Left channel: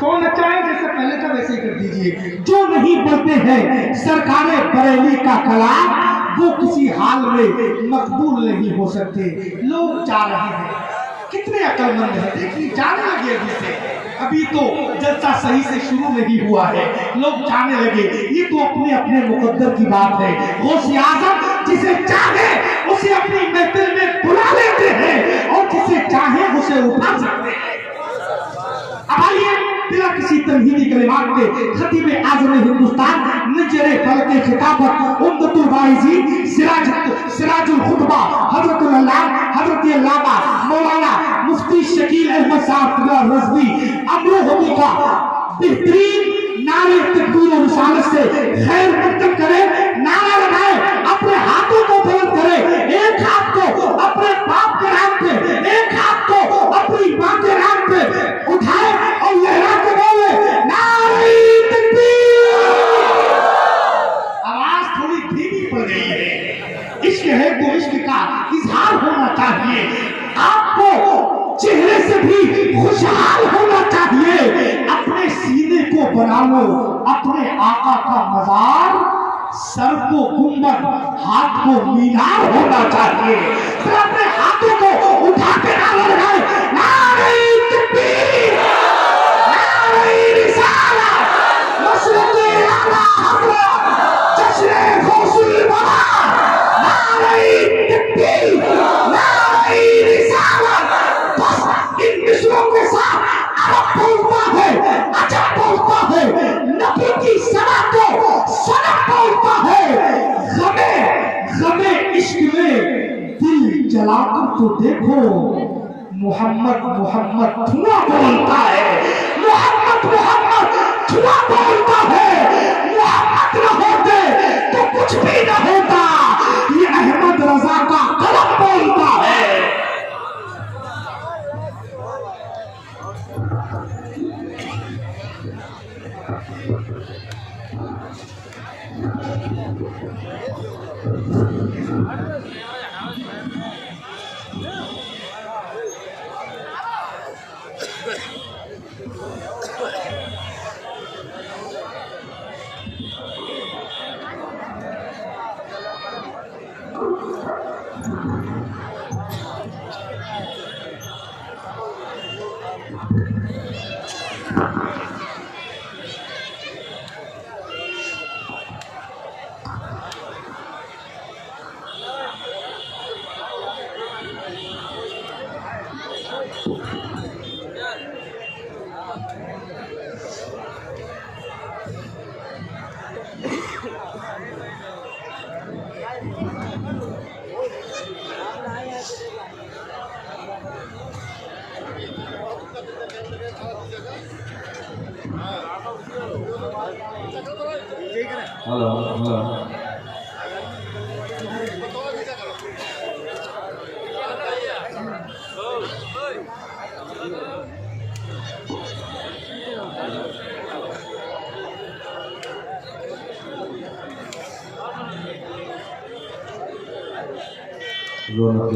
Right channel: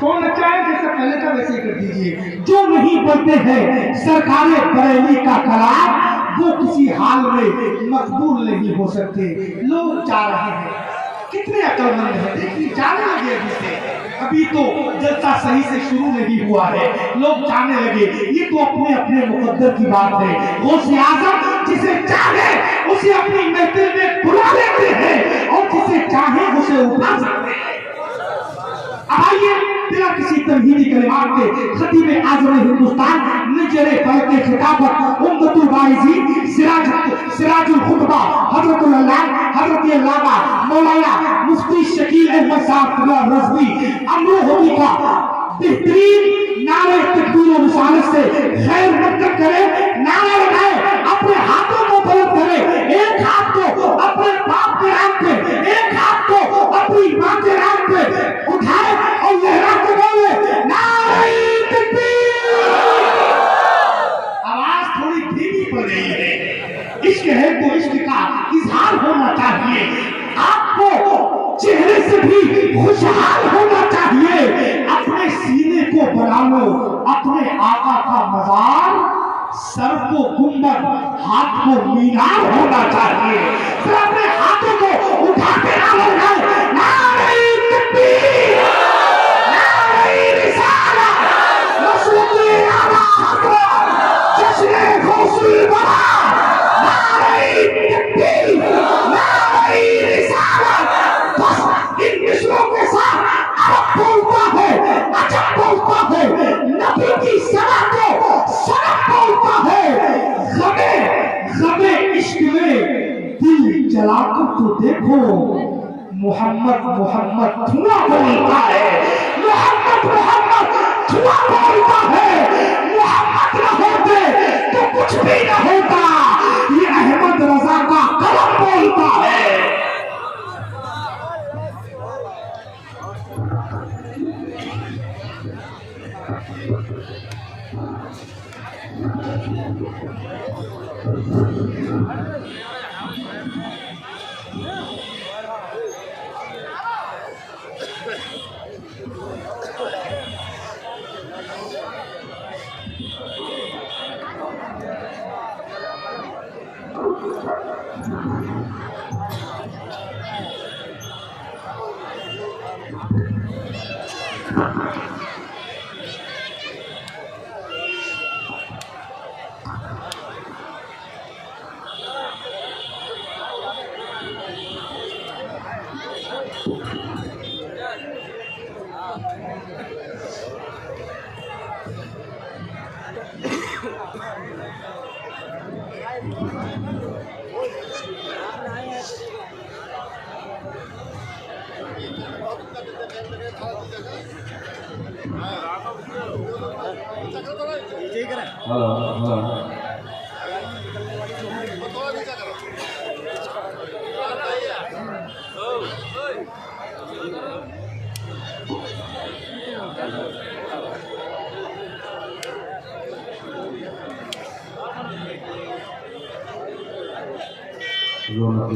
Phone अच्छा है, जैसे पहले का वैसे ही कर दीजिए। जो नहीं बोलते हैं सरकारे बरेली का कलाम, वो किसी हाल में मकबूल नहीं हो सकते। लोग जा रहे हैं, कितने अकलमंद है, देखिए जाने लगे अभी से, अभी तो जलसा सही से शुरू नहीं हुआ है, लोग जाने लगे। ये तो अपने अपने मुकद्दर की बात है। गौसे आज़म जिसे चाहे उसे अपनी महफिल में बुला लेते हैं और जिसे चाहे उसे उठा सकते हैं। आइए बिना किसी तमहीदी कलिमात के खतीब आज़म हिंदुस्तान नजरे फल के खिताबत उम्मतुल वाइज़ी सिराजुल खुतबा हजरतुल अल्लाह हजरत अल्लामा मौलाना मुफ्ती शकील अहमद साहब रज़वी अमरूहदी का बेहतरीन नारे तकबीर और रिसालत से खैर मकदम करे, नारा लगाए, अपने हाथों को बुलंद करे, एक हाथ को अपने बाप के नाम पे, एक हाथ को अपनी मां के नाम पे उठाए और लहरा के बोले नारे तकबीर। आवाज थोड़ी धीमी पड़ गई है। इश्क है तो इश्क का इजहार होना चाहिए, आपको चेहरे से भी खुशहाल होना चाहिए। अपने सीने को बना लो अपने आका का मजार, सर को गुंबद, हाथ को मीनार होना चाहिए। फिर अपने हाथों को उठा के नारा लगाए नारे तकबीर, नारे रिसालत, रसूल आला हज़रत जश्न गौसी वाला, नारे तकबीर, नारे रिसालत। इन मिसरों के साथ अरब बोलता है, अजब बोलता है, नबी की सना को सनम बोलता है। गमे इश्क में दिल जलाकर तो देखो, मोहम्मद मोहम्मद धुआं बोलता है, मोहम्मद मोहम्मद धुआं बोलता है। मोहम्मद न होते तो कुछ भी न होता, ये अहमद रजा का कलम बोलता है।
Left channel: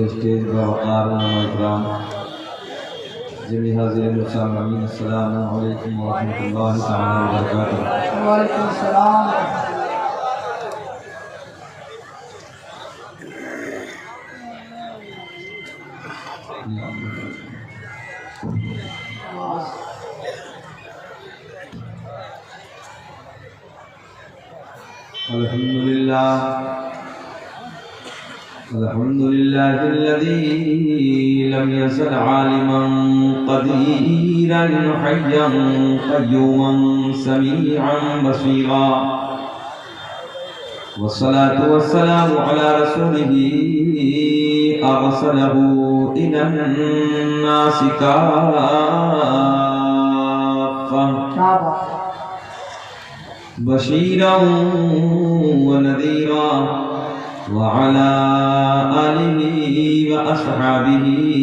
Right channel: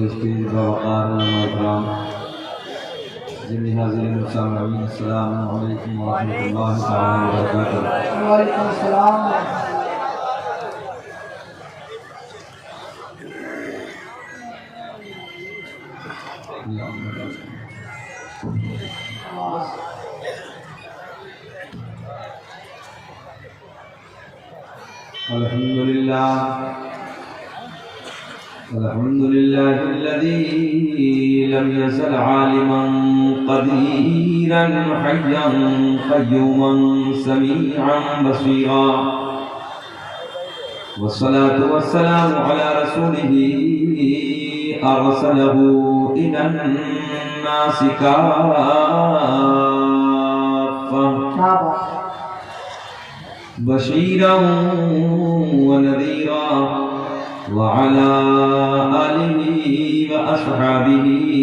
स्टेज वक़ार नाम जिन्हें हाज़िर मुसामईन अस्सलामु अलैकुम व रहमतुल्लाहि तआला व बरकातुहू। वालेकुम सलाम। अल्हम्दुलिल्लाहिल्लज़ी लम यज़ल आलिमन क़दीरन हय्यन क़य्यूमन समीअन बसीरा वस्सलातु वस्सलामु अला रसूलिही अरसलहू इलन्नासि काफ़्फ़ा बशीरन व नज़ीरा वअला आलिहि व अस्हाबिहि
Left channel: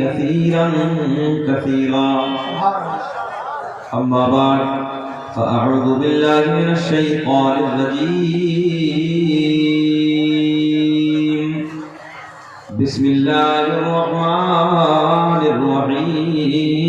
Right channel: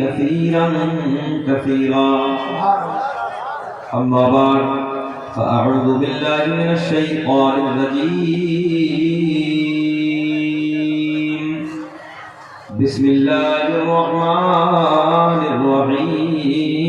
कसीरन कसीरा। अम्मा बाद फ़अऊज़ु बिल्लाहि मिनश शैतानिर रजीम। बिस्मिल्लाहिर रहमानिर रहीम।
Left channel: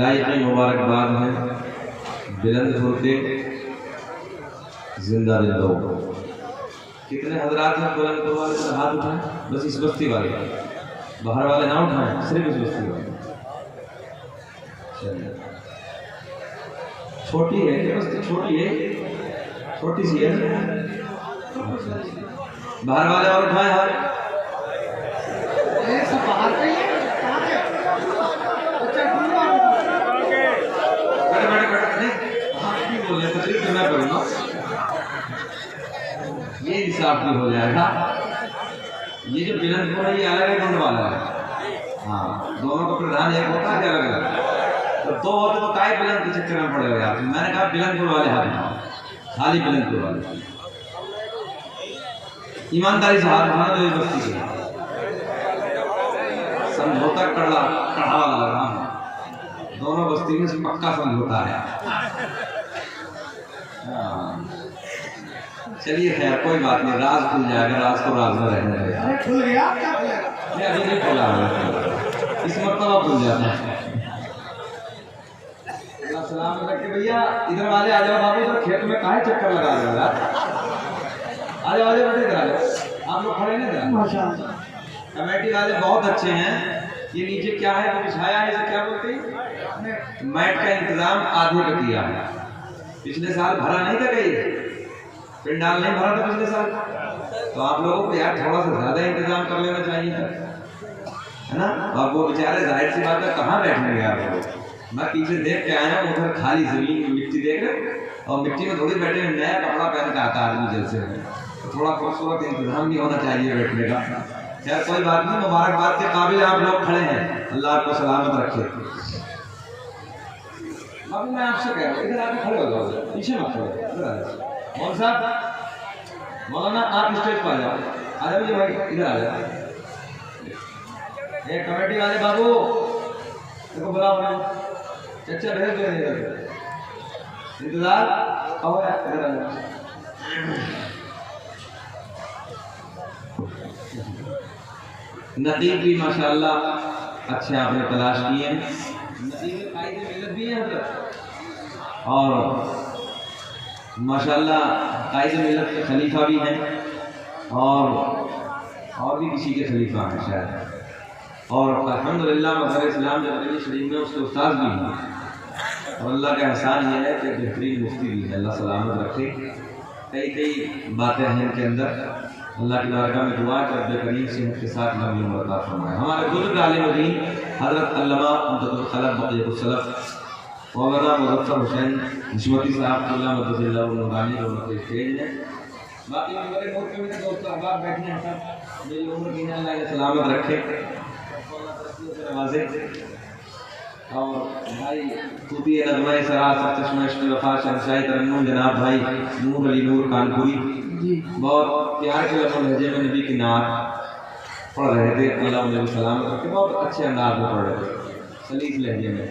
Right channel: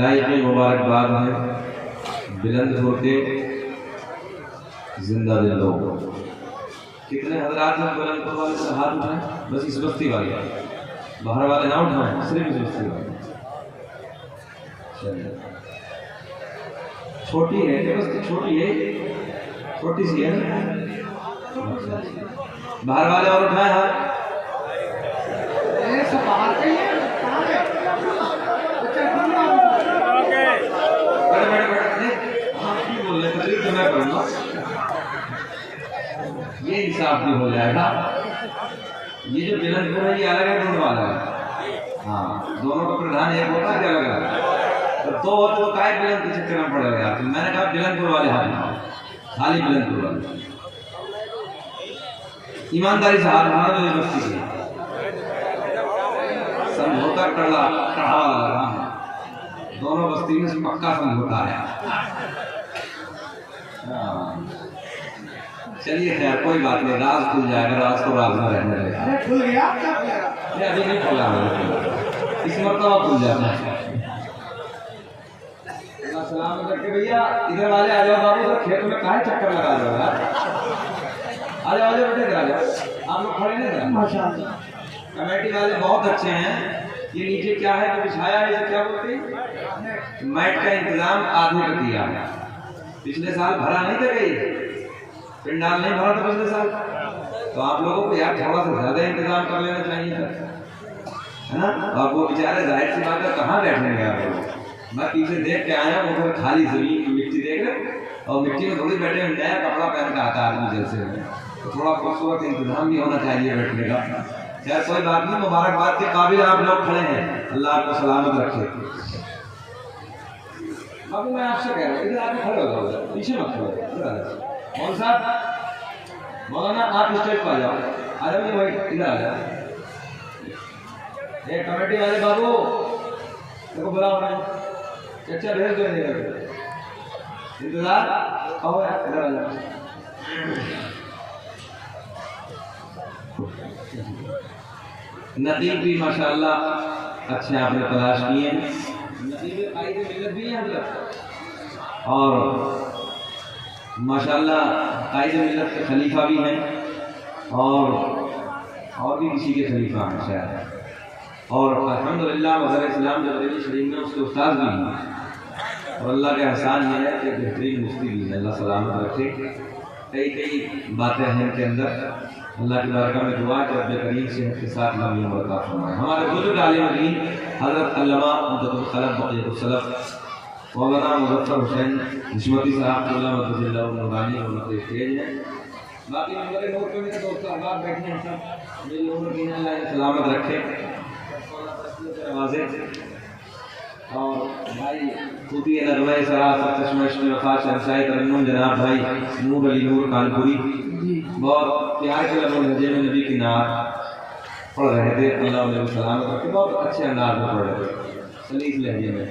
लाइक मुबारकबाद है बुलंदपुर के जिंदा लोग। कितने हजरात हैं बुलंदपुर वाले से हाथ उठाएं? बस इस बस्ती वाले, बाहर वाले ना उठाएं, सिर्फ इस बस्ती वाले। छोटी है क्या बस्ती? छोटी है, छोटी सी है। बाहर वाले और उठाएं हाथ। ये हिसाब भी हो जाएगा। ये जो बुलंदपुर है ये अलग है, ढूंढ वाला है। हाँ, दोनों का प्रधान एक होता है, अलग अलग। तो वो काय बुलंद के चक्कर में पड़ गया। मैंने कहा बुलंदपुर वाले हाथ उठाओ, खाली बुलंदपुर वाले। ईमानदारी से हाथ उठाना तो ये बस्ती है। समझौता कड़ा वाला लगा, दोनों बस्ती में पक्का समझौता है। चलिए खैर कोई बात नहीं, राज खुल जाएगा, राज को राज में रहने देगा। अभी नहीं खुला है, इस मरतबा खुल जाता है। सलाम करके भैया इधर वाले आ जाओ बाबू, इधर खेत में काहे चक्कर लगा रहे हो यार? आ जाओ बेटे, इधर आ जाओ। आप लोग खड़े नहीं रहे। माशाअल्लाह कमेटी वाले बहुत अच्छे हैं। ये नीचे क्या है तो बिछाया है, इसे क्या बोलते हैं? मैट का इंतजाम आधे का किया है। पिछले साल भरा नहीं था कहीं, पिंडाल नहीं भरा था पिछले साल, तो आप लोगों को यार थोड़ा सा ज्यादा इंतजाम कर लेना चाहिए था, है ना? अब वो बेचारे जाहिर सी बात है कहाँ बैठेंगे आप लोग। मैं पीछे देख के आया हूँ, उधर खाली जमीन की मिट्टी देख रहे, और मिट्टी में थोड़ी बैठे हुए, नया कपड़ा पहन के आता है आदमी जैसे, तो थोड़ा खूबसूरत इंतजाम भी होना चाहिए बैठने का। यार कोई बात नहीं, मुबारकबाद के काबिल आप लोग खड़े हैं, अल्लाह आपको सलामत रखे। बाबू मैं आपसे कह रहा हूँ इधर आके खड़े हो जाओ, पीछे मत खड़ो, इधर आ जाओ। मौलाना साहब, मौलाना आप स्टेज पर आ जाओ, आ जाओ जी भाई, इधर आ जाओ। ये कमेटी वाले बाबू देखो बुलाओ ना, चचा भेज दो इधर, इंतजार आओ यार, इधर आ जाओ। नतीब भी माशाल्लाह अच्छे आपने तलाश किए हैं, नतीब मिलत भी हैं और माशाल्लाह कायदे मिलत के खलीफा भी हैं, और भी किसी के खलीफा हैं शायद, और अल्हम्दुलिल्लाह मज़हब इस्लाम जबरेली शरीफ में उसके उस्ताद भी हैं। और अल्लाह का एहसान ये है कि बेहतरीन मुफ्ती भी है, अल्लाह सलामत रखे। कई बातें हैं इनके अंदर, अल्लाह की बारगाह में दुआ कि रब्बे करीम सेहत के साथ लंबी उम्र अता फरमाए। हमारे बुजुर्ग आलिम दीन हज़रत अल्लामा मुहद्दिस खलफ बक़ियतुस सलफ मौलाना मुज़फ़्फ़र हुसैन निस्बती साहब अल्लाह मददल्लाहु नूरानी और उनके स्टेज है। बाकी मेरे नूर पे मेरे दोस्त अहबाब बैठे हैं, सब मेरी उम्र की अल्लाह ने सलामत रखे। और भाई खूबी नगमा सराफ़त चश्मा वफ़ा शहंशाह तरन्नुम जनाब भाई नूर अली नूर कानपुरी बहुत प्यार के लहजे में नबी की नात पढ़ रहे थे, अल्लाह उन्हें सलामत रखे। बहुत अच्छे अंदाज में पढ़ रहे थे, सलीस लहजे में।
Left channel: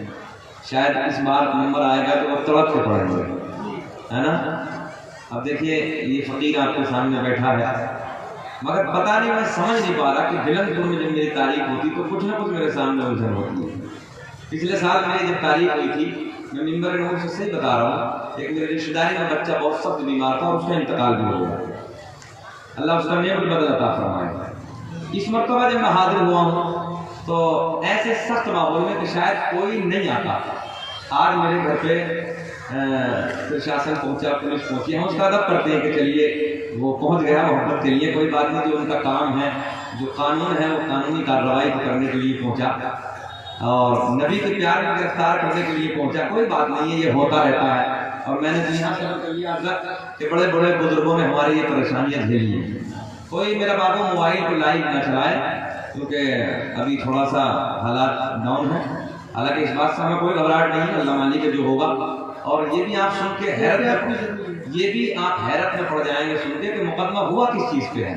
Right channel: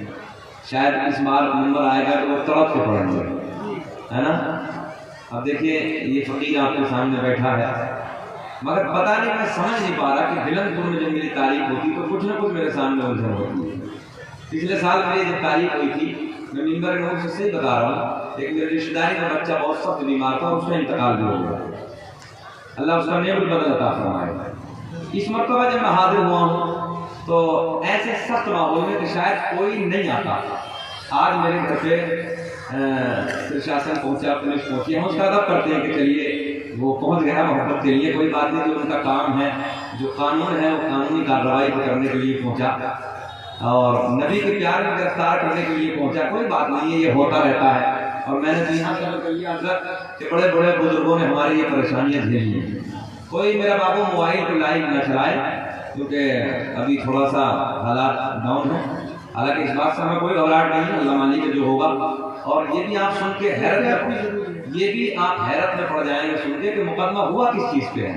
शायद इस बार नंबर आएगा तो वो तड़प के पढ़ेंगे, है ना? अब देखिए ये फ़कीर आपके सामने बैठा है, मगर पता नहीं मैं समझ नहीं पा रहा कि बुलंदपुर में जब मेरी तारीफ होती तो कुछ ना कुछ मेरे सामने उलझन होती है। पिछले साल मेरी जब तारीफ हुई थी, मैं मिंबर में से सही बता रहा हूँ, एक मेरी रिश्तेदारी में बच्चा बहुत सख्त बीमार था, उसका इंतकाल भी हो गया, अल्लाह उसका नेम भी बदल अता फरमाएगा। इस मरतबा जब मैं हाजिर हुआ हूँ तो ऐसे सख्त माहौल में कि शायद कोई नहीं आता। आज मेरे घर पे प्रशासन पहुँचा, पुलिस पहुँची, हम उसका अदब करते हैं कि चलिए वो पहुँच गया, मोहब्बत के लिए कोई बात नहीं, जो उनका काम है, जो कानून है वो कानूनी कार्रवाई करने के लिए पहुँचा, और नबी के प्यार में गिरफ्तार करने के लिए पहुँचा, कोई बात नहीं है, ये होता रहता है। और मैंने तो यहाँ से कर लिया हजरत कि बड़े बड़े बुजुर्गों ने हमारी ये परेशानियां झेली हैं। कोई मेरा बाबू मोबाइल पे लाइव न चलाए, क्योंकि अभी थोड़ा सा हालात डाउन है। हालांकि इस बात से हमें कोई घबराहट नहीं है, अल्लाह मालिक जो होगा। और ये भी आप सुन के हैरत में पड़ जाएंगे सुन के कि मुकदमा हुआ किस चीज़ पे है।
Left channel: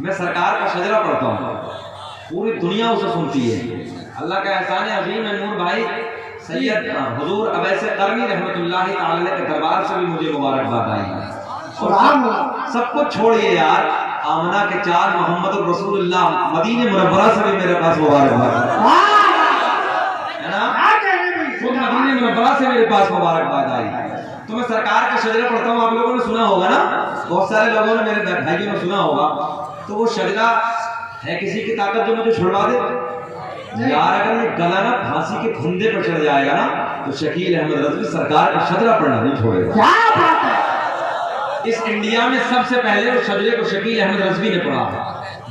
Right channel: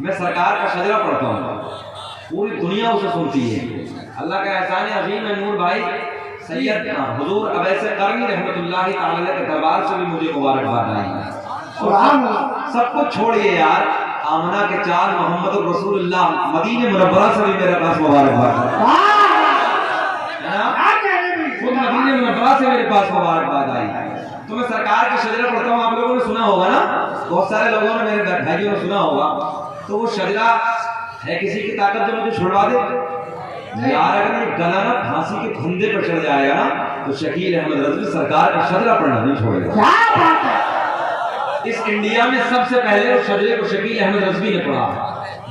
मैं सरकार का शजरा पढ़ता हूँ, पूरी दुनिया उसे सुनती है। अल्लाह का एहसान अजीम है, नूर भाई सैयद हुजूर अवैसे करनी रहमतुल्लाहि तआला के दरबार से भी मुझे मुबारकबाद आई। और सब कुछ छोड़िए यार, आमना के चार मोहम्मद रसूलुल्लाह मदीने मुनव्वरा से भी मेरे पास मुबारकबाद है ना। वो मदीने मुनव्वरा से मेरे पास मुबारकबाद आई। तो मैं सरकार के शजरा पढ़ता हूँ, आप लोगों ने सुना होगा ना, बहुत सारे लोगों ने, मेरे भाइयों ने सुना होगा। तो वो शजरा है किसी की ताकत जो मुझे छुड़वा दे यार। अगर ये गला ना फांसी के फंदे पर चढ़ जाएगा ना, तो शकील अहमद रज़वी सरकार का शजरा पढ़ना नहीं छोड़ेगा। इस इंडिया में सबसे पहले उस शजरे को शकील अहमद रज़वी ने पढ़ा,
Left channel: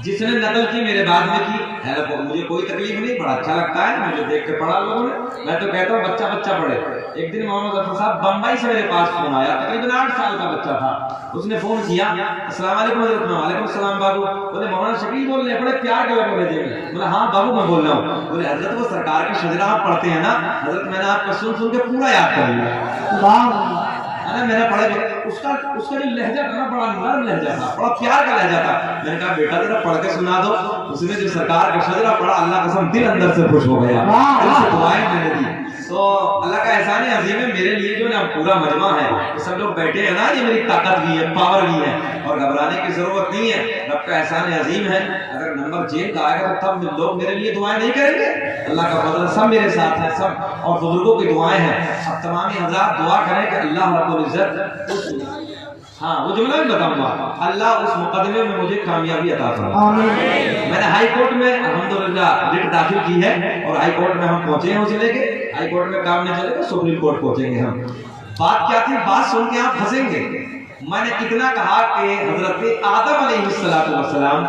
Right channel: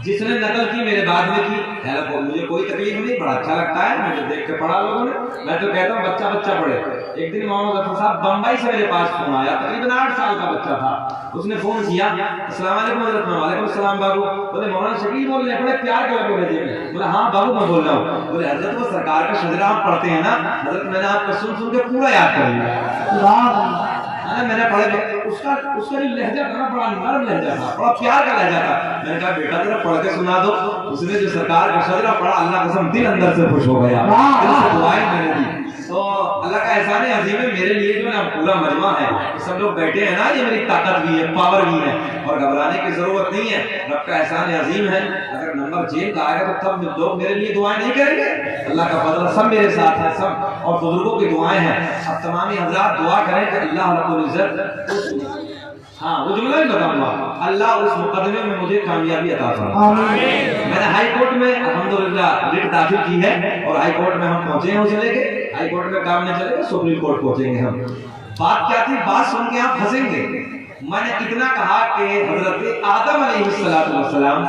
जिसने नकल की मेरे बाद में की। मुझे कोई तकलीफ नहीं, बड़ा अच्छा लगता है, मुझे देख के पढ़ा लोगों ने। मैं तो कहता हूँ बच्चा बच्चा पढ़े। एक दिन मोहम्मद जफर साहब बम्बई से मेरे पास फोन आया, तकरीबन 8 साल का बच्चा था। उसने फोन किया, अस्सलाम वालेकुम हज़रत। वालेकुम सलाम बाबू। बोले मौलाना शकील बोल रहे हैं, बड़े प्यार के लगे बोले। बोला हाँ बाबू मैं बोल रहा हूँ। बोले हजरत वो सरकार का शजरा आप पढ़ते हैं ना हजरत, मैंने आपको सुन सुन के पूरा याद कर लिया। मैंने पढ़ा, उसका जो लहजा था ना, बड़ा नरम लहजा था, बड़ा प्यार का लहजा था। मैंने कहा बेटा तेरा पढ़ के सुना दो। उसने जो सरकार का शजरा पढ़ा, अल्लाह कसम दिल अंदर से खुश हो गया। दुआएं मैंने दी। तो अल्लाह का एहसान अजीम है मेरे लिए जो ना पूरा मजमा है, सब लोग बैठे हैं ना, ये मेरी ताकत भी है, पावर भी है, और घबराने की जरूरत नहीं है। रब का एहसान अजीम है। अगर नंबर जेल का आएगा तो तब लोग मेरे लिए दुआएं नहीं करेंगे। अल्लाह का फजल, सब मेरे साथ है सब, और बुजुर्गों की दुआएं हैं। अब तमाम हज़रात दुआ करें कि अल्लाह रब्बुल इज्जत, हाँ वो जुमला भी बताऊंगा, अल्लाह उस मुकदमे में मुझे कामयाबी अता फरमाए। मैंने हाई कोर्ट में अल्हम्दुलिल्लाह रिट दाखिल की है, और हाई कोर्ट में हम पहुंचे हैं, उसे लेके हाई कोर्ट में काम नहीं चलेगा, सुप्रीम कोर्ट पहुंचेंगे हम। बात क्या थी, बात सुन के आप फंसेंगे। मैंने इतना कहा कि हजरत आदम अलैहिस्सलाम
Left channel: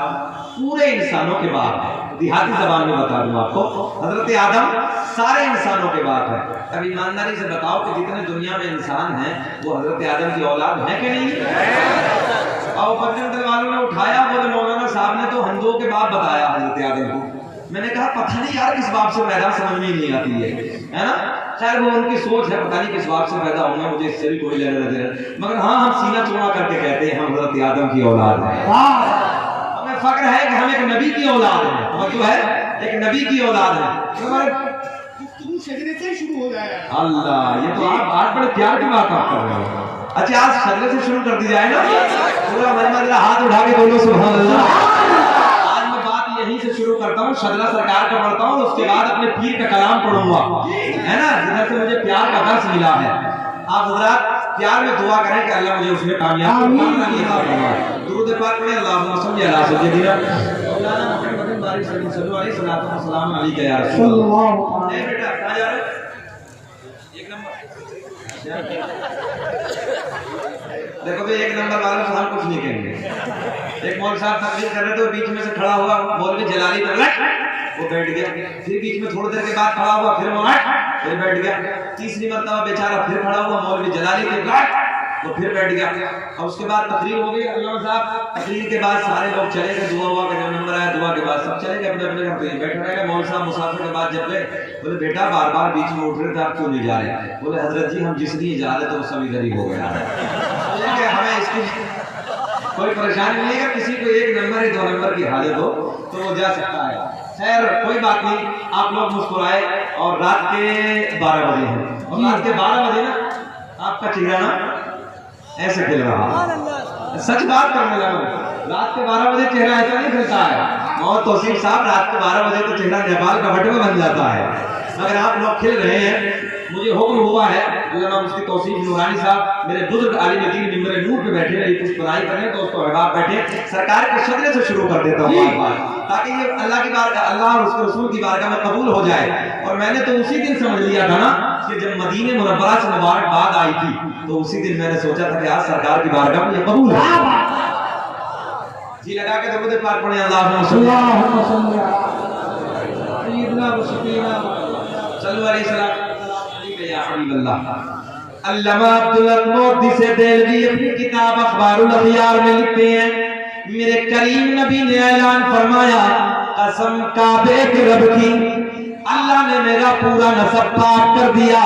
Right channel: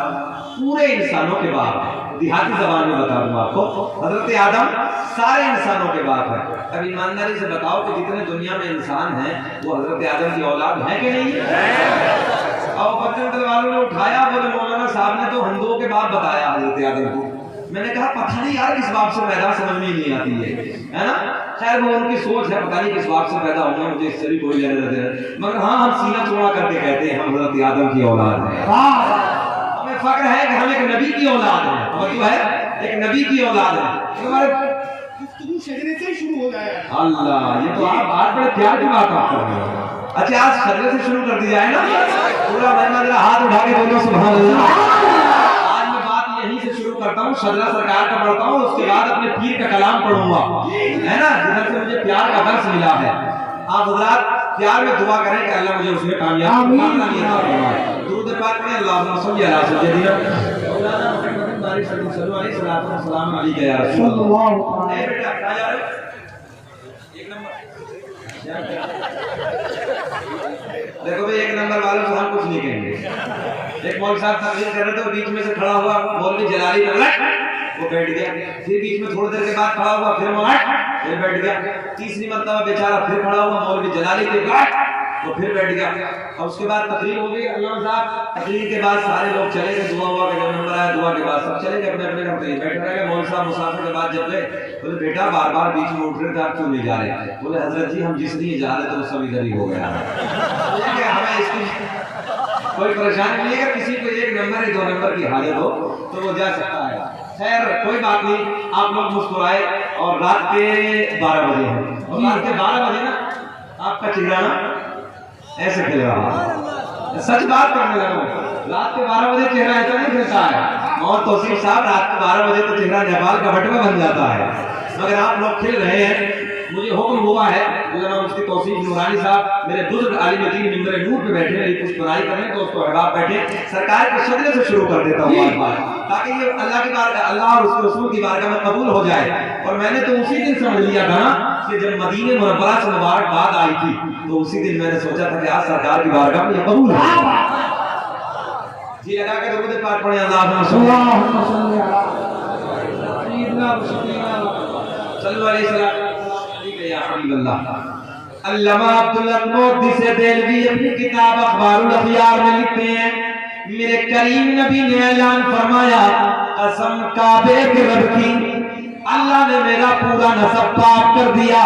पूरे इंसानों के बाप, देहाती जबान में बता दूं आपको, हजरत आदम सारे इंसानों के बाप है। अब ईमानदारी से बताओ कि जितने दुनिया में इंसान हैं वो हजरत आदम की औलाद है कि नहीं? और बच्चों वालों ने उठाया, बोले मौलाना साहब ने तो हिंदुओं के बाप बताया हजरत आदम को। मैंने कहा पता नहीं यार किस बाप से पैदा, समझ में नहीं आती है ना। खैर वो उनकी सोच है, पता नहीं किस बाप से पैदा होंगे, मुझे इससे भी कोई लेना देना। मगर हाँ, हम सीना चौड़ा करके कहते हैं हम हजरत आदम की औलाद है। हमें फक्र है कि हम एक नबी की औलाद है, और जो है एक नबी की औलाद है। शजरे से शुरू हो जाए। अल्लाह, ये तो आप बड़े प्यार की बात आप कर रहे हो। अच्छा आज शजरे से शुरू कर दी जाए ना, पूरा मेहमान हाथ उठा के बोलो सुभान अल्लाह। आज मैं बात यहीं से शुरू करता हूँ, शजरा सरकार का पढ़ता हूँ, उसके बाद अपने पीर का कलाम पढ़ूंगा, है ना, जिधर से मुझे प्यार का दर्स मिला है। आप हजरात प्यार में दुआ करें कि अल्लाह मुझे उसमें कामयाब बनाए। दुरूद पाक में अल्लाहुम्मा सल्ली अला सय्यिदिना मौलाना मुहम्मद सल्लल्लाहु अलैहि वसल्लम अलैहि या रसूल अल्लाह। ए बेटा कहां जा रहे हो? एक नंबर देखो भाई, एक नंबर वालों से हम कुछ नहीं कहेंगे। एक मौलवी साहब तकरीर कर रहे थे, बीच में से खड़ा हुआ मौलवी जलाली वो बैठ गया, फिर बीच में थोड़ी देर के बाद खड़ा हुआ, फिर बैठ गया, तीसरी मरतबा बेचारा फिर खड़ा हुआ मौलवी जलाली तो फिर बैठ गया। और उसके बाद तकरीर हो गई, अल्लाह साहब तकरीर के बाद सारे लोग चले गए, दुआ हुआ का नंबर आया, दुआ के बाद सब चले गए अपने अपने घर पे। बैठा रहे मौलवी साहब मुसाफिर के बाद जब गए, बोले बेटा बार बार बीच में उठ रहे थे, आप क्यों नहीं जा रहे? बोले हजरत जी हम जिस लिए जा रहे थे वो सब इधर ही हो गया। हमें इसकी कोई परेशानी नहीं है, किसी को एक नंबर या 2 नंबर की हाजत हो तो वो जा सकता है। खैर कोई बात नहीं, आप लोग मुस्कुराए। और रात के 12 बजे हैं, और रात के 12 बजे ना आपका चेहरा ना ऐसे खिल रहा, सच बात करने लगा। रात के 12 बजे चेहरा ऐसा नहीं खिलता है। और तौसीफ साहब रात के 12 बजे तो चेहरा नेपाल का बटुआ बन जाता है, मगर आप लोग खिल रहे हैं। मुझे हुक्म हुआ है, उसकी तौसीफ नूरानी साहब मेरे बुजुर्ग आलिम दीन मिंबर नूर पे बैठे, मेरी कुछ पढ़ाई कर रहे हैं, तो उसको अहबाब बैठे सरकार के शजरे से शुरू कर देता हूँ बार, ताकि ये अल्लाह की बारगाह, अल्लाह और उसके रसूल की बारगाह में कबूल हो जाए। और मैंने तो उसी दिन समझ लिया था ना कि जब मदीने मुनव्वरा से मुबारकबाद आई थी, तो उसी दिन मैंने सोचा था कि आज सरकार की बारगाह में ये कबूल है। जी लगा के दरूद पाक पढ़ें, अल्लाहुम्मा सल्ली अल्लाह। अल्लामा अब्दुल मोदी से देलवी अपनी किताब अखबारुल अखयार में लिखते हैं, मेरे करीम नबी ने ऐलान फरमाया, कसम काबे के रब की, अल्लाह ने मेरा पूरा नसब पाक कर दिया।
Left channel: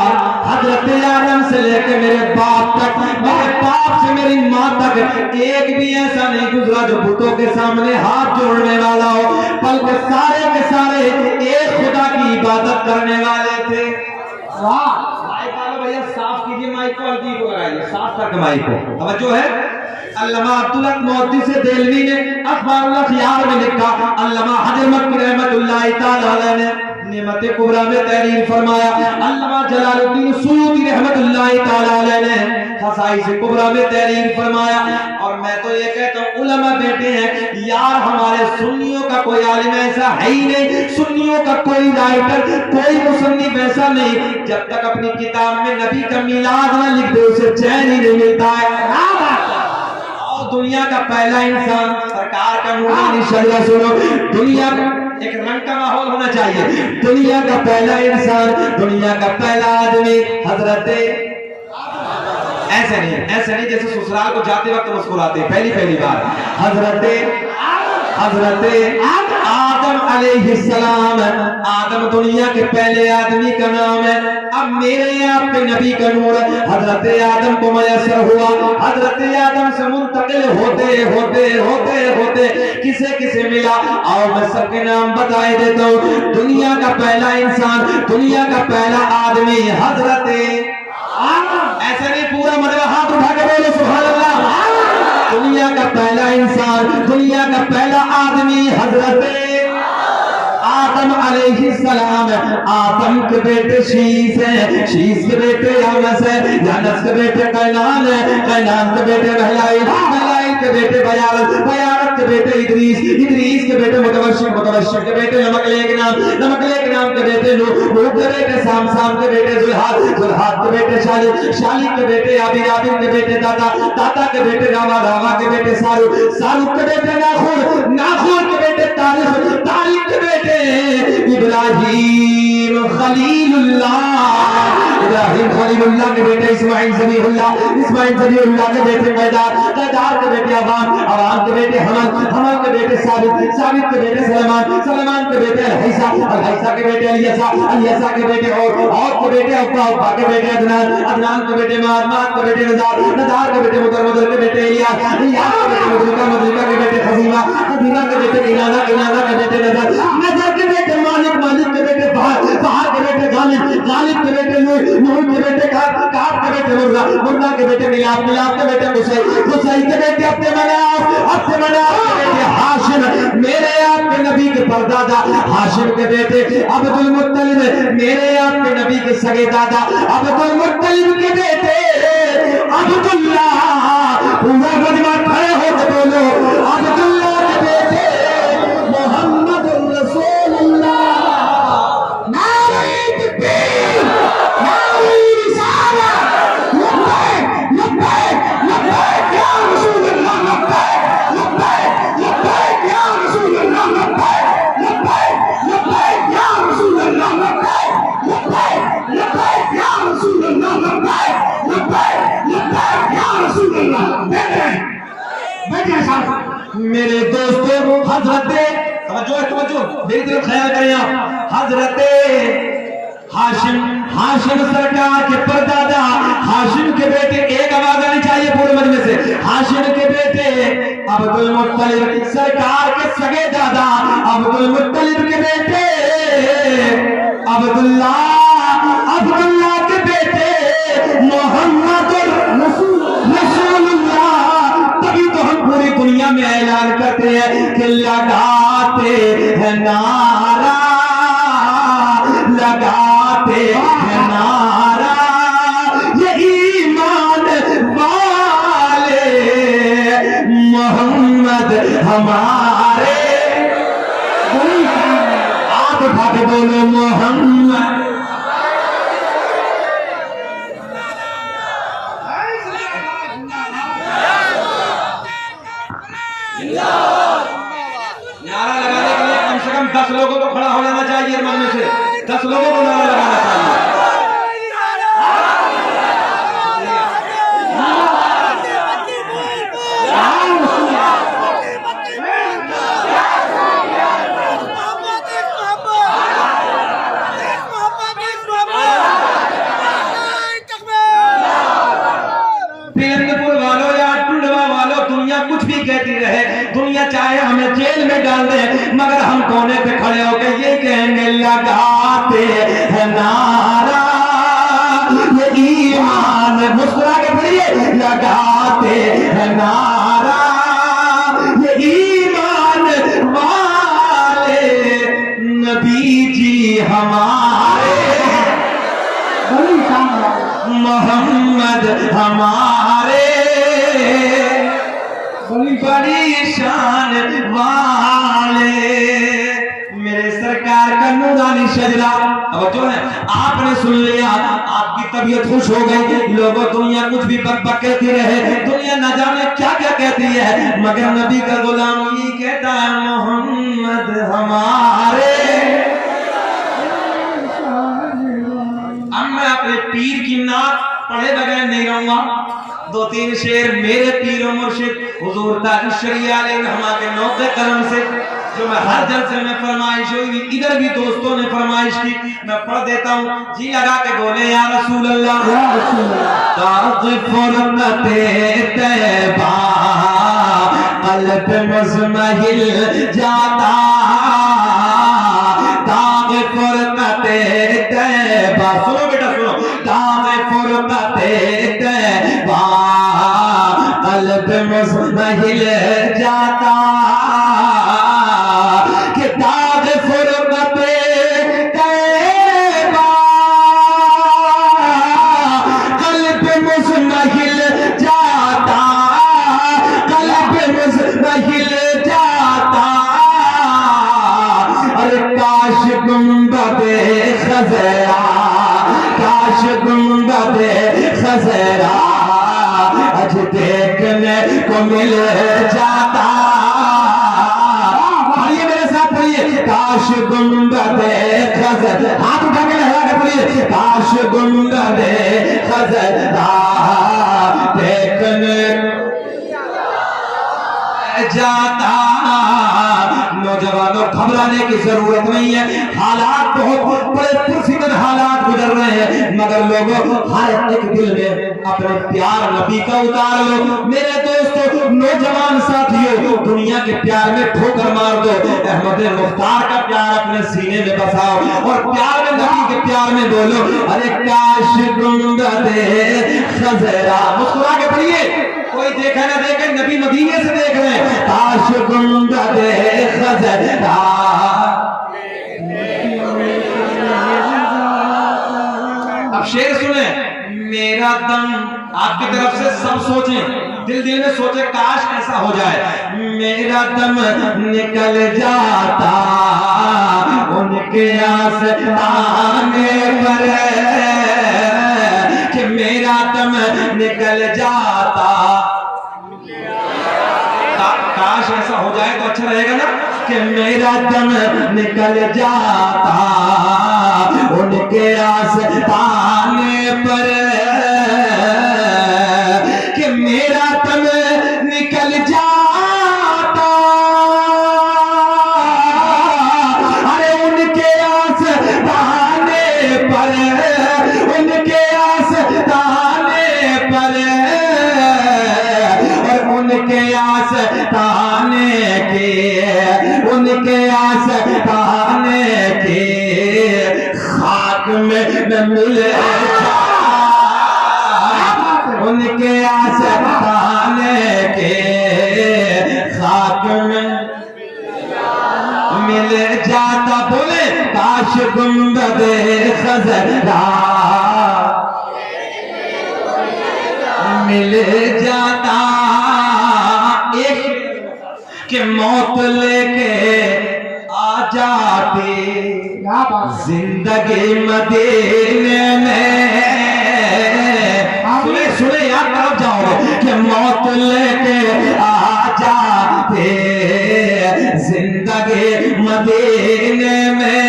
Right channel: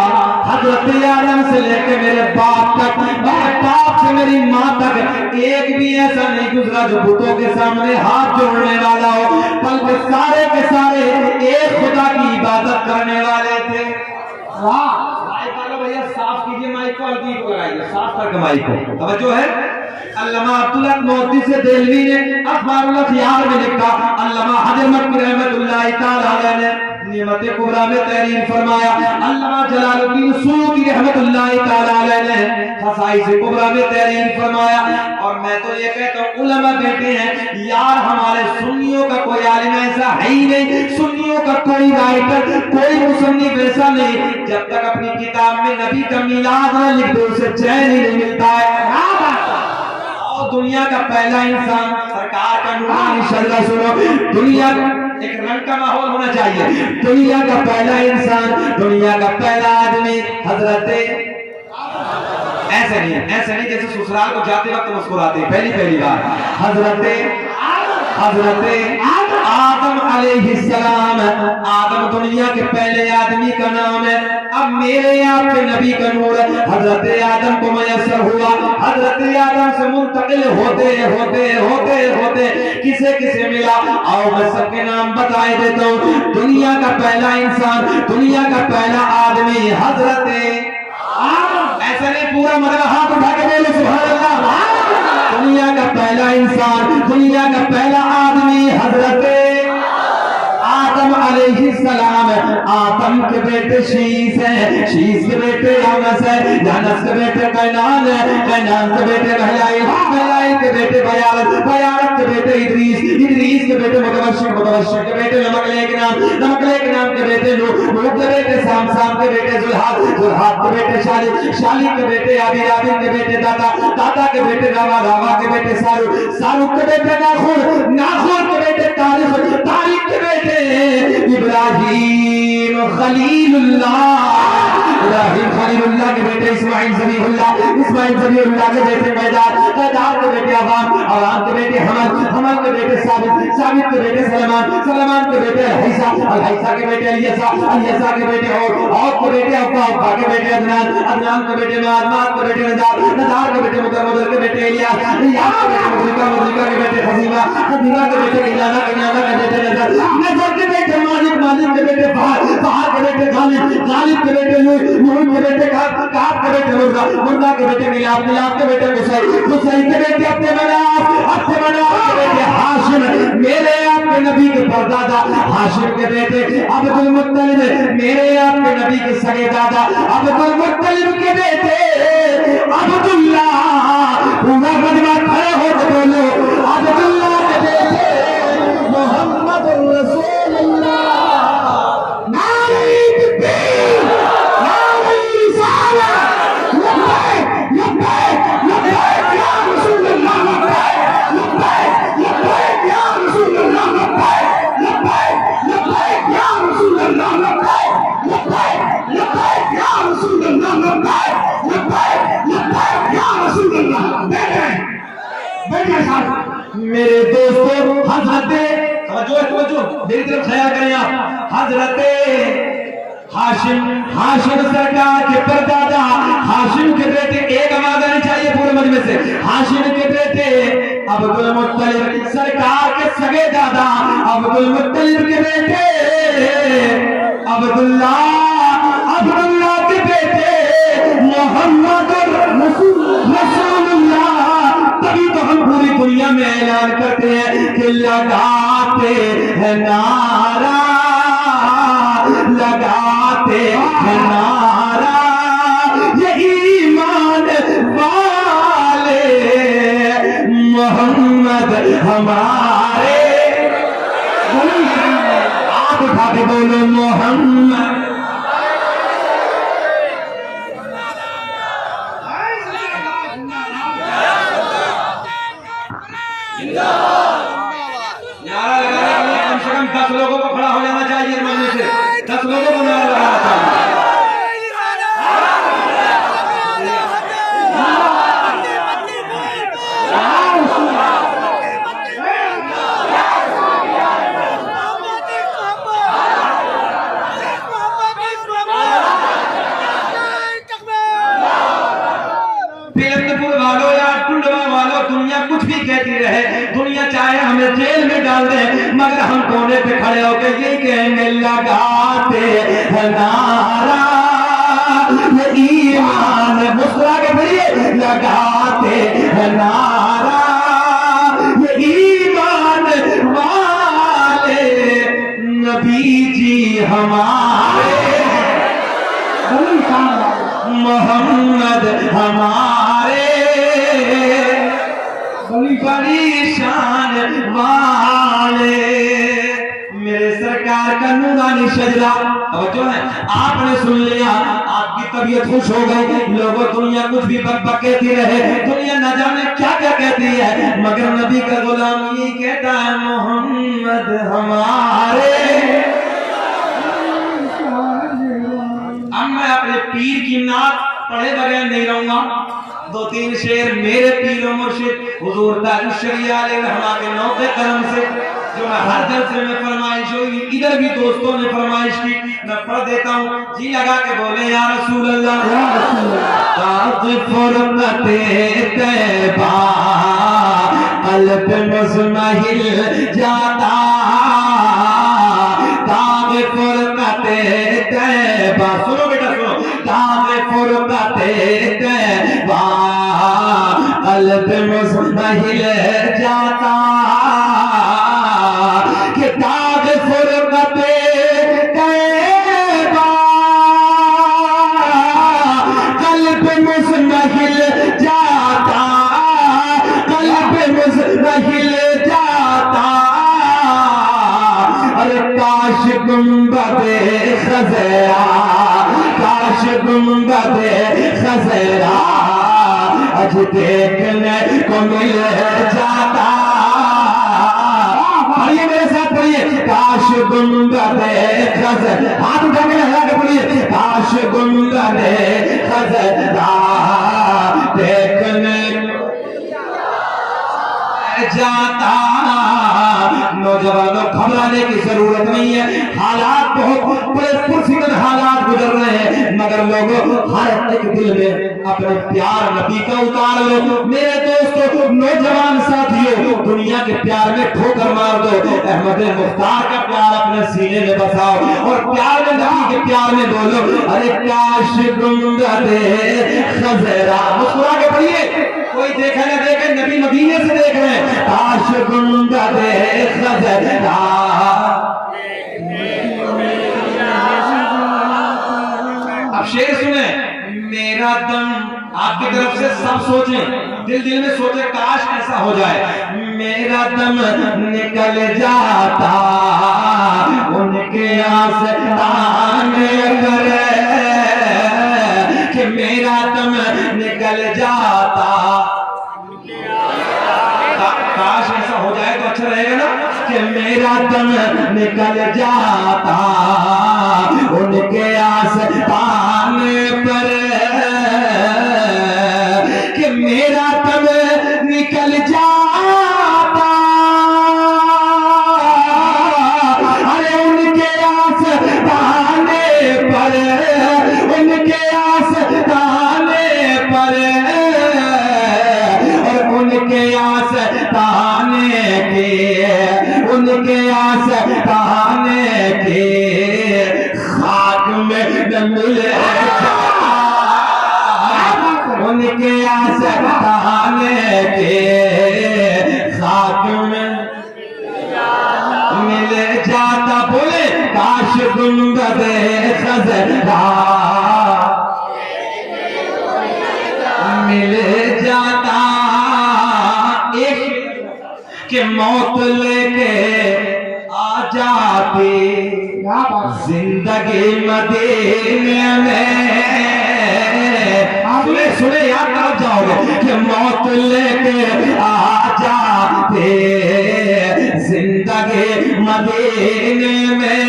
हजरत आदम से लेकर मेरे बाप तक, मेरे बाप से मेरी माँ तक एक भी ऐसा नहीं गुजरा जो बुतों के सामने हाथ जोड़ने वाला हो, बल्कि सारे के सारे एक खुदा की इबादत करने वाले थे। वाह भैया, साफ कीजिए माइक को, हल्की को लगाइए, साफ करके माइक को। अब जो है अल्लामा अब्दुल मोदी से देलवी ने अखबारुल अखयार में लिखा, अल्लामा हजर मक्की रहमतुल्लाह तआला अलैह ने नियमत कुबरा में तहरीर फरमाया, अल्लामा जलालुद्दीन सूदी रहमतुल्लाह तआला अलैह ने खसाइस कुबरा में तहरीर फरमाया। और मैं तो ये कहता हूँ उलमा कहते हैं यार हमारे सुन्नियों का कोई आलिम ऐसा है ही नहीं, सुन्नियों का कोई राइटर, कोई मुसन्निफ ऐसा नहीं, जब तक अपनी किताब में नबी का मिलाद न लिख दे उसे चैन ही नहीं मिलता है। और दुनिया का पहला इंसान सरकार का नूरानी शजरा सुनो, दुनिया एक रंग का माहौल होना चाहिए। दुनिया का पहला इंसान, दुनिया का पहला आदमी हजरत, ऐसे नहीं जैसे ससुराल को जाते वक्त मुस्कुराते हैं पहली बार, हजरत आदम अलैहिस्सलाम। आदम दुनिया के पहले आदमी का नाम है। अब मेरे आपके नबी का नूर हजरत आदम को मयसर हुआ, हजरत आदम से मुंतकिल होते किसे मिला, और मैं सबके नाम बताए देता हूँ। दुनिया का पहला इंसान, दुनिया का पहला आदमी हजरत, ऐसा नहीं पूरा मतलब हाथ उठा के बोलो सुभान अल्लाह। दुनिया का पहला इंसान, दुनिया का पहला आदमी हजरत आदम अलैहिस्सलाम। आदम के बेटे शीश है, शीश के बेटे यानस है, यानस के बेटे कैनान है, कैनान के बेटे महलाई, महलाई के बेटे बयारत, बयारत के बेटे इदरीस, इदरीस के बेटे मुतवशिक, मुतवशिक के बेटे नमकलेक नाम, नमकलेक नाम के बेटे नूह, नूह के बेटे साम, साम के बेटे जुल्हाद, जुल्हाद के बेटे शालिक, शालिक के बेटे आबिद, आबिद के बेटे दादा, दादा के बेटे रावा, रावा के बेटे सारुक, सारुक के बेटे नाखून, नाखून के बेटे तारिक, तारिक के बेटे इब्राहिम खलीलुल्लाह, इब्राहिम खलीलुल्लाह के बेटे इस्माइल ज़बीहुल्लाह, इस्माइल ज़बीहुल्लाह के बेटे मैदान, मैदान के बेटे अवान, अवान के बेटे हमल, हमल के बेटे साबित, साबित के बेटे सलमान, सलमान के बेटे अलहैसा, अलहैसा के बेटे अलियसा, अलियसा के बेटे और के बेटे अब्बा, अब्बा के बेटे अदनान, अदनान के बेटे माद, माद के बेटे नदार, नदार के बेटे मुदर, मुदर के बेटे इलियास, इलियास के बेटे मुजुका, मुजुका के बेटे खजीमा, खजीमा के बेटे इनाना, इनाना के बेटे नजर, नजर के बेटे मालिक, मालिक के बेटे बहार, बहार के बेटे गालिब, गालिब के बेटे नूर, नूर के बेटे काब, काब के बेटे मुर्दा, मुर्दा के बेटे मिलाप, मिलाप के बेटे कुसै, कुसै के बेटे अपने मनाफ के बेटे हाशिम। मेरे आपके नबी के परदादा हाशिम के बेटे अब्दुल मुत्तलिब, मेरे आपके नबी के सगे दादा अब्दुल मुत्तलिब के बेटे अब्दुल्लाह। पूरा गजबा खड़े हो तो बोलो अब्दुल्लाह के बेटे मोहम्मद रसूलुल्लाह। नारे तकबीर, नारे रिसालत, लब्बैक लब्बैक लब्बैक या रसूलुल्लाह, लब्बैक लब्बैक लब्बैक या रसूलुल्लाह, लब्बैक लब्बैक लब्बैक या रसूलुल्लाह, लब्बैक लब्बैक लब्बैक या रसूलुल्लाह, लब्बैक लब्बैक लब्बैक या रसूलुल्लाह। बैठे साहब मेरे दोस्तों, हजरत जो मेरी तरफ ख्याल करें आप, हजरत हाशिम, हाशिम सरकार के परदादा हाशिम के बेटे, एक आवाज आनी चाहिए पूरे मजमे से, हाशिम के बेटे अब्दुल मुत्तलिब, सरकार के सगे दादा अब्दुल मुत्तलिब के बेटे अब्दुल्लाह, अब्दुल्लाह के बेटे मोहम्मद रसूलुल्लाह। तभी तो हम पूरी दुनिया में ऐलान करते हैं कि लगाते हैं नारा, लगाते हैं नारा ये ईमान वाले, मोहम्मद हमारे। आप उठा के बोलो मोहम्मद। नारा लगाने के लिए कम से कम 10 लोगों को खड़ा हो जाना चाहिए, मरने से 10 लोगों को नारा लगाना चाहिए। गाजीपुर वालों या टुंडवा वालों, दुनिया कुछ भी कहती रहे, दुनिया चाहे हमें जेल में डाल दे, मगर हम कोने पे खड़े होकर ये कहेंगे लगाते हैं नारा ये ईमान, मुस्कुरा के पढ़िए, लगाते हैं नारा ये ईमान वाले नबी जी हमारे, मोहम्मद हमारे बड़ी शान वाले। मेरे सरकार का नूरानी शजरा जो है आपने सुन लिया, आपकी तबीयत खुश हो गई। लोगों दुनिया कुछ भी बक कहती रहे, दुनिया न जाने क्या क्या कहती है, मगर नबी का गुलाम ये कहता है मोहम्मद हमारे। अब मैं अपने पीर की नात पढ़े बगैर नहीं रहूंगा। दो तीन शेर मेरे पीर मुर्शिद हुजूर ताज शरिया रहमा के नौके करम से जो मैं हर जलसे में फरमाइश हुई, इधर भी दोस्तों ने फरमाइश की, मैं पढ़ देता हूँ। जी लगा के बोले या रसूल अल्लाह, या रसूल अल्लाह। ताज़ फुरकते तैबा क़ल्ब में सुनहिल जाता, ताज़ फुरकते तैबा, सुनो बेटा सुनो, ताज़ फुरकते तैबा क़ल्ब में सुनहिल जाता, कि ताज़ फुरकते तैबा क़ल्ब में सुनहिल जाता, क़ल्ब में सुनहिल जाता। अरे काश गुंबदे खज़रा, काश गुंबदे खज़रा आज देखने को मिल जाता। पढ़िए मेरे साथ पढ़िए, काश गुंबदे खज़रा, हाथ उठा के लहरा के पढ़िए, काश गुंबदे खज़रा देखने जाता। नौजवानों घबराने की जरूरत नहीं है, हालात बहुत बड़े पुरफिक्र हालात गुजर रहे हैं, मगर लोगों हर एक दिल में अपने प्यार नबी का उतार लो। मेरे दोस्तों नौजवान साथियों, दुनिया के प्यार में ठोकर मार दो, अहमद मुख्तार का प्यार अपने सीने में बसाओ और प्यार में नबी के प्यार में बोलो, अरे काश गुंबदे खज़रा, मुस्कुरा के पढ़िए, कोई देखा ना देखे, नबी नबीयत से देख रहे हैं, काश गुंबदे खज़रा। अब शेर सुने, मेरा दम आपकी तरफ से सब सोचें, दिल दिल में सोचे काश ऐसा हो जाए, मेरा दम निकल जाता उनके आस्ताने पर, कि मेरा दम निकल जाता, काश ऐसा हो जाए तो अच्छा रहेगा ना, कि मेरा दम निकल जाता उनके आस्ताने पर, कि मेरा दम निकल जाता, अरे उनके आस्ताने पर, उनके आस्ताने पर, और उनके आस्ताने के, उनके आस्ताने के खाक में न मिल जाता, उनके आस्ताने के खाक में मिल जाता। बोले काश गुंबदे खज़रा मिल जाता, एक के मौत लेके आ जाते जिंदगी मदीने में, सुने सुने याद तरफ जाओगे, कि मौत लेके आ जाते जिंदगी मदीने में,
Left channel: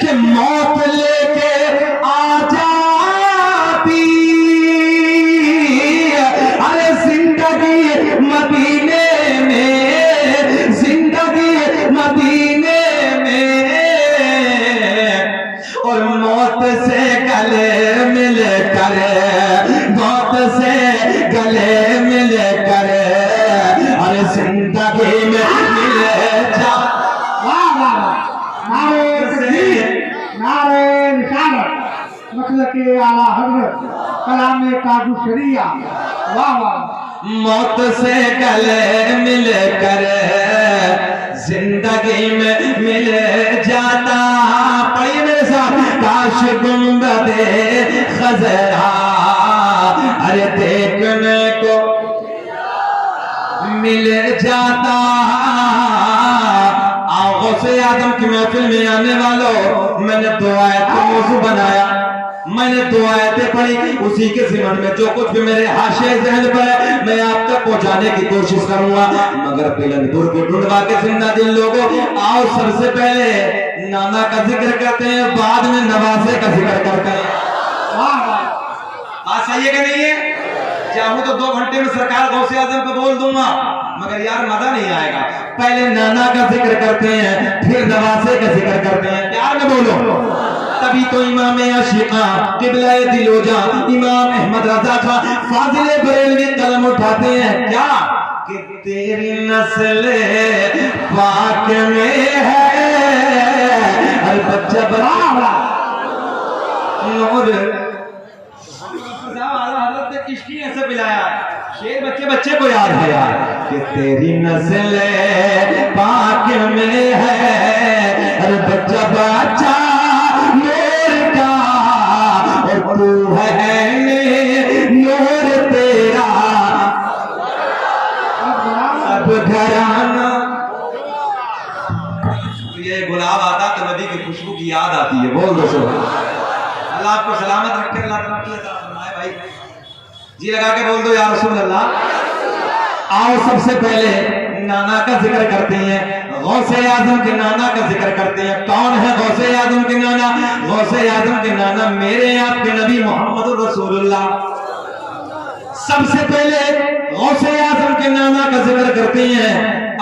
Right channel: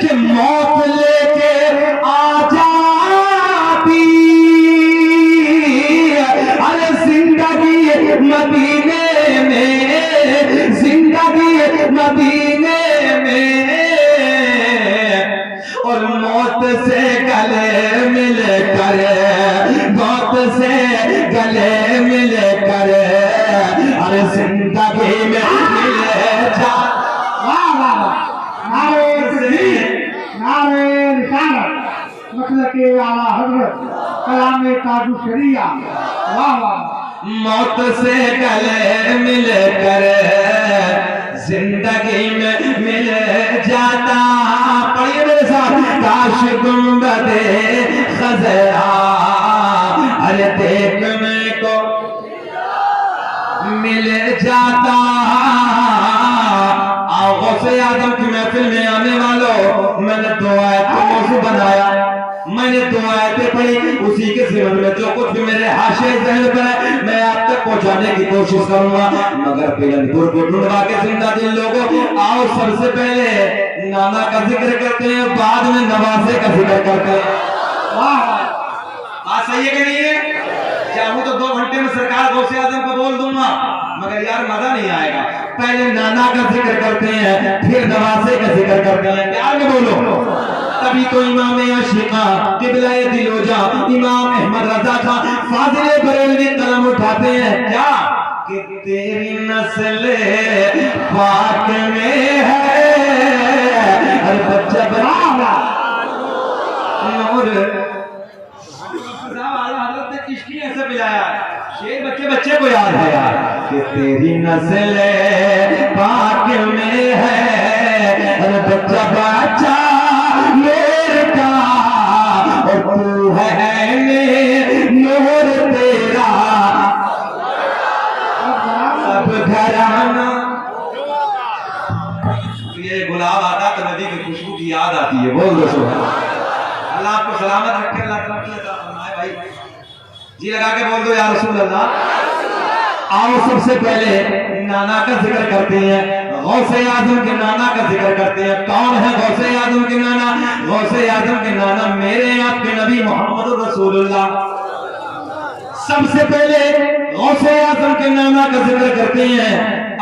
कि मौत लेके आ जाती, अरे जिंदगी मदीने में, जिंदगी मदीने में, और मौत से गले मिल कर बाजू शरिया, वाह वाह। मौत से गले मिलकर जिंदगी में मिल जाता, पढ़िए मेरे साथ, काश गुंबदे खजरा अरे देखने को मिल जाता। आओ से आदम की महफिल में आने वालों, मैंने दो आयतें मौजू बनाया, मैंने दो आयतें पढ़ी, उसी के जीवन में जो कुछ भी मेरे हाशिए जहन पर है मैं आप तक पहुंचाने की कोशिश करूंगा। मगर पिलनपुर को ढूंढवा के जिंदा दिल लोगों, आओ सबसे पहले नाना का जिक्र करते हैं, बाद में नवासे का जिक्र करते हैं। वाह वाह, आज सही है कि नहीं है? चाहूं तो 2 घंटे में सरकार गौसे आजम को बोल दूंगा, मगर यार मजा नहीं आएगा। पहले नाना का जिक्र करते हैं, फिर नवासे का जिक्र करते हैं, प्यार में बोलो। तभी तो इमाम आशिका किबला-ए दिलोजा इमाम अहमद रजा खा फाजिले बरेलवी कलम उठाते हैं, क्या कि तेरी नस्ल पाक में है हर बच्चा बराबर नूर। हजरत ने किसकी ऐसे मिलाया है, शेर बच्चे को याद है यार, कि तेरी नस्ल पाक में है हर बच्चा बच्चा मेरे का, और तू है नूर तेरा सब घराना। ये गुलाब आता तो नबी की खुशबू की याद आती है, बोल दो अल्लाह आपको सलामत रखे, अल्लाह फरमाए भाई जी लगा के बोल दो या रसूल अल्लाह। आओ सबसे पहले नाना का जिक्र करते हैं, गौसे आजम के नाना का जिक्र करते हैं। कौन है गौसे आजम के नाना? गौसे आजम के नाना मेरे आपके नबी मोहम्मद रसूलुल्लाह। सबसे पहले गौसे आजम के नाना का जिक्र करते हैं,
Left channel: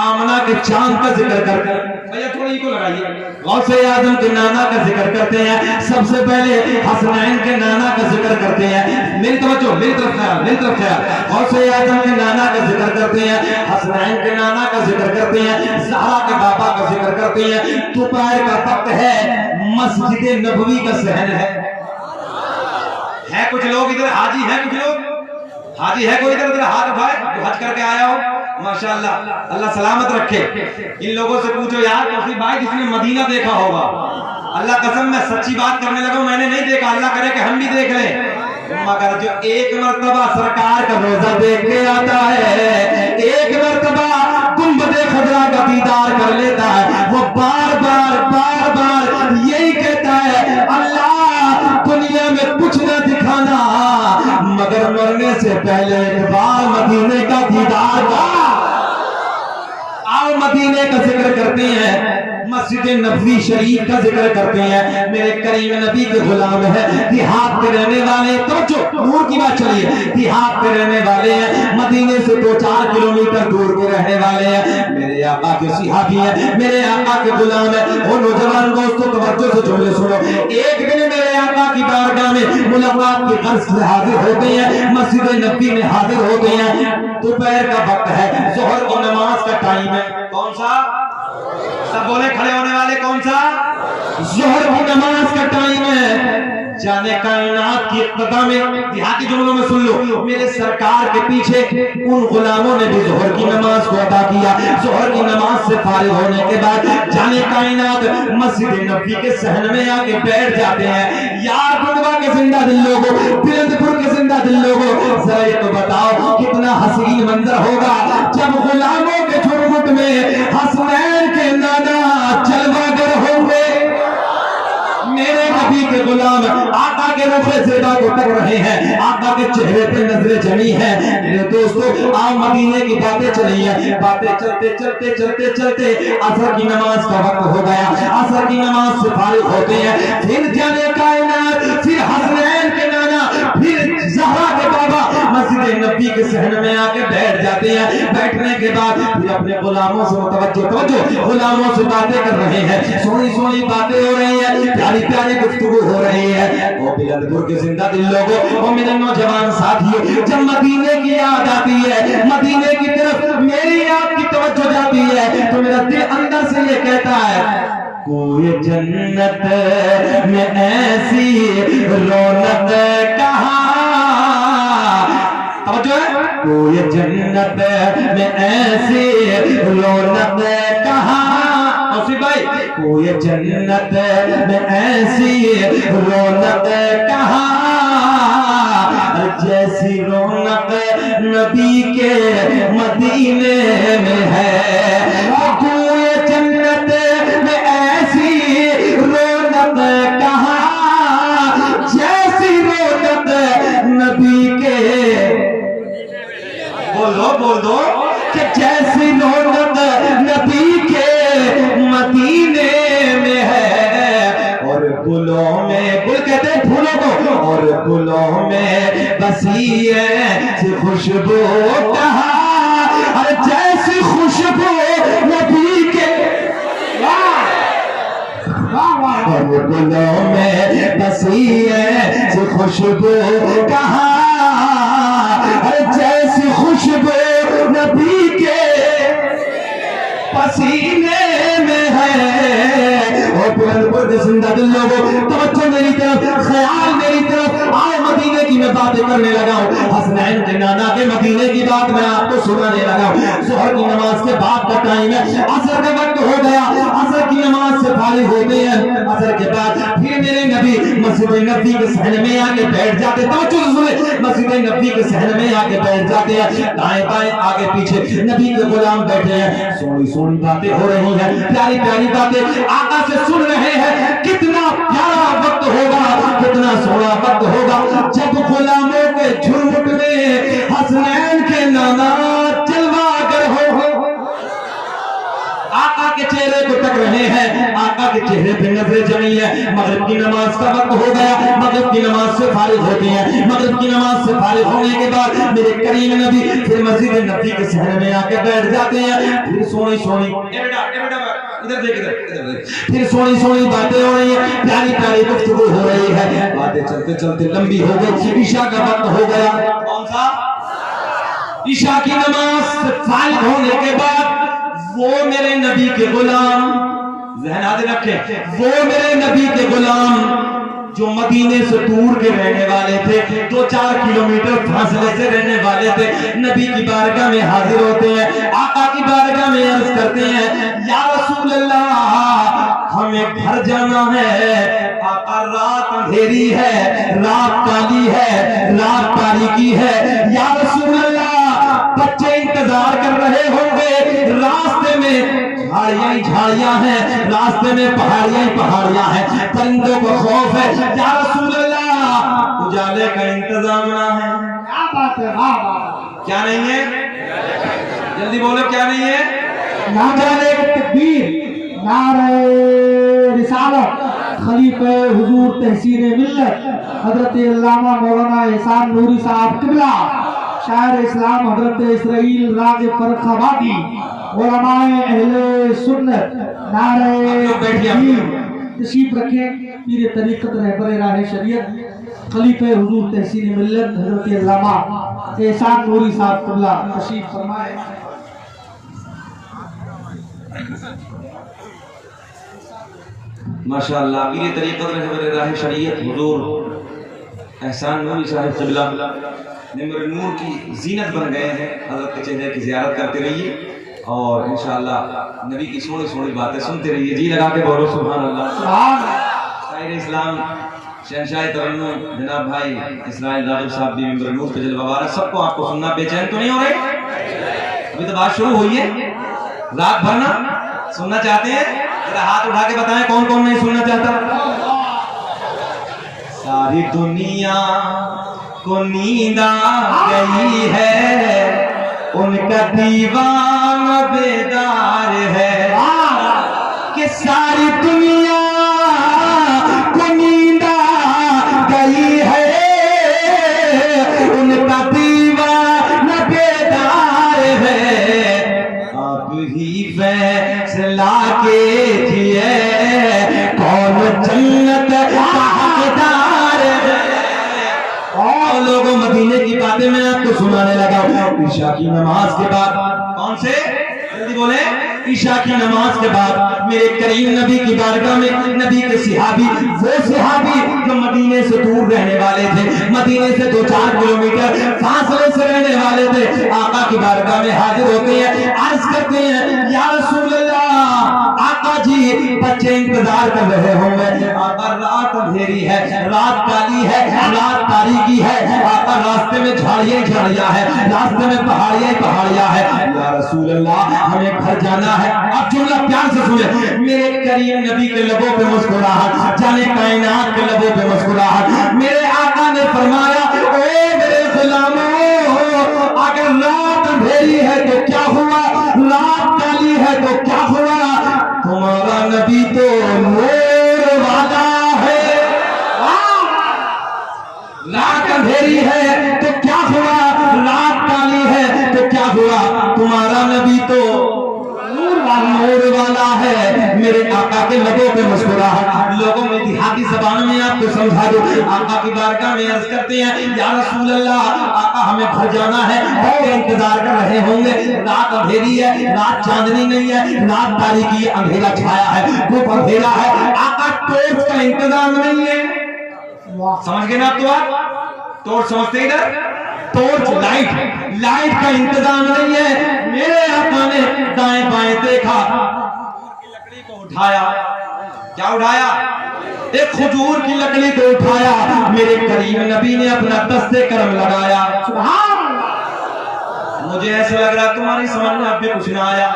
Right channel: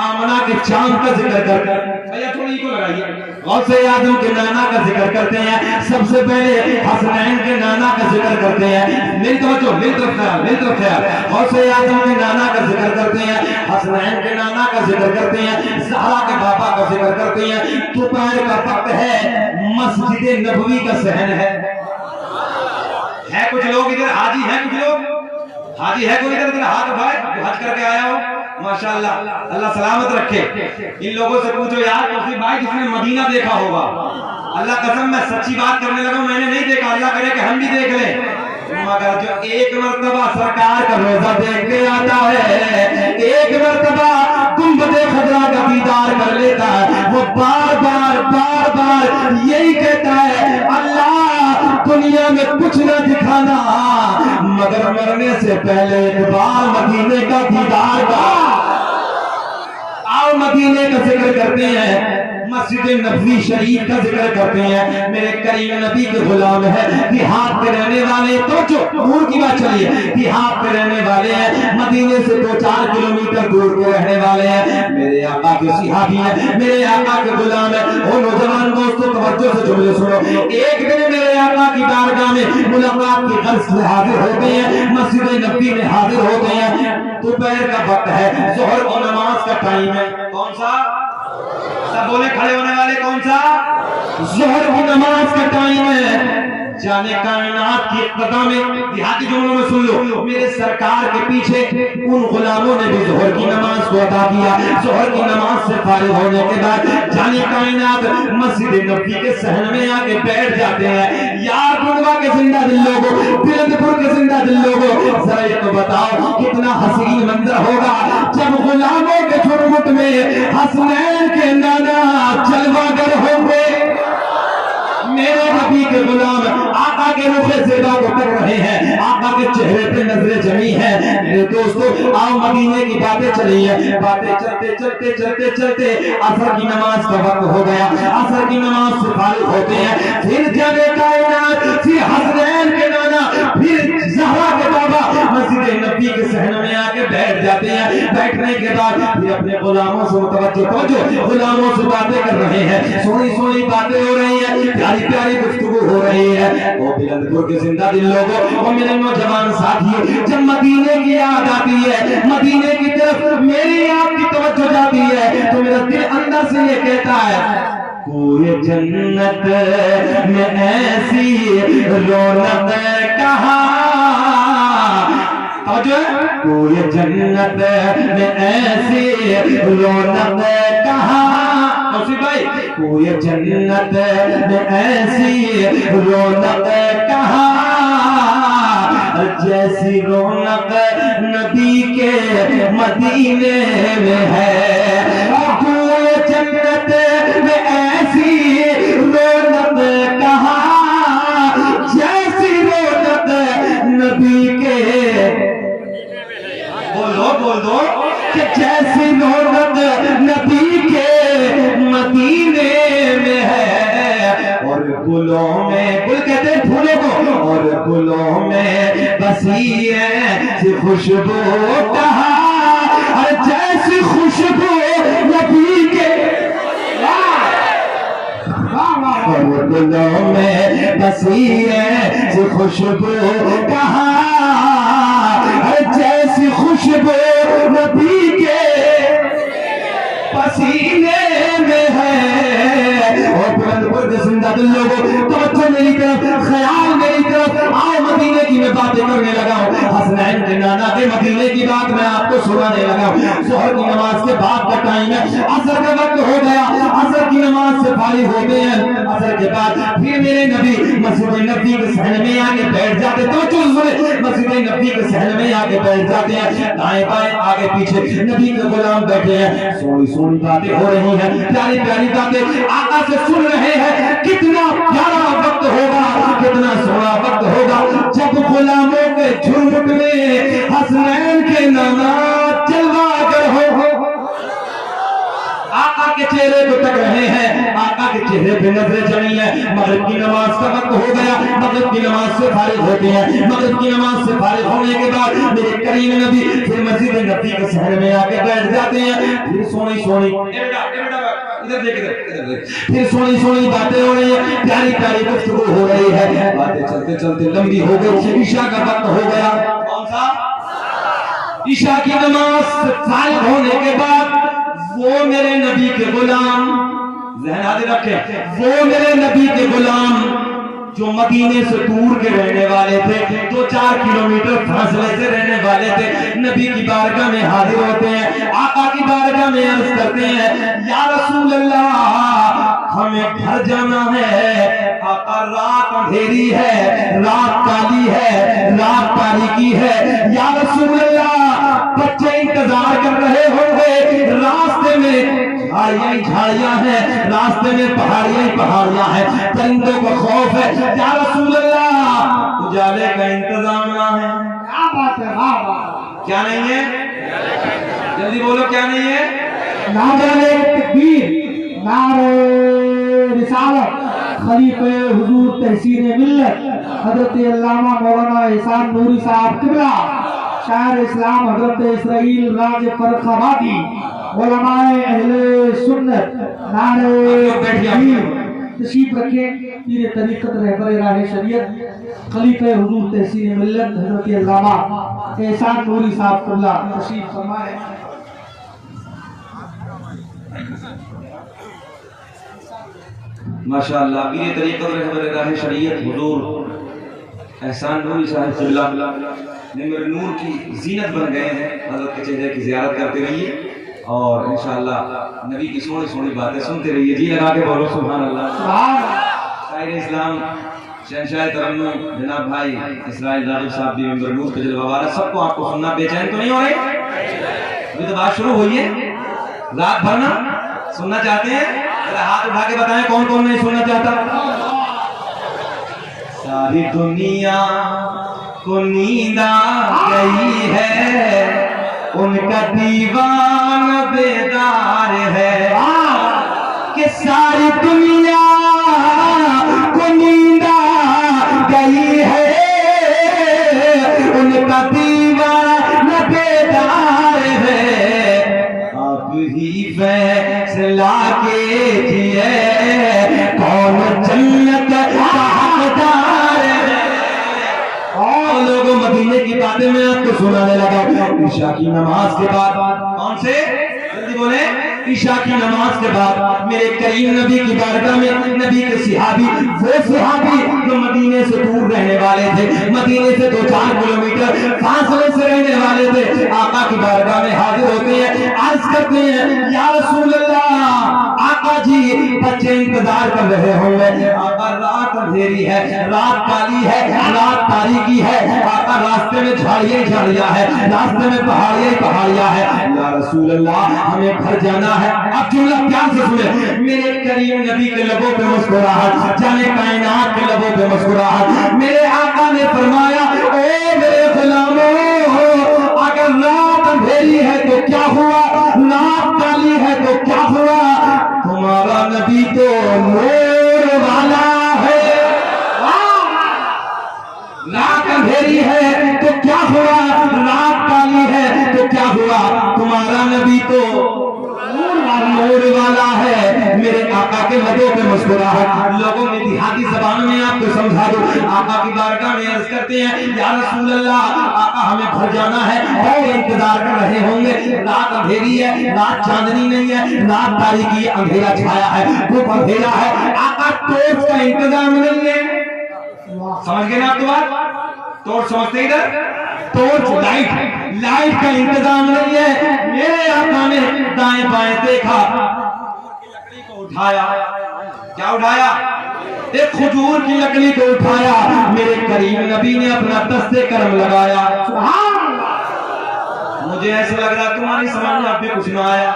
आमना के चांद का जिक्र करते हैं। भैया थोड़ी को लगाइए, गौसे आजम के नाना का जिक्र करते हैं। सबसे पहले हसनैन के नाना का जिक्र करते हैं। मेरी तवज्जो, मेरी तरफ ख्याल। गौसे आजम के नाना का जिक्र करते हैं, हसनैन के नाना का जिक्र करते हैं, ज़हरा के बाबा का जिक्र करते हैं। दोपहर का वक्त है, मस्जिद नबवी का सहन है। कुछ लोग इधर हाजी हैं, कुछ लोग हाजी है कोई इधर हाथ उठाए जो हज करके आया हो, माशाल्लाह, अल्लाह सलामत रखे। इन लोगों से पूछो यार किसी भाई जिसने मदीना देखा होगा, अल्लाह कसम मैं सच्ची बात करने लगा, मैंने नहीं देखा, अल्लाह करे कि हम भी देख लें। मगर जो एक मर्तबा सरकार का रोजा देख के आता है, एक मर्तबा गुंबदे खजरा का दीदार कर लेता है, वो बार बार यही कहता है, अल्लाह दुनिया में कुछ न दिखाना मगर मरने से पहले एक बार मदीने का दीदार का। आओ मदीने का जिक्र करते हैं, मस्जिद नबवी शरीफ का जिक्र करते हैं। मेरे करीम नबी के गुलाम है, देहात के रहने वाले, तो जो दूर की बात चलिए, देहात के रहने वाले हैं, मदीने से 2-4 किलोमीटर दूर के रहने वाले हैं। मेरे आका के सिहाबी हैं, मेरे आका के गुलाम है। और नौजवान दोस्तों तवज्जो से जुमले सुनो। एक दिन मेरे आका की बारगाह में मुलाकात की गर्ज से हाजिर हो गए हैं, मस्जिद नबवी में हाजिर हो गए हैं। दोपहर का वक्त है, जोहर की नमाज का टाइम है। कौन सा? सब बोले खड़े होने वाले, कौन सा? जोहर की नमाज का टाइम है। जाने कायनात की इब्तिदा में देहाती जुमलों में सुन लो, मेरे सरकार के पीछे उन गुलामों ने भी जोहर की नमाज को अदा किया। जोहर की नमाज से फारिग होने के बाद जाने कायनात मस्जिद नबवी के सहन में आके बैठ जाते हैं। यार बुधवा के जिंदा दिल लोगों, फिरोजपुर के जिंदा दिल लोगों, जरा ये तो बताओ कितना हसीन मंजर होगा जब गुलामों के झुरमुट में हसनैन के नाना जलवागर होंगे। मेरे नबी के गुलाम आका के रुखे से को तक रहे हैं, आका के चेहरे पे नजरें जमी है। मेरे दोस्तों आओ मदीने की बातें चली है, बातें चलते असर की नमाज का वक्त हो गया। असर की नमाज से फारिग होते हैं, फिर जाने कायनात, फिर हसनैन के नाना, फिर ज़हरा के बाबा मस्जिद नबी के सहन में आके बैठ जाते हैं। बैठने के बाद फिर अपने गुलामों से तवज्जो गुलामों से बातें कर रहे हैं, सोनी बातें हो रही है, प्यारी गुफ्तगू हो रही है। वो बिलंदपुर के जिंदा दिल लोगों, वो मेरे नौजवान साथियों, जब मदीने की याद आती है, मदीने की तरफ मेरी आपकी तवज्जो जाती है, तो मेरा दिल अंदर से ये कहता है कोई जन्नत में ऐसी रौनक कहाँ तवज्जो है। कोई जन्नत में ऐसी रौनक कहाँ, नौसिफ भाई, कोई जन्नत में ऐसी रौनक कहाँ, जैसी रौनक नबी के मदीने में है। कोई जन्नत में ऐसी रौनक कहाँ, जैसी रौनक नबी के, बोल दो कि जैसी रौनक नबी के मदीने में है। और गुलों में, गुल कहते हैं फूलों को, और गुलों में बसी है खुशबू कहाँ, और जैसी खुशबू नबी के, और गुलों में बसी है खुशबू कहाँ, जैसी खुशबू नबी के पसीने में है। और बुलंद जिंदा दिल लोगों, तवज्जो मेरी तरफ, ख्याल मेरी तरफ, आओ मदीने की मैं बातें करने लगा हूँ। हसनैन के नाना के मदीने की बात मैं आपको सुनाने लगा हूँ। जोहर की नमाज के बाद का टाइम है, असर के वक्त हो गया, असर की नमाज से फारिग होते हैं। असर के बाद फिर मेरे नबी मस्जिद नबी के सहन में आके बैठ जाते, तवज्जो सुने, मस्जिद नबी के सहन में आके बैठ जाते हैं। दाएं बाएं आगे पीछे नबी के गुलाम बैठे हैं, सोनी सोनी बातें हो रही हैं, प्यारी प्यारी बातें आका से सुन रहे हैं। कितना प्यारा वक्त होगा, कितना सोना वक्त होगा जब गुलामों के झुंड में हसनैन के नाना जलवागर हो। आका के चेहरे को तक रहे हैं, आका के चेहरे पे नजरें जमी है। मगरिब की नमाज का वक्त हो गया, मगरिब की नमाज से फारिग होते हैं। मगरिब की नमाज से फारिग होने के बाद मेरे करीम नबी फिर मस्जिद नबी के शहर में आके बैठ जाते हैं। फिर सोनी सोनी, इधर देख, इधर देख, फिर सोनी सोनी बातें हो रही है, प्यारी प्यारी गुफ्तगू हो रही है। बातें चलते चलते लंबी हो गई, ईशा का वक्त हो गया। कौन सा? ईशा की नमाज से फारिग होने के बाद वो मेरे नबी के गुलाम, ज़हन याद रखे, वो मेरे नबी के गुलाम जो मदीने से दूर के रहने वाले थे, 2-4 किलोमीटर फासले से रहने वाले थे, नबी की बारगाह में हाजिर होते हैं। आका की बारगाह में अर्ज करते हैं, या रसूल अल्लाह, हमें घर जाना है। आका, रात अंधेरी है, रात काली है, रात तारीकी है। या रसूल अल्लाह, बच्चे इंतजार कर रहे होंगे, रास्ते में झाड़ियां ही झाड़ियां हैं, रास्ते में पहाड़ियां ही पहाड़ियां हैं, परिंदों का खौफ है। या रसूल अल्लाह, उजाले का इंतजाम ना है। क्या बात है, क्या नहीं है? जल्दी बोलो, क्या नहीं है? नारे तकबीर, नारे रिसालत, खलीफे हुजूर तहसीन मिल्लत हजरत अल्लामा मौलाना एहसान नूरी साहब किबला, शायर इस्लाम हजरत इसराइल राज फरखाबादी, उलमाए अहले सुन्नत, नारे तकबीर। तशरीफ रखें पीर तरीक़त रहबर राह शरीयत खलीफे हुजूर तहसीन मिल्लत हजरत अल्लामा एहसान नूरी साहब किबला तशरीफ फरमाए। माशाअल्लाह, पीर तरीक़त रहबर राह शरीयत हुजूर एहसान नूरी साहब किबला नूर नूर की जीनत बन गए हैं। हज़रत के चेहरे की ज़ियारत करते रहिए और इंशाअल्लाह नबी की सोनी सोनी बातें सुनते रहिए। जी लगा के बोलो सुभान अल्लाह। शायर इस्लाम शहंशाह तरन्नुम जनाब भाई इस्राइल राजू साहब भी मेंबर नूर के जलवा वाला, सबको आपको सुनना बेचैन तो नहीं हो रहे? अभी तो बात शुरू हुई है, रात भर ना सुनना चाहते हैं? जरा हाथ उठा के बताएं कौन कौन नहीं सुनना चाहता। सारी दुनिया को नींद आ गई है, उनका दीवाना बेदार है कि सारी दुनिया को नींद आ गई है, उनका दीवाना बेदार है। आप ही फैसला कीजिए कौन जन्नत का हकदार है। और लोगों मदीने की बातें मैं आपको सुनाने लगा। ईशा की नमाज के बाद, कौन से? जल्दी बोले। ईशा की नमाज के बाद मेरे करीम नबी की बारगाह में नबी के सिहाबी, वो सिहाबी जो मदीने से दूर रहने वाले थे, मदीने से 2-4 किलोमीटर फासले से रहने बारगाह में हाजिर होते हैं, अर्ज करते हैं या रसूल अल्लाह, आका जी बच्चे इंतजार कर रहे होंगे, आका रात अंधेरी है, रात काली है, रात तारीकी है, आका रास्ते में झाड़ियां झाड़ियां है, रास्ते में पहाड़ियां पहाड़ियां है, या रसूल अल्लाह हमें घर जाना है। अब जुमला प्यार से सुने, मेरे करीम नबी के लबों पे मुस्कुराहट, जाने कायनात के लबों पे मुस्कुराहट, मेरे आका ने फरमाया ए मेरे गुलामों, अगर रात अंधेरी है तो क्या हुआ, रात काली है तो क्या हुआ, तुम्हारा नबी तो नूर वाला है। रात अंधेरी है तो क्या हुआ, रात काली है तो क्या हुआ, तुम्हारा नबी तो नूर वाला है। मेरे आका के लबों पे मुस्कुराहट, लोगों में देहाती ज़बान में आपको समझा दो, आका की बारगाह में अर्ज करते हैं या रसूल अल्लाह, आका हमें घर जाना है और इंतजार कर रहे होंगे, रात अंधेरी है, रात चांदनी नहीं है, रात तारीकी है, अंधेरा छाया है, धूप अंधेरा है, आका टॉर्च का इंतजाम नहीं है। समझ गए ना? तो टॉर्च समझते इधर, टॉर्च लाइट का इंतजाम नहीं है। मेरे आका ने दाएं बाएं देखा, लकड़ी को उठाया, क्या उठाया, एक खजूर की लकड़ी को उठाया, मेरे करीम नबी ने अपना दस्ते करम लगाया। मुझे ऐसा लग रहा तुम्हारी समझ में अब भी कुछ ना आया,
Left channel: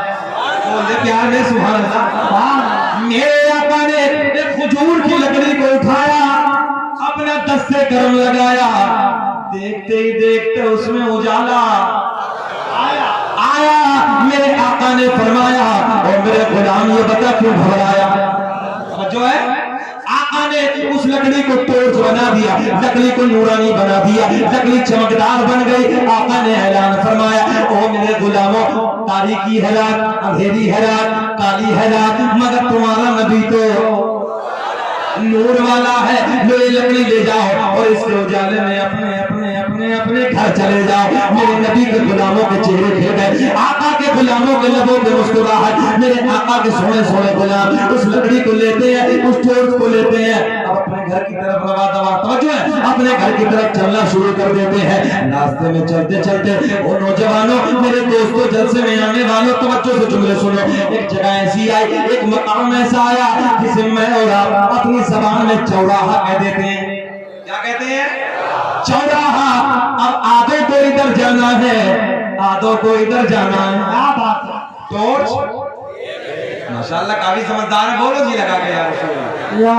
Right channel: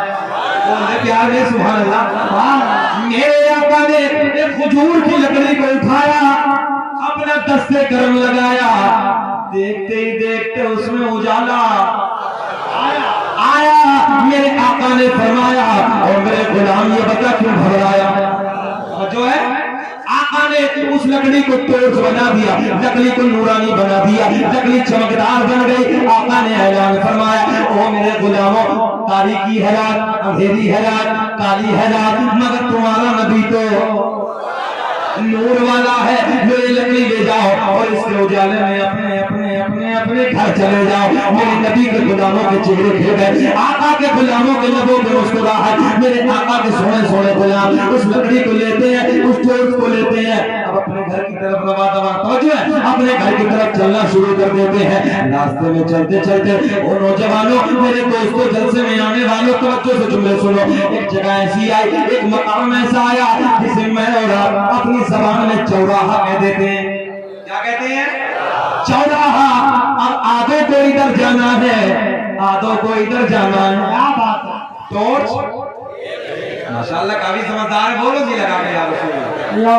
बोले प्यार में सुभान अल्लाह। मेरे आका ने एक खजूर की लकड़ी को उठाया, अपना दस्ते करम लगाया, देखते ही देखते उसमें उजाला आया। मेरे आका ने फरमाया और मेरे गुलाम ये बता क्यों घबराया, और जो है आका ने उस लकड़ी को टॉर्च बना दिया, लकड़ी को नूरानी बना दिया, लकड़ी चमकदार बन गई। आका ने ऐलान फरमाया ओ मेरे गुलामों, तारीकी है रात, अंधेरी है रात, काली है रात, मगर तुम्हारा नबी तो नूर वाला है। मेरी लकड़ी ले जाओ और इसके उजाले में अपने अपने अपने अपने घर चले जाओ। मेरे नबी के गुलामों के चेहरे खिल गए, आका के गुलामों के लबों पे मुस्कुराहट। मेरे आका के सोने सोने गुलाम उस लकड़ी को लेते हैं, उस टॉर्च को लेते हैं, अब अपने घर की तरफ रवा दवा अपने घर की तरफ चलना शुरू कर देते हैं। रास्ते में चलते चलते ओ नौजवानों, मेरे दोस्तों, जलसे में आने वालों, तवज्जो से जुमले सुनो। एक जगह ऐसी आई, एक मकाम ऐसा आया जिसे मैं और आप अपनी ज़बान में चौराहा कह देते हैं। क्या कहते हैं? चौराहा। अब आधों को इधर जाना है, आधों को इधर जाना है। क्या बात है? टॉर्च माशाल्लाह काफी समझदार है, बोलो जी लगा के या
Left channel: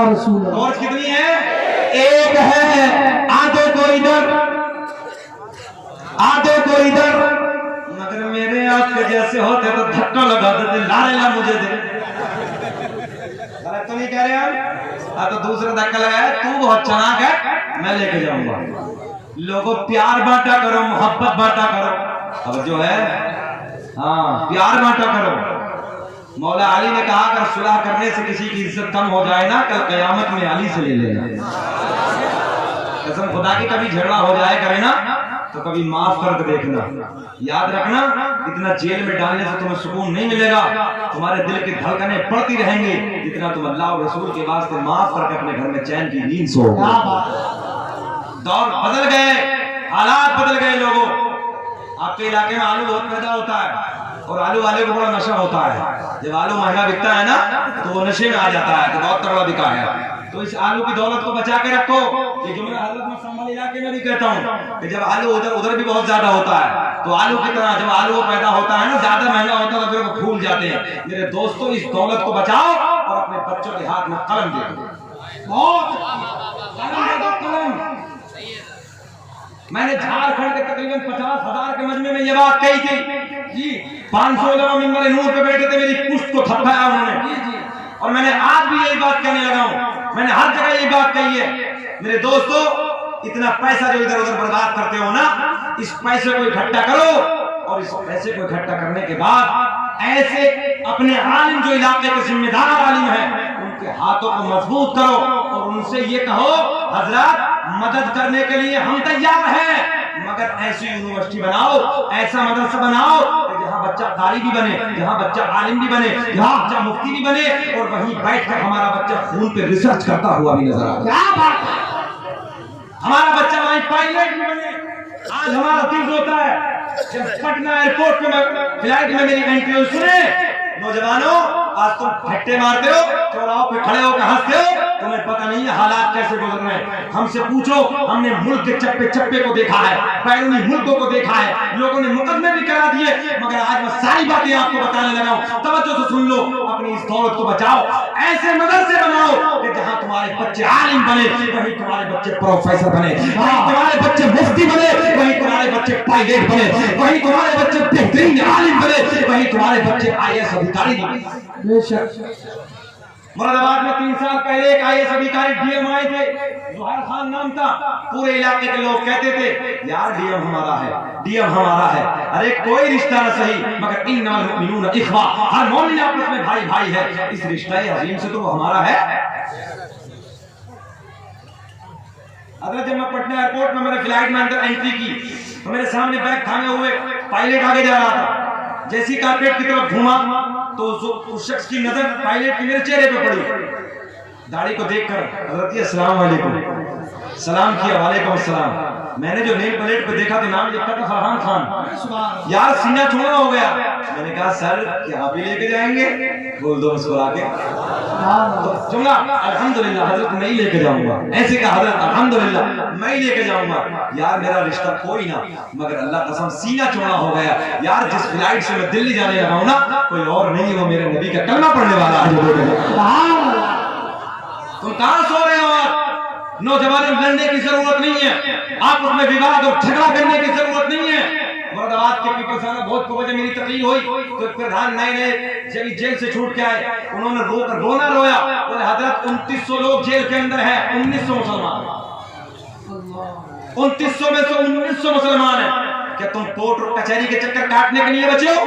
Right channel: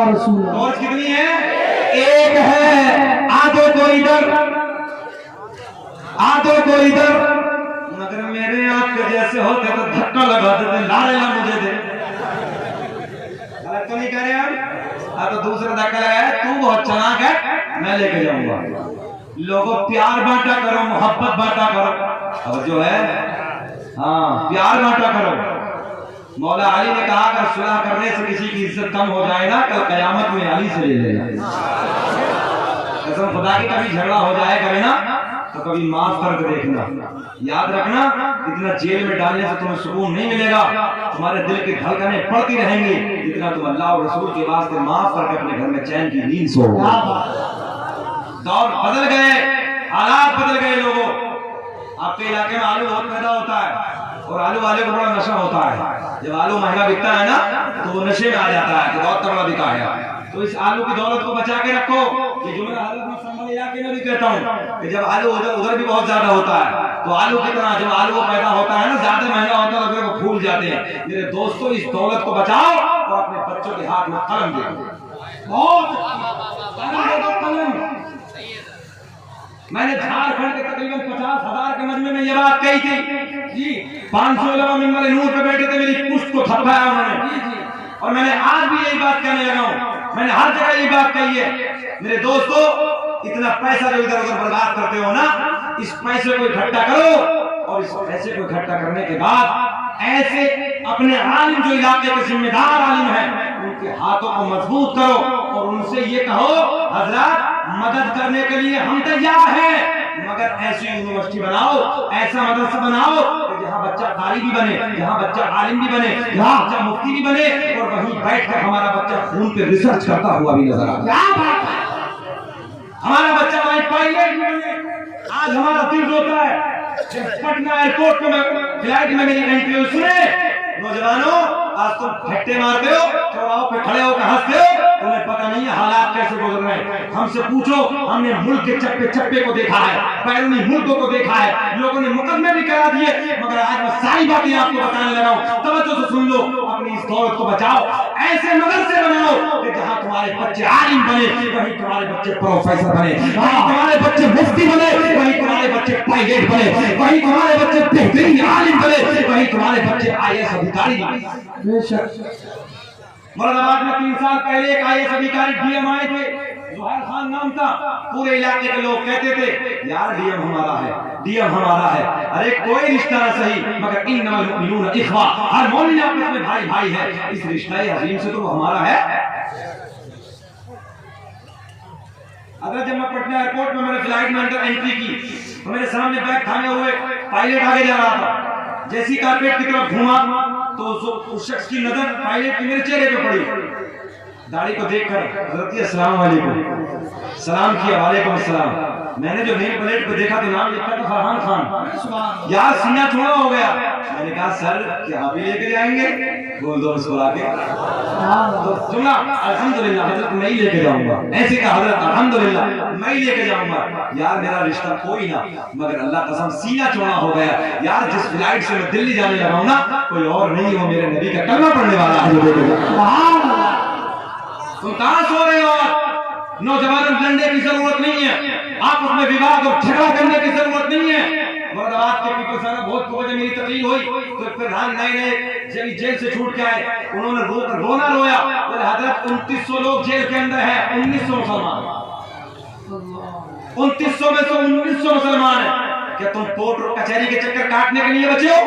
रसूल। टॉर्च कितनी है? एक है। आधे को इधर, आधे को इधर। मगर मेरे आपके जैसे होते तो धक्का लगा देते, लारे ला मुझे दे। गलत तो नहीं कह रहे आप? तो दूसरा धक्का लगाया, तू बहुत चालाक है, मैं लेके जाऊंगा। लोगों प्यार बांटा करो, मोहब्बत बांटा करो, और जो है हाँ प्यार बांटा करो। मौला अली ने कहा अगर सुलह करने से किसी की इज्जत कम हो जाए ना, कल कयामत में अली से ले लेना। कसम खुदा की कभी झगड़ा हो जाए करे ना, तो कभी माफ करके देखना। याद रखना, इतना जेल में डालने से तुम्हें सुकून नहीं मिलेगा, तुम्हारे दिल की धड़कनें बढ़ती रहेंगी, जितना तुम अल्लाह और रसूल के वास्ते माफ करके अपने घर में चैन की नींद सो। दौर बदल गए, हालात बदल गए। लोगों, आपके इलाके में आलू बहुत पैदा होता है और आलू वाले को बड़ा नशा होता है। जब आलू महंगा बिकता है ना, तो वो नशे में आ जाता है कि बहुत तगड़ा बिका है। तो इस आलू की दौलत को बचा के रखो। ये जुमला हजरत मैं संभल इलाके में भी कहता हूँ कि जब आलू उधर भी बहुत ज्यादा होता है, तो आलू की तरह जब आलू पैदा होता है ना, ज्यादा महंगा होता है तो फूल जाते हैं। मेरे दोस्तों, इस दौलत को बचाओ और अपने बच्चों के हाथ में कलम दे। बहुत कलम। मैंने झारखंड के तकरीबन 50,000 के मजमे में ये बात कही थी जी। 500 लोग मिंबर नूर पे बैठे थे, मेरी पुष्ट को थपथाया उन्होंने, और मैंने आज भी यही बात कहने लगा हूं। मैंने हर जगह यही बात कही है। मेरे दोस्तों, इतना पैसा जो इधर उधर बर्बाद करते हो ना, इस पैसे को इकट्ठा करो और इस पैसे को इकट्ठा करने के बाद ऐसे अपने आलिम, जो इलाके के जिम्मेदार आलिम हैं, उनके हाथों को मजबूत करो और उनसे ये कहो हजरत मदद करने के लिए हम तैयार हैं, मगर ऐसी यूनिवर्सिटी बनाओ, ऐसा मदरसा बनाओ जहाँ बच्चा कारी भी बने, जहाँ बच्चा आलिम भी बने, जहाँ बच्चा मुफ्ती भी बने, और वहीं बैठकर हमारा बच्चा खून पे रिसर्च करता हुआ भी नजर आए। हमारा बच्चा वहीं पायलट भी बने। आज हमारा दिल होता है पटना एयरपोर्ट में फ्लाइट में मेरी एंट्री हुई, सुने नौजवानों, आज तुम फट्टे मारते हो, चौराहों पे खड़े होकर हंसते हो, तुम्हें पता नहीं है हालात कैसे गुजर रहे हैं। हमसे पूछो, हमने मुल्क के चप्पे चप्पे को देखा है, बैरूनी मुल्कों को देखा है, लोगों ने मुकदमे भी करा दिए, मगर आज मैं सारी बातें आपको बताने लगा हूं। तवज्जो से सुन लो, अपनी इस दौलत को बचाओ, ऐसे मदरसे बनाओ कि जहां तुम्हारे बच्चे आलिम बने, वहीं तुम्हारे बच्चे प्रोफेसर बने, वहीं तुम्हारे बच्चे मुफ्ती बने, वहीं तुम्हारे बच्चे पायलट बने, वहीं तुम्हारे बच्चे बेहतरीन आलिम बने, वहीं तुम्हारे बच्चे आईएएस अधिकारी बने। मुरादाबाद में 3 साल पहले एक आईएएस अधिकारी डीएम आए थे, जोहर खान नाम था। पूरे इलाके के लोग कहते थे यार डीएम हमारा है, डीएम हमारा है। अरे कोई रिश्ता न सही, मगर इन्नल मुमिनून इख्वा, हर मोमिन आपस में भाई भाई है। इस रिश्ते अजीम से तो वो हमारा है। अगर जब मैं पटना एयरपोर्ट में मैंने फ्लाइट में अंदर एंट्री की तो मेरे सामने बैग थामे हुए पायलट आगे जा रहा था। जैसी कारपेट की तरफ घूमा तो उस शख्स की नजर पायलट की मेरे चेहरे पे पड़ी। दाढ़ी को देखकर हजरत अस्सलाम वालेकुम सलाम किया, वालेकुम अस्सलाम। मैंने जो नेम प्लेट पे देखा तो नाम लिखा था फरहान खान। यार सीना चौड़ा हो गया। मैंने कहा सर क्या आप ही लेके जाएंगे? बोल दो उसको आके तो जुमला अल्हम्दुलिल्लाह हजरत मैं ही लेके जाऊंगा। ऐसे कहा हजरत अल्हम्दुलिल्लाह मैं ही लेके जाऊंगा। यार मेरा रिश्ता कोई ना, मगर अल्लाह कसम सीना चौड़ा हो गया। यार जिस फ्लाइट से मैं दिल्ली जाने लगा हूं ना, कोई और नहीं, वो मेरे नबी का कलमा पढ़ने वाला है। तुम कहां सो रहे हो? नौजवानों, लड़ने की जरूरत नहीं है, आपस में विवाद और झगड़ा करने की जरूरत नहीं है। मुरादाबाद के पीपल साहब बहुत वजह मेरी तकलीफ हुई तो फिर नए जेल से छूट के आए, उन्होंने रोना रोया। बोले हजरत 2900 लोग जेल के अंदर है, 1900 मुसलमान, 2900 में से 1900 मुसलमान है। क्या तुम कोर्ट और कचहरी के चक्कर काटने के लिए बचे हो?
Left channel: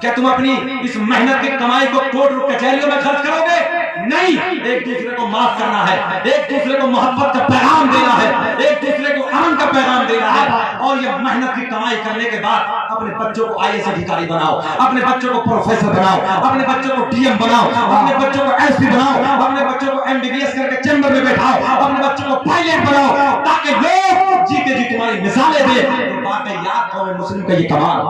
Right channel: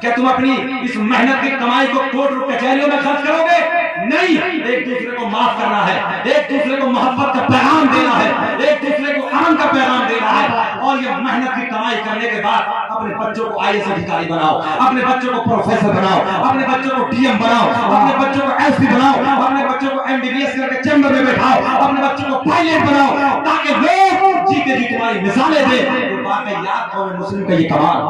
क्या तुम अपनी इस मेहनत की कमाई को कोर्ट और कचहरियों में खर्च करोगे? नहीं, एक दूसरे को माफ करना है, एक दूसरे को मोहब्बत का पैगाम देना है, एक दूसरे को अमन का पैगाम देना है। और ये मेहनत की कमाई करने के बाद अपने बच्चों को आईएएस अधिकारी बनाओ, अपने बच्चों को प्रोफेसर बनाओ, अपने बच्चों को डीएम बनाओ, अपने बच्चों को एसपी बनाओ, अपने बच्चों को एमबीबीएस करके चैम्बर में बैठाओ, अपने बच्चों को पायलट बनाओ, ताकि लोग जीते जी तुम्हारी मिसालें दे। तो बातें याद करो, मुस्लिम का ये कमाल।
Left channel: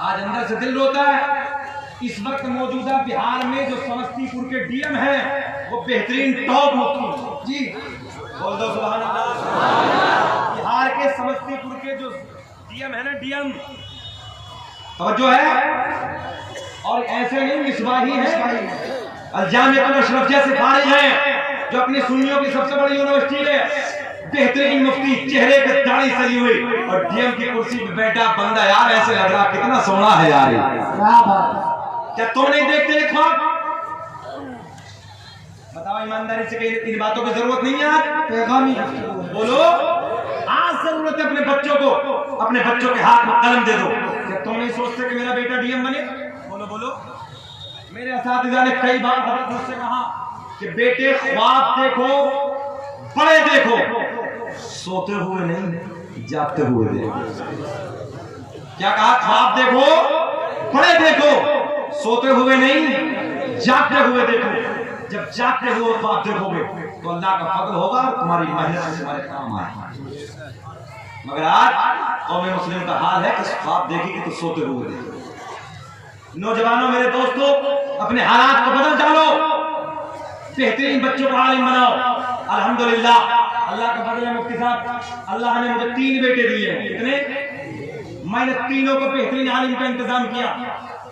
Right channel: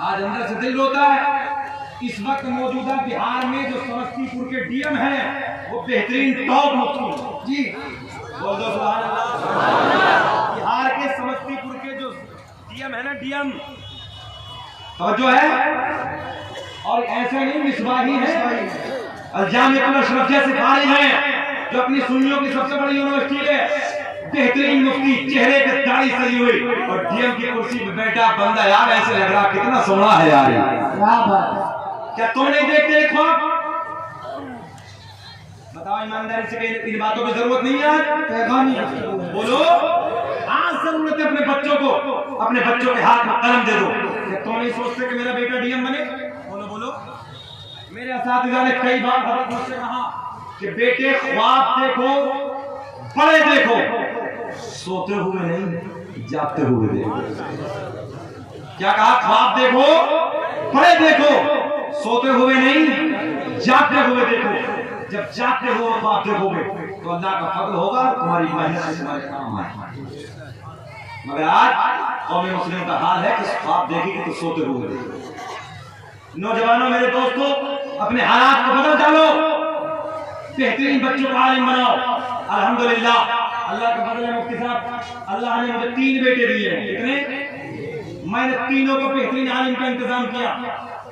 आज अंदर से दिल रोता है। इस वक्त मौजूदा बिहार में जो समस्तीपुर के डीएम हैं वो बेहतरीन टॉप मुफ्ती जी, बोल दो सुभान अल्लाह। बिहार के समस्तीपुर के जो डीएम है ना, डीएम तो जो है, और ऐसे नहीं मिसबाही है, जामिअतुल अशरफिया से फारिग हैं, जो अपनी सुन्नियों की सबसे बड़ी यूनिवर्सिटी है। बेहतरीन मुफ्ती, चेहरे पे दाढ़ी सजी हुई और डीएम की कुर्सी पे बैठा बंदा। यार ऐसे लग रहा कितना सोना है यार। क्या बात, क्या तुम नहीं देखते एक ख्वाब? बताओ ईमानदारी से, इन बातों की जरूरत नहीं है आज? बोलो, आज जरूरत है अपने बच्चों को, अपने बच्चों के हाथ में कलम दे दो। क्या तुम नहीं सोचते कि मेरा बेटा डीएम बने? बोलो बोलो। मेरे असातिज़ा ने कई बार मुझसे कहा कि बेटे ख्वाब देखो, बड़े देखो, सोते हुए नहीं जागते हुए देखो। क्या कहा? ख्वाब देखो, बड़े देखो, सोते हुए नहीं जागते हुए देखो। जब जागते हुए ख्वाब देखोगे तो अल्लाह का फजल होगा, तुम्हारी मेहनत से तुम्हारे काम आएगा। मगर आज कौम मुस्लिम का हाल है कि ख्वाब देखेगी तो सोते हुए देखो। नौजवानों, मेरे दोस्तों, अपने हालात को बदल डालो, बेहतरीन बच्चों को आलिम बनाओ। अल्हम्दुलिल्लाह, अल्लाह का फजल है मुफ्ती साहब, अल्लाह ने मुझे 3 बेटे दिए हैं। कितने? मैंने तीनों को बेहतरीन आलिम का इंतजाम किया,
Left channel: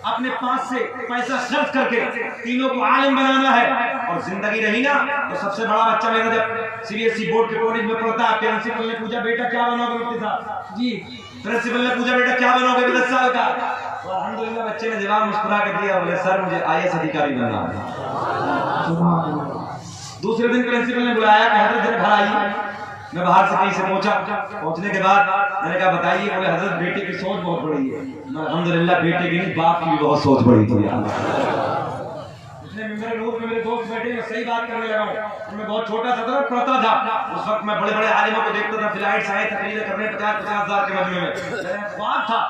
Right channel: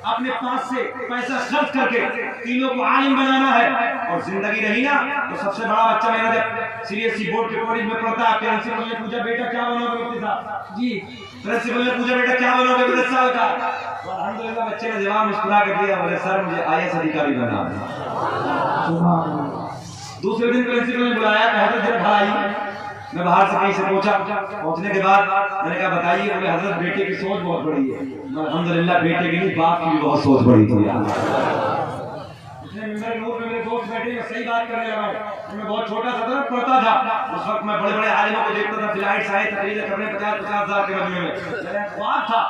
अपने पास से पैसा खर्च करके तीनों को आलिम बनाना है। और जिंदगी रही ना तो सबसे बड़ा बच्चा मेरा जब सीबीएसई बोर्ड के कॉलेज में पढ़ता, प्रिंसिपल ने पूछा बेटा क्या बनोगे मुफ्ती साहब जी? प्रिंसिपल ने पूछा बेटा क्या बनोगे? 10 साल का। तो अल्हम्दुलिल्लाह बच्चे ने जवाब मुस्कुरा के दिया, बोले सर मुझे आईएएस अधिकारी बनना है। दूसरे दिन प्रिंसिपल ने बुलाया, कहा जरा घर आइए। मैं बाहर से कहीं से पहुंचने के बाद मैंने कहा बताइए। बोले हजरत बेटे की सोच बहुत बड़ी है। अल्हम्दुलिल्लाह बेटे की नहीं, बाप की भी बहुत सोच बड़ी थी यार। उसने मेरे रूम में मेरे दोस्त बैठे, मैं सही बात करने लगा हूं। मैं बहुत छोटा सा था, पढ़ता था। उस वक्त मैं बड़े बड़े आलिमों को देखता था, फ्लाइट्स आए तकरीबन कपड़े 50-50 हज़ार के मजमे में। मेरा ख्वाब था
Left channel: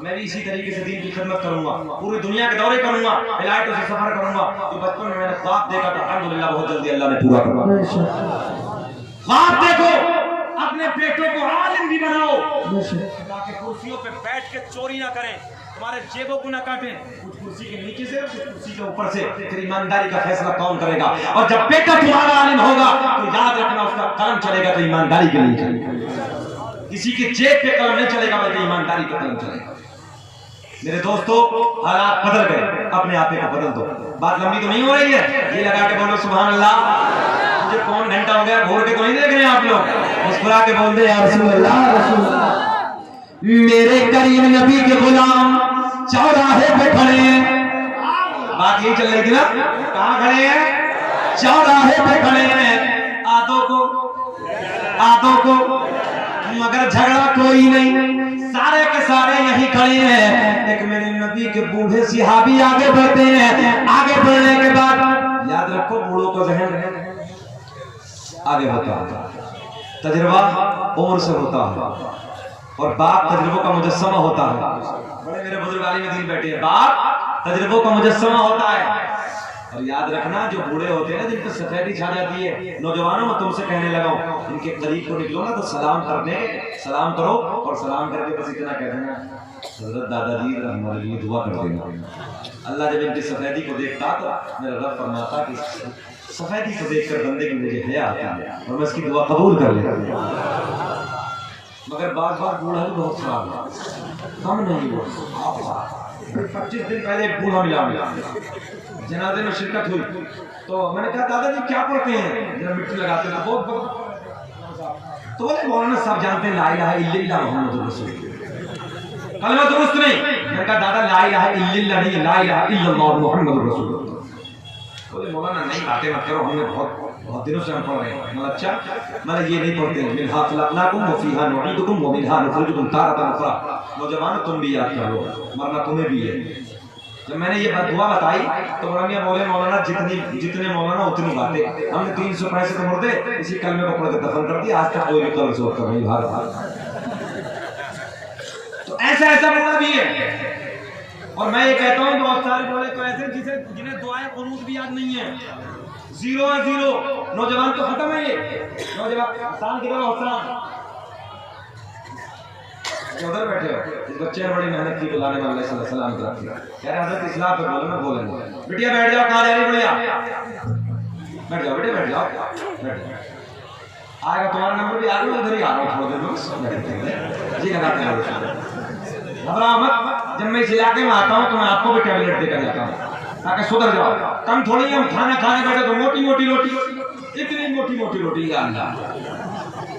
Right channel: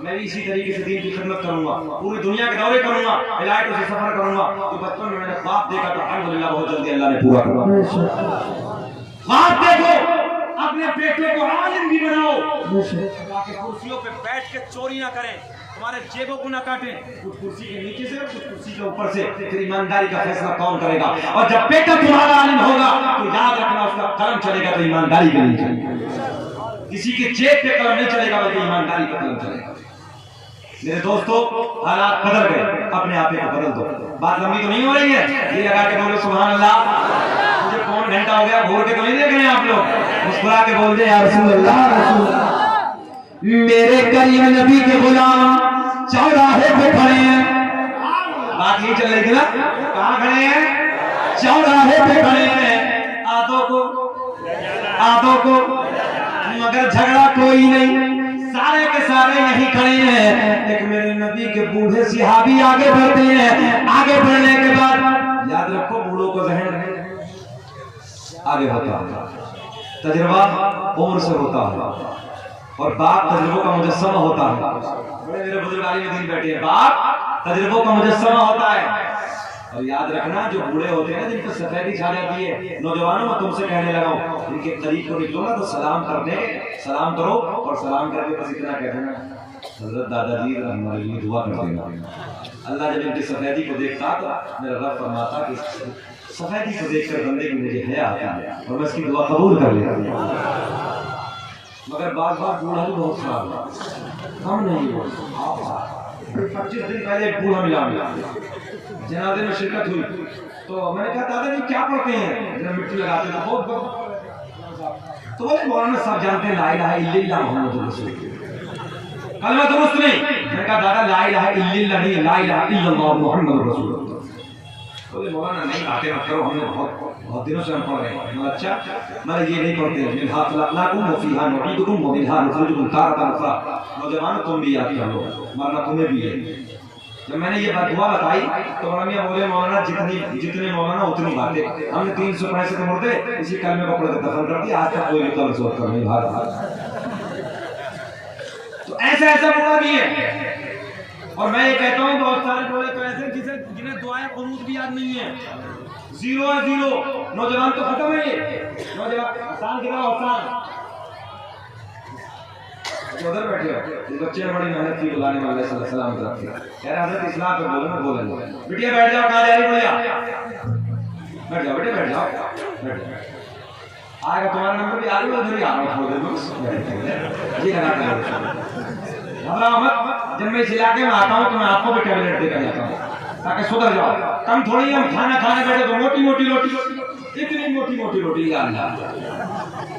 मैं भी इसी तरीके से दीन की खिदमत करूंगा, पूरी दुनिया के दौरे करूंगा, फ्लाइटों से सफर करूंगा। तो बचपन में मैंने ख्वाब देखा तो अल्हम्दुलिल्लाह बहुत जल्दी अल्लाह ने पूरा करवा। ख्वाब देखो, अपने बेटे को आलिम भी बनाओ, ताकि कुर्सियों पे बैठ के चोरी ना करें, तुम्हारे जेबों को ना काटें, कुछ कुर्सी के नीचे से कुछ कुर्सी के ऊपर से। फिर ईमानदारी का फैसला कौन करेगा? और जब बेटा तुम्हारा आलिम होगा तो याद रखना उसका काम चलेगा तो ईमानदारी का नहीं चलेगा, किसी के जेब पे कलम नहीं चलेगा बल्कि ईमानदारी का कलम चलेगा। मेरे दोस्तों, हालात बदल गए, अपने आप को बदल दो। बात लंबी तो नहीं हो रही है, ये लगा के बोलो सुभान अल्लाह। मुझे कौन घंटा हो गया, घूर के तो नहीं देख रहे हैं आप लोग, मुस्कुरा के बोल दे या रसूल अल्लाह। मेरे करीम नबी के गुलाम चौराहे पे खड़े हैं, बात यही चल रही थी ना, कहाँ खड़े हैं? चौराहे पे खड़े हैं, आदों को मगर झगड़ा कोई नहीं, सारे के सारे यहीं खड़े हैं। एक मेरे नबी के बूढ़े सिहाबी आगे बढ़ते हैं, आगे बढ़ने के बाद याद रखो बूढ़ों का जहन आगे होता है, तजुर्बा उम्र से होता है और बाप तजुर्बों का मुजस्समा होता है। बड़े मेरे बुजुर्ग आलिम दिन बैठे हैं, बाप तजुर्बों का मुजस्समा होता है। और याद रखना जो बूढ़े होते हैं ना, जिनको सफेदी छा जाती है, नौजवानों मैं तुमसे कहने लगा हूं, इनके करीब को निकलो ना तो सलाम सलाम करो और सलाम करके बस इतना कह देना, हजरत दादाजी हमारे लिए दुआ कर देना। अल्लाह जब इनकी सफेदी को देखता तो मेरा रब फरमाता कि सफेदी को देखकर बंदे की मुझे हया आता है और मैं इसकी दुआ कबूल कर लेता। मगर बार बूढ़ा भी बहुत खराब है, कम नहीं हुआ। 25 दिन पहले बूढ़ा मिला जनाजे में शिरकत हुई तो मैंने कहा दादाजी क्या पढ़ते हैं, जब मिट्टी लगाते थे बहुत तो बोले मौलाना साहब जानते हैं ला इलाहा इल्लल्लाह मुहम्मदुर रसूलुल्लाह, कलमा दुरुस्त नहीं। मैंने कहा दादा ला इलाहा इल्लल्लाह नहीं, ला इलाहा इल्लल्लाह मुहम्मदुर रसूलुल्लाह। बोले मौलाना नहीं बातें मत करो, हमने बहुत दिनों से हम पढ़ रहे हैं। मैं अच्छा मैं ये नहीं पढ़ते हैं, मिनहा खलक़नाकुम व फीहा नुईदुकुम व मिनहा नुखरिजुकुम तारतन उखरा। नौजवान तुम भी याद कर लो, मरना तुम्हें भी है। जब मैंने ये दुआ बताई तो मौलाना बोले मौलाना जितने मौलाना उतनी बातें, हमने 300 पैसे तो मुर्दे इसी कलमे को अपने दफन कर दिया, आज तक कोई भी सोच कर नहीं भाग। तो ऐसा मौला भी है। और मैं ये कहता हूँ बहुत सारे बोले तो ऐसे जिन्हें दुआएं कुनूत भी याद नहीं है, 0 है 0। नौजवान तो खत्म है, ये नौजवान आसान की तरह आसान उधर बैठे हो, इस बच्चे ने बड़ी मेहनत की, बुलाने वाले सलाम रखी, कह रहे हजरत इस्लाम पे बोलो ना बोलेंगे। बिटिया बैठ जाओ, कहाँ जा रही भैया, बैठ जाओ बेटे बैठ जाओ, आएगा तुम्हारा नंबर भी आ गया, उधर ही आ रहा हूँ जी लगा घबराओ मत। जब मैं इस इलाके में आता हूँ तो मैं आपको भी टैबलेट देकर जाता हूँ ताकि सुधर जाओ। कम थोड़ी हम खाना खाने बैठे तो मोटी मोटी रोटी, इतनी मोटी मोटी रोटी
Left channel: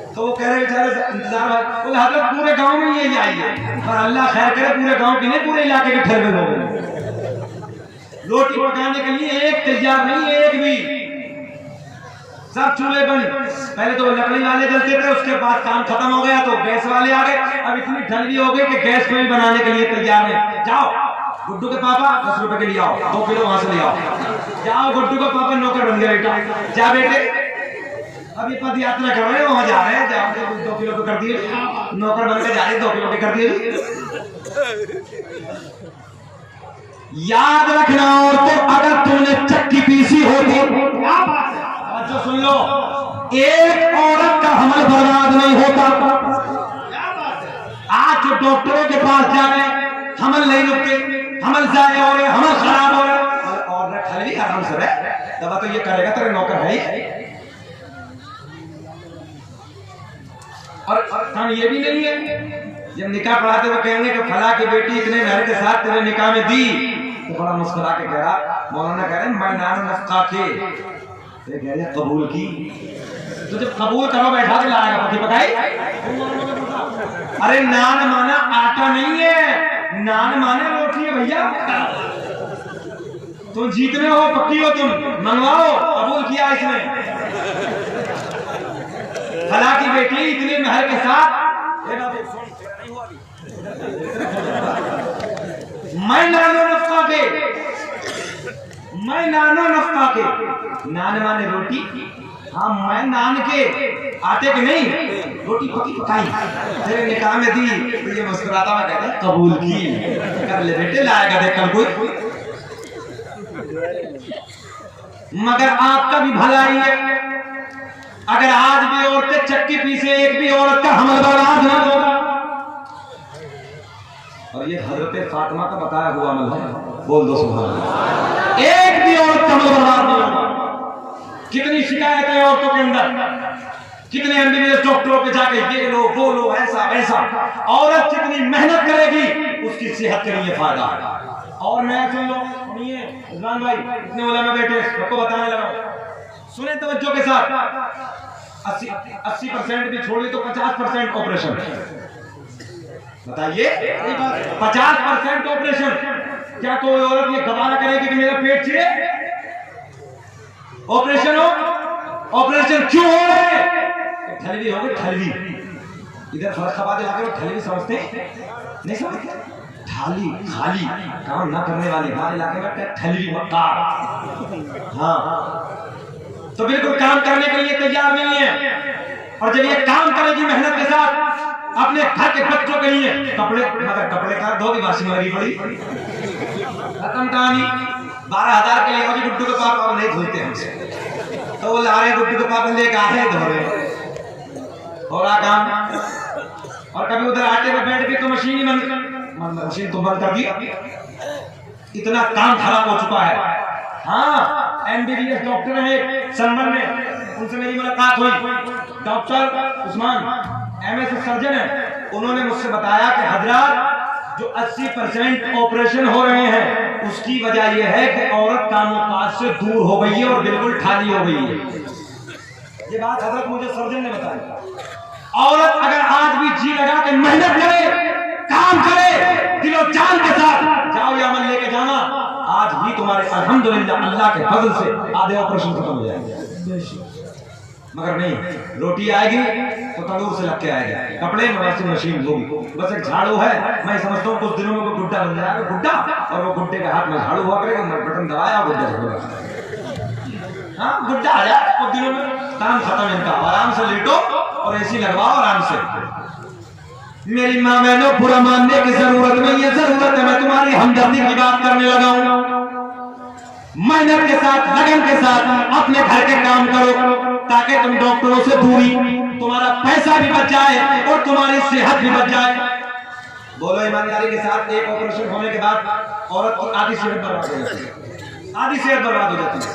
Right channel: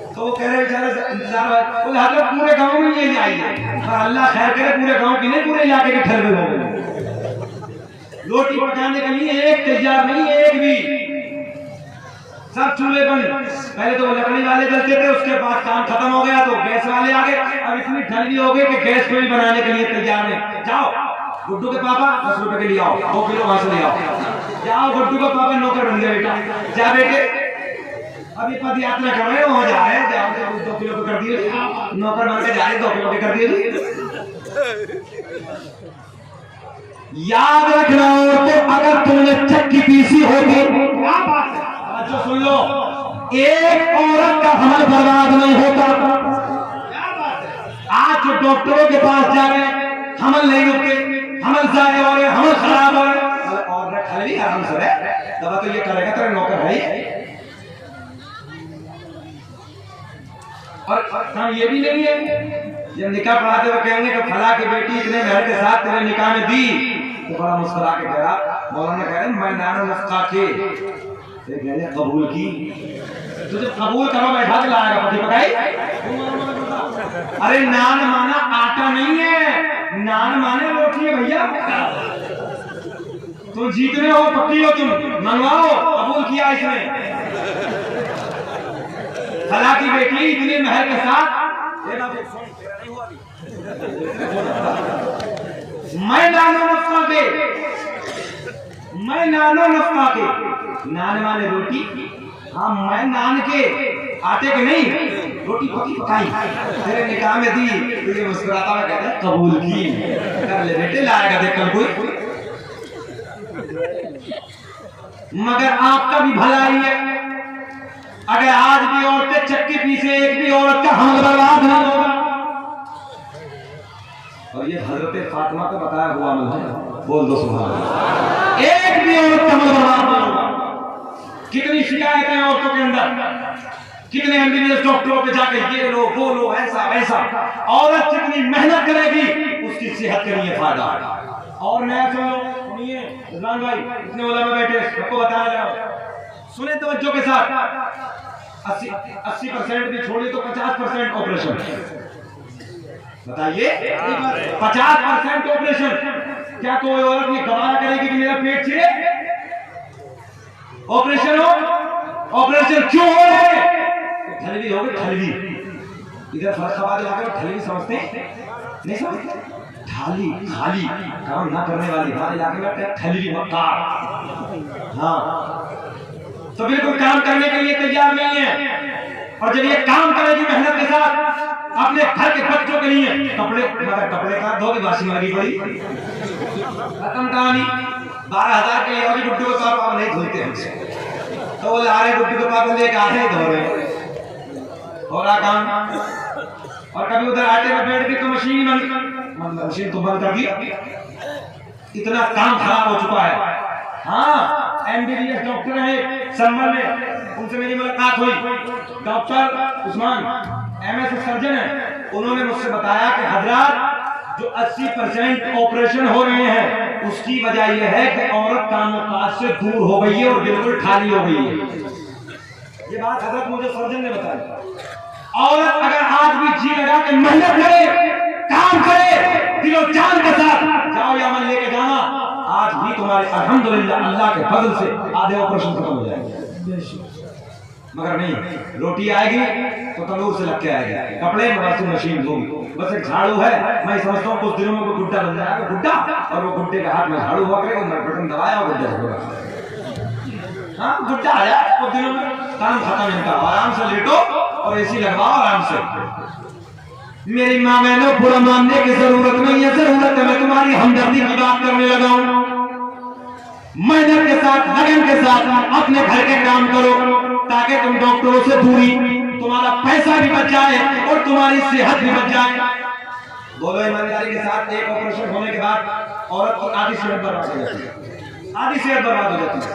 तो वो कह रहे बेचारे बोले हजरत पूरे गांव में ये आई है, और अल्लाह खैर करे पूरे गांव की नहीं पूरे इलाके के ठहर में लोग रोटी पकाने के लिए एक तैयार नहीं, एक भी, सब चूल्हे बंद। पहले तो लकड़ी वाले जलते थे, उसके बाद काम खत्म हो गया तो गैस वाले आ गए। अब इतनी ठंडी हो गई कि गैस पे भी बनाने के लिए तैयार है। जाओ गुड्डू के पापा 10 रुपए के लिए आओ, 2 किलो वहां से ले आओ। जाओ गुड्डू का पापा नौकर बन गया बेटा, जा बेटे अभी पद यात्रा कर रहे हो जा रहे हैं, 2 किलो कर दिए, नौकर बन के जा रहे 2 किलो के कर दिए। याद रखना तो अगर तुमने चक्की पीसी होती, क्या बात है, अच्छा सुन लो, एक औरत का हमल बर्बाद नहीं होता। क्या बात है, आज जो डॉक्टरों के पास जा रहे हैं, हमल नहीं रुकते, हमल जाए हो रहे, हमल खराब हो रहे, और खाली आराम से रहे, दवा तो ये करेगा तेरे नौकर है। और काम ये भी नहीं है, जब निकाह पढ़ाते हुए कहेंगे कि फला की बेटी इतने घर के साथ तेरे निकाह में दी, तो बड़ा मुस्कुरा के कह रहा, मौलाना कह रहे मैं नानो नफ्का के कबूल की, तो जब कबूल करो बैठा के लाएगा पति पकाई। अरे नान माना आटा नहीं है, नान माने रोटी है भैया। तुम जीतने हो, पक्की हो, तुम मंगवाओ, कबूल किया इसने। फला की बेटी इतने महल के साथ, मैं नानो नफ्का के, मैं नानो नफ्का के, नान माने रोटी, हाँ मैं नान के आटे के नहीं, रोटी पकी पकाई तेरे निकाह में दी, तो ये मुस्कुराता हुआ कहता है कबूल की, कर ले बेटे, लाएगा देख कर कोई। मगर आपका भी भलाई है, अगर आज भी औरतें चक्की पीसे, एक भी औरत का हमल बर्बाद ना होगा, और ये हजरत फातिमा का बताया हुआ अमल है। बोल दो सुभान अल्लाह। एक भी औरत का बर्बाद नहीं होगा। कितनी शिकायतें हैं औरतों के अंदर, कितने एमबीबीएस डॉक्टरों पे जाके ये लो वो लो ऐसा वैसा। औरत जितनी मेहनत करेगी उसकी सेहत के लिए फायदा है। और नया सुन लो, सुनिए रिजवान भाई, इतने उलमा बैठे सबको बताने लगा, सुने तवज्जो के साथ। 80% भी छोड़े तो 50% ऑपरेशन। बताइए 50% ऑपरेशन। क्या कोई औरत ये गवारा करेगी कि मेरा पेट छिले? ऑपरेशन हो, ऑपरेशन क्यों हो रहे हैं? थैली हो गई थैली। इधर फर्स्टबाद आके थैली समझते नहीं, समझते थाली खाली काम ना करने वाले हमारे इलाके में थैली मक्कार। हाँ, तो बिल्कुल काम करने के लिए तैयार नहीं है। और जब ये काम करेगी मेहनत के साथ अपने घर के बच्चों के लिए, कपड़े मगर कपड़े का धोगी वाशिंग लगी पड़ी, खत्म कहानी। 12,000 के लिए गुड्डू को पाप अब नहीं धोते हमसे, तो वो ला रहे गुड्डू को पाप लेके आ रहे धो रहे हो रहा काम। और कभी उधर आटे में बैठ के तो मशीन तो बंद कर दी। इतना काम खराब हो चुका है। हाँ, एमबीबीएस डॉक्टर है संभल में, उनसे मेरी मुलाकात हुई। डॉक्टर उस्मान एमएस सर्जन है, उन्होंने मुझसे बताया कि हजरात जो 80% ऑपरेशन हो रहे हैं उसकी वजह यह है कि औरत कामकाज से दूर हो गई है और बिल्कुल खाली हो गई है। ये बात हजरत मुझे सर्जन ने बताई। औरत अगर आज भी जी लगा के मेहनत करे, काम करे, दिलो जान के साथ, जाओ या अमल लेके जाना, आज भी तुम्हारे अल्हम्दुलिल्लाह अल्लाह के फजल से आधे ऑपरेशन खत्म हो जाएंगे। मगर नहीं, रोटी आएगी तो तंदूर से लग के आएगी, कपड़े वॉशिंग मशीन होगी, बस एक झाड़ू है। मैं समझता हूँ कुछ दिनों में वो गुड्डा बन जाएगा, गुड्डा, और वो गुड्डे के हाथ में झाड़ू हुआ करेगा, बटन दबाया गुड्डा होगा। हाँ, गुड्डा आ जाए कुछ दिनों में, काम खत्म इनका। आराम से लेटो और एसी लगवाओ आराम से। मेरी माँ मैंने बुरा मानने की जरूरत नहीं है, जरूरत है मैं तुम्हारी हमदर्दी की बात करने लगा हूँ। मेहनत के साथ, लगन के साथ अपने घर के काम करो ताकि तुम डॉक्टरों से दूरी, तुम्हारा पैसा भी बच जाए और तुम्हारी सेहत भी बच जाए। बोलो ईमानदारी के साथ, एक ऑपरेशन होने के बाद औरत की आधी सेहत बर्बाद हो जाती है, आधी सेहत बर्बाद हो जाती है।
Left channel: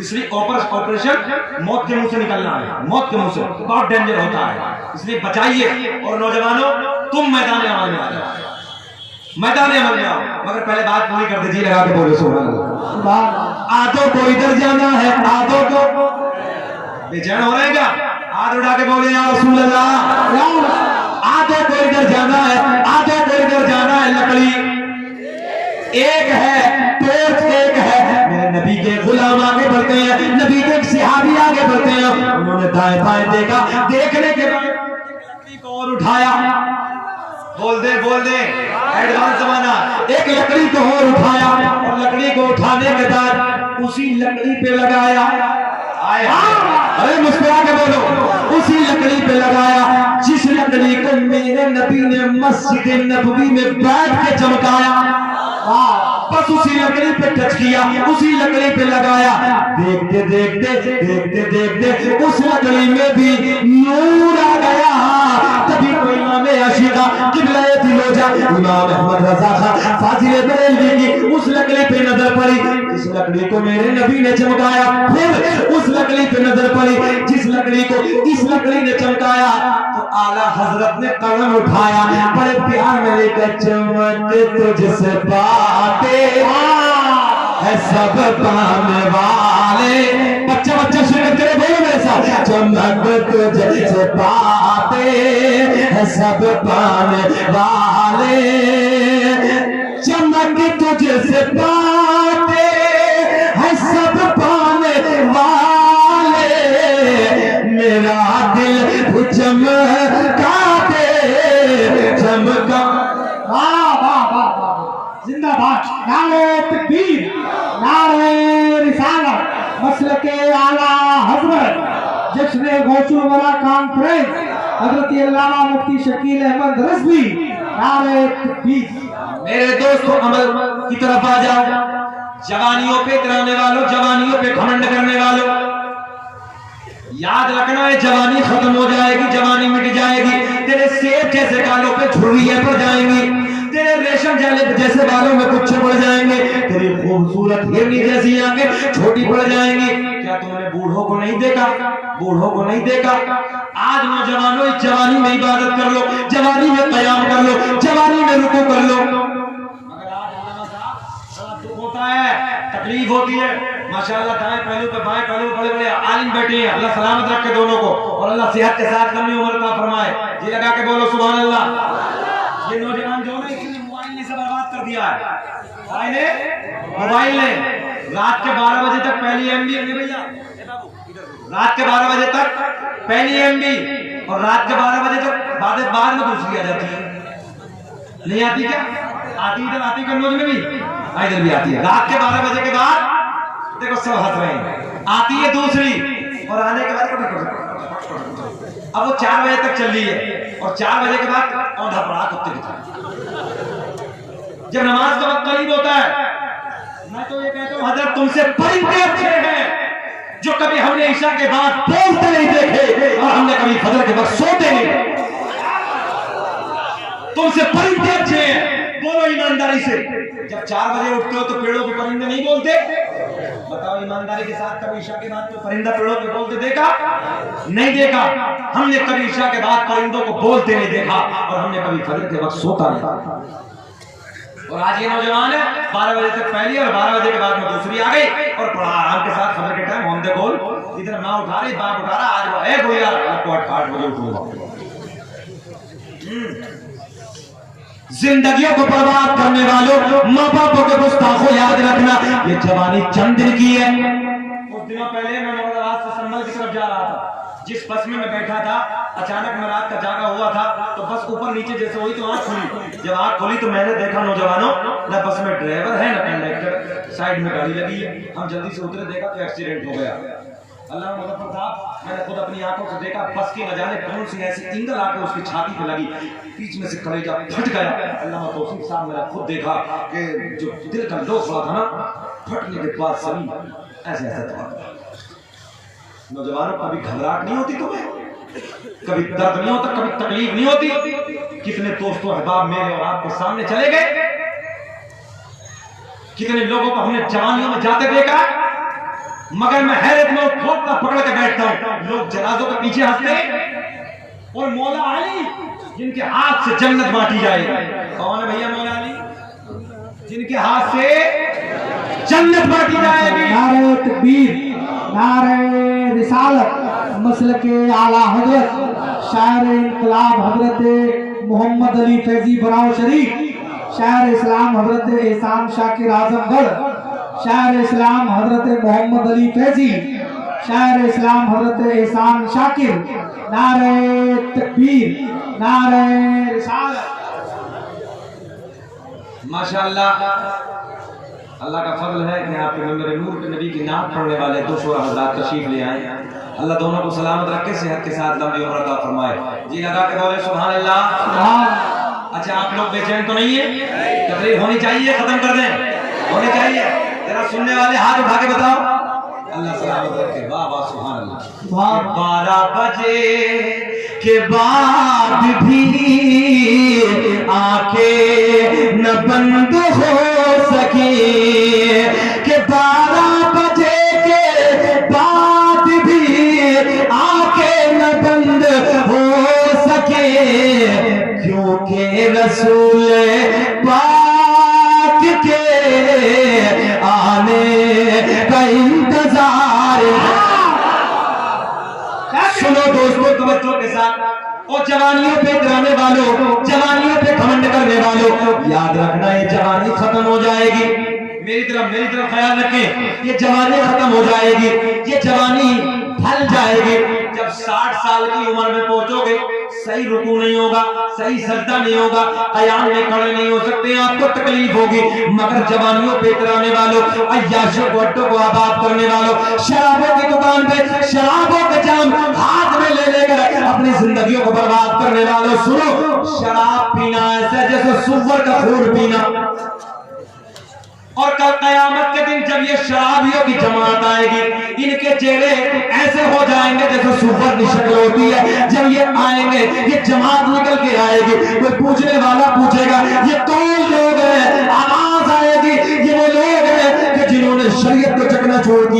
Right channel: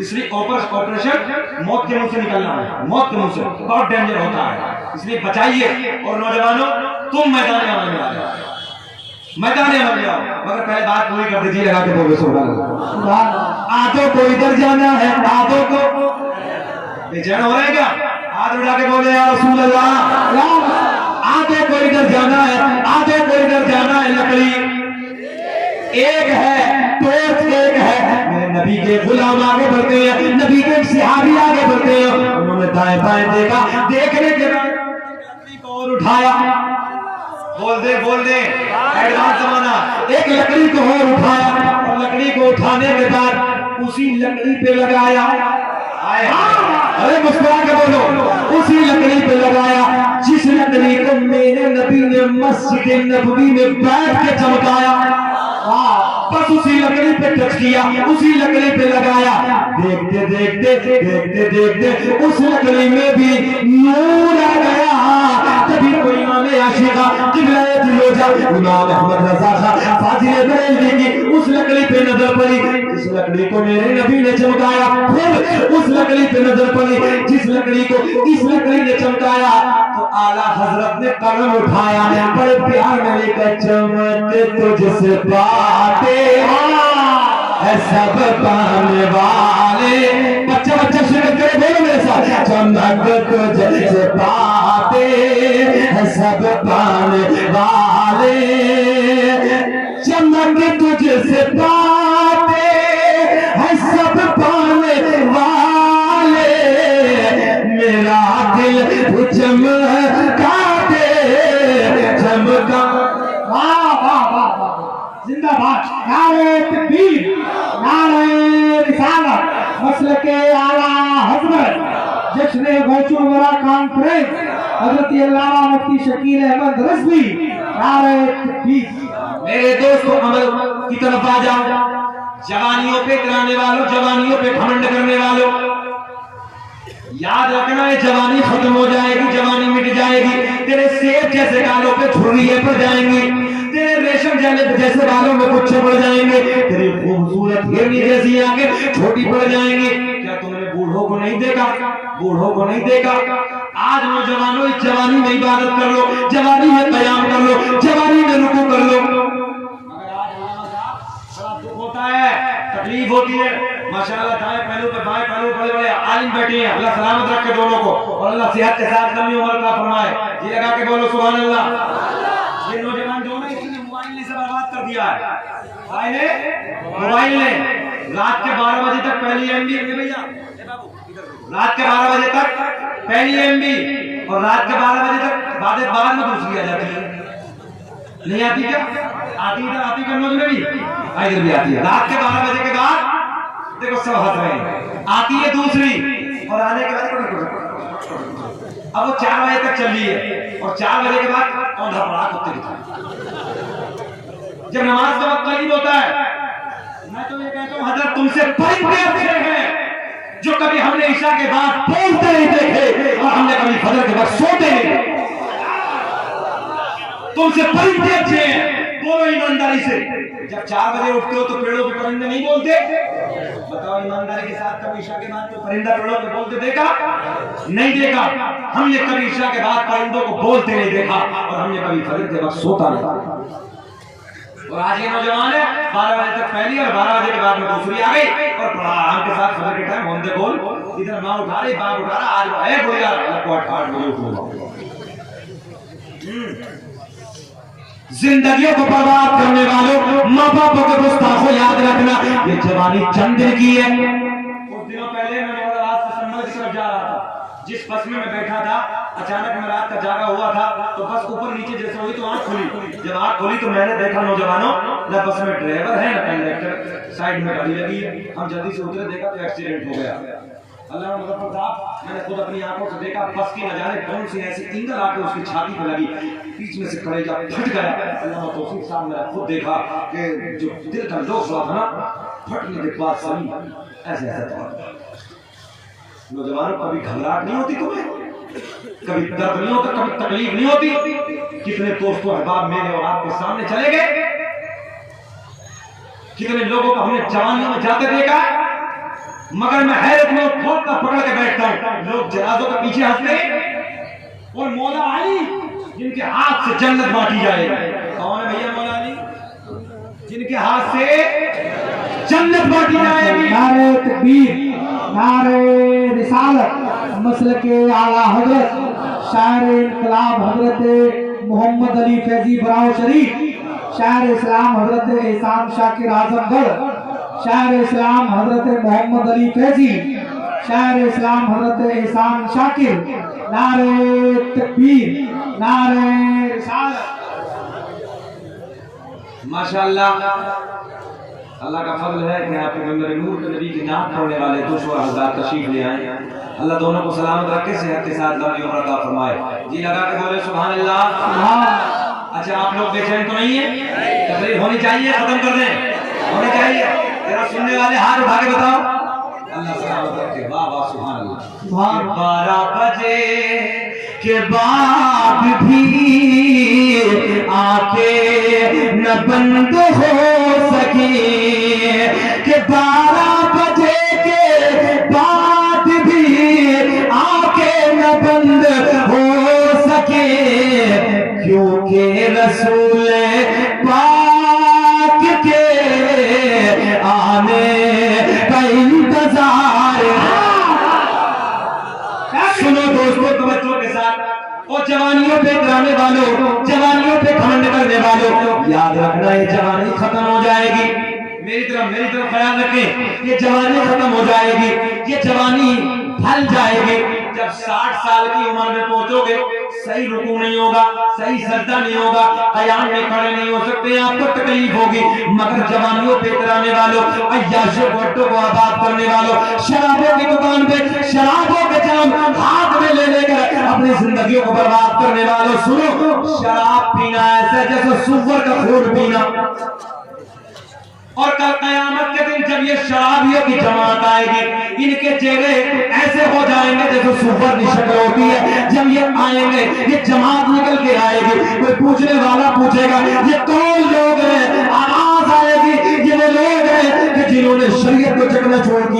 इसलिए ऑपरेशन मौत के मुंह से निकलना है, मौत के मुंह से बहुत डेंजर होता है, इसलिए बचाइए। और नौजवानों, तुम मैदान में आने वाले हो, मैदान में आने आओ, मगर पहले बात पूरी कर दीजिए, लगा के बोलो सुभान अल्लाह। आधों को इधर जाना है, आधों को बेचैन हो रहे हैं क्या? हाथ उठा के बोले या रसूल अल्लाह। आधों को इधर जाना है, आधों को इधर जाना है। लकड़ी एक है, टोर्च एक है। मेरे नबी के गुलाम आगे बढ़ते हैं, नबी के सहाबी आगे बढ़ते हैं। उन्होंने दाएं बाएं देखा, देखने के बाद लकड़ी को और उठाया। बोल दे एडवांस जमाना। एक लकड़ी को और उठाया और लकड़ी को उठाने के बाद उसी लकड़ी पे लगाया। अरे मुस्कुरा के बोलो, उसी लकड़ी पे लगाया जिस लकड़ी को मेरे नबी ने मस्जिद नबवी में बैठ के चमकाया। बस उसी लकड़ी पे टच किया, उसी लकड़ी पे लगाया। देखते देखते उस लकड़ी में भी नूर आ गया। तभी तो इमाम आशिका किबला दिलोजा इमाम अहमद रजा खां फाजिल बरेलवी की उस लकड़ी पे नजर पड़ी, इस लकड़ी को मेरे नबी ने चमकाया। फिर उस लकड़ी पे नजर पड़ी जिस लकड़ी को इस लकड़ी ने चमकाया, तो आला हजरत ने कलम उठाया, बड़े प्यार में लेकर चमक तुझसे बातें है सब पाने वाले। बच्चा शिरकत करे, बोलो मेरे साथ, चमक तुझसे बातें है सब पाने वाले। चमक तुझसे बातें है सब पाने वाले। मेरा दिल चमका दे चमका। जिंदाबाद, नारे तकबीर, नारे रिसालत, मसलके आला हज़रत, जश्न गौसुल वरा कॉन्फ्रेंस, हज़रत अल्लामा मुफ्ती शकील अहमद रज़वी, नारे तकबीर। मेरे दोस्तों, अमल की तरफ आ जाओ। जवानियों पे कराने वालों, जवानियों पे घमंड करने वालों, याद रखना है जवानी खत्म हो जाएगी, जवानी मिट जाएगी। तेरे सेब जैसे गालों पे झुर्रियां पड़ जाएंगी। तेरे रेशम जैसे बालों में गुच्छे पड़ जाएंगे, तेरी खूबसूरत हिरनी जैसी आंखें छोटी पड़ जाएंगी। क्या तुमने बूढ़ों को नहीं देखा? बूढ़ों को नहीं देखा? आज नौजवानों इस जवानी में इबादत कर लो, जवानी में कयाम कर लो, जवानी में रुकू कर लो। मगर आज बड़ा दुख होता है, तकलीफ होती है। माशाअल्लाह दाएं पहलू पे बाएं पहलू बड़े बड़े आलिम बैठे हैं, अल्लाह सलामत रखे दोनों को और अल्लाह सेहत के साथ लंबी उम्र का फरमाए। जी लगा के बोलो सुभान अल्लाह। ये नौजवान जो है इसने मोबाइल ने सब बर्बाद कर दिया है। मोबाइल ने रात के 12 बजे तक पहली एमबी है भैया, रात के 12 बजे तक पहली एमबी और रात के 12 बजे तक बाद में दूसरी आ जाती है। नहीं आती क्या? आती कन्नौज में भी, इधर भी आती है। रात के 12 बजे के बाद देखो सब हंस रहे हैं, आती है दूसरी और आने के बाद अब वो 4 बजे तक चल रही है और 4 बजे के बाद कौन घबरा कुत्ते की जब नमाज का वक्त करीब होता है। मैं तो ये कहता हूँ हजरत तुमसे परिंदे अच्छे हैं जो कभी हमने ईशा के बाद बोलते नहीं देखे और हमने कभी फजर के बाद सोते नहीं देखे। तुमसे परिंदे अच्छे हैं, बोलो ईमानदारी से। जब 4 बजे उठते हो तो पेड़ों के परिंदे नहीं बोलते? बताओ ईमानदारी के साथ, कभी ईशा के बाद तो परिंदा पेड़ों पे बोलते देखा? नहीं देखा। हमने कभी ईशा के बाद परिंदों को बोलते नहीं देखा और हमने कभी फजर के वक्त सोता नहीं। और आज ये नौजवान है 12 बजे तक पहली और 12 बजे के बाद में दूसरी आ गई और आराम के साथ फजर के टाइम हम दे बोल इधर ना उठा रही, बाप उठा रहा, आज वो है बोल यार 8 बजे उठूंगा। जिंदगियों को बर्बाद करने वालों, माँ बापों को गुस्ताखों याद रखना, ये जवानी चंद दिन की है। कुछ दिनों पहले मैं रात से संभल की तरफ जा रहा था, जिस बस में मैं बैठा था अचानक मैं रात का जागा हुआ था तो बस ऊपर नीचे जैसे हुई तो आंख खुली। जब आंख खुली तो मैंने देखा नौजवानों न बस में ड्राइवर है न कंडक्टर, साइड में गाड़ी लगी है। हम जल्दी से उतरे, देखा तो एक्सीडेंट हो गया। अल्लाह मुजफ्फर साहब, मैंने खुद अपनी आंखों से देखा बस की न जाने कौन सी ऐसी इंगल आके उसकी छाती पे लगी, बीच में से कलेजा फट गया। अल्लाह तौफीक साहब मेरा खुद देखा कि जो दिल का लोग हुआ था ना, फटने के बाद सभी ऐसे ऐसा था। नौजवानों कभी घबराहट नहीं होती तुम्हें? कभी दर्द नहीं होता? कभी तकलीफ नहीं होती? कितने दोस्तों अहबाब मेरे और आपके सामने चले गए, कितने लोगों को हमने जवानियों में जाते देखा। मगर मैं हैरत में खोल कर पकड़ के बैठता हूँ, लोग जनाजों के पीछे हंसते हैं और मौला अली जिनके हाथ से जन्नत बांटी जाएगी। कौन है भैया मौला अली? जिनके हाथ से जन्नत बांटी जाएगी। नारे तकबीर, नारे रिसालत, मसलके आला हजरत शायर इनकलाब हजरत मोहम्मद अली फैजी बराव शरीफ, शायर इस्लाम हजरत एहसान शाकिर आजमगढ़, शायर इस्लाम हजरत मोहम्मद अली फैजी, शायर इस्लाम हजरत एहसान शाकिर। नारे तकबीर, नारे रिसालत। माशाअल्लाह, अल्लाह का फजल है कि आपके मेरे नूर के नबी की नाम पढ़ने वाले 200 हज़ार तशरीफ ले आए। अल्लाह दोनों को सलामत रखे, सेहत के साथ लंबी उम्र अता फरमाए। जी लगा के बोले सुभान अल्लाह। अच्छा आप लोग बेचैन तो नहीं है? तकरीर होनी चाहिए, खत्म कर दें, होनी चाहिए। तेरा सुनने वाले हाथ उठा के बताओ। अल्लाह सलामत रखे। वाह वाह सुभान अल्लाह। 12 बजे के बाद भी आंखें न बंद हो सकी, कि 12 बजे के बाद भी आंखें न बंद हो सके, क्योंकि रसूल पाक के आने का इंतजार है। सुनो दोस्तों तवज्जो के साथ, और जवानियों पे गिराने वालों, जवानियों पे घमंड करने वालों, याद रखना ये जवानी खत्म हो जाएगी। मेरी तरफ ख्याल रखें, ये जवानी खत्म हो जाएगी, ये जवानी ढल जाएगी। जब 60 साल की उम्र में पहुंचोगे, सही रुकू नहीं होगा, सही सजदा नहीं होगा, कयाम में खड़े नहीं हो सकते, आपको तकलीफ होगी। मगर जवानियों पे गिराने वालों, अय्याशों को आबाद करने वालों, शराबों की दुकान पे शराबों के जाम हाथ में ले लेकर अपनी जिंदगियों को बर्बाद करने वालों, सुनो, शराब पीना ऐसा जैसे सुअर का खून पीना। और कल कयामत के दिन जब ये शराबियों की जमात आएगी, इनके चेहरे ऐसे हो जाएंगे जैसे सुअर की शक्ल होती है। जब ये आएंगे, ये जमात निकल के आएगी, कोई पूछने वाला पूछेगा ये कौन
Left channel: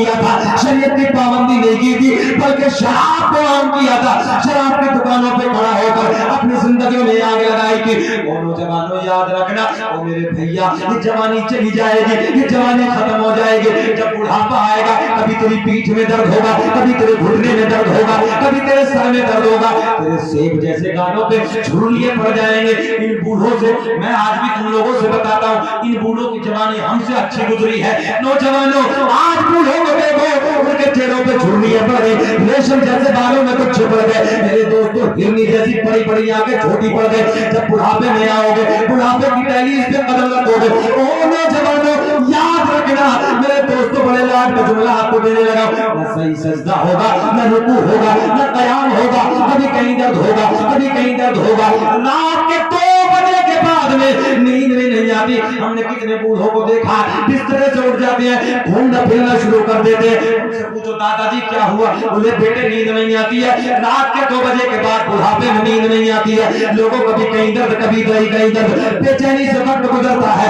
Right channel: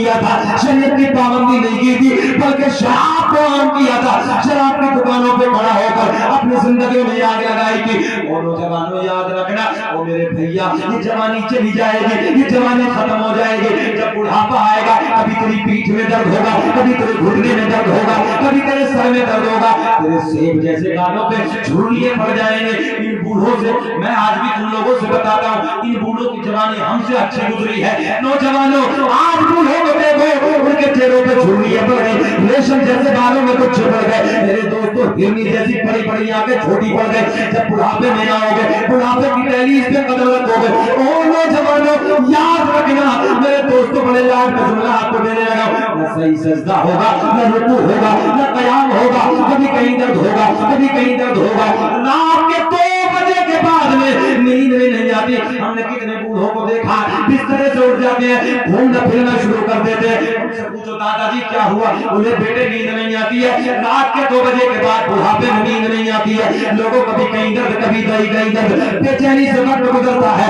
किया था, शरीयत की पाबंदी नहीं की थी, बल्कि शराब को आम किया था। शराब की दुकानों पे खड़ा होकर अपनी जिंदगी में आग लगाई थी। और नौजवानों याद रखना, ओ मेरे भैया, ये जवानी चली जाएगी, ये जवानी खत्म हो जाएगी। जब बुढ़ापा आएगा, कभी तेरी पीठ में दर्द होगा, कभी तेरे घुटने में दर्द होगा, कभी तेरे सर में दर्द होगा, तेरे सेब जैसे गालों पे झुर्रियां पड़ जाएंगे। इन बूढ़ों से, मैं आज भी तुम लोगों से बताता हूँ, इन बूढ़ों की जवानी हमसे अच्छी गुजरी है। नौजवानों, आज बूढ़ों को देखो, उनके चेहरों पे झुर्रियां पड़ गई, रेशम जैसे गालों में तो छिप गए। मेरे दोस्तों, हिरनी जैसी बड़ी बड़ी आंखें छोटी पड़ गई। जब बुढ़ापे में आओगे, बुढ़ापे की पहली इस पे कदम रखोगे। ओ नौजवानों, याद रखना, मेरे दोस्तों, बड़े लाड का जुमला आपको देने लगा, न सही सजदा होगा, न रुकू होगा, न कयाम होगा, कभी कहीं दर्द होगा, कभी कहीं दर्द होगा। रात के 2 बजे के बाद में नींद में नहीं आती। हमने कितने बूढ़ों को देखा, बिस्तरे से उठ जाते हैं, घूमना फिरना शुरू कर देते हैं। उनसे पूछो, दादाजी क्या हुआ? बोले, बेटे नींद नहीं आती है। रात के 2 बजे के बाद बुढ़ापे में नींद नहीं आती है। लोगों को कभी कहीं दर्द, कभी कहीं दर्द, बेचैनी से वक्त गुजरता है,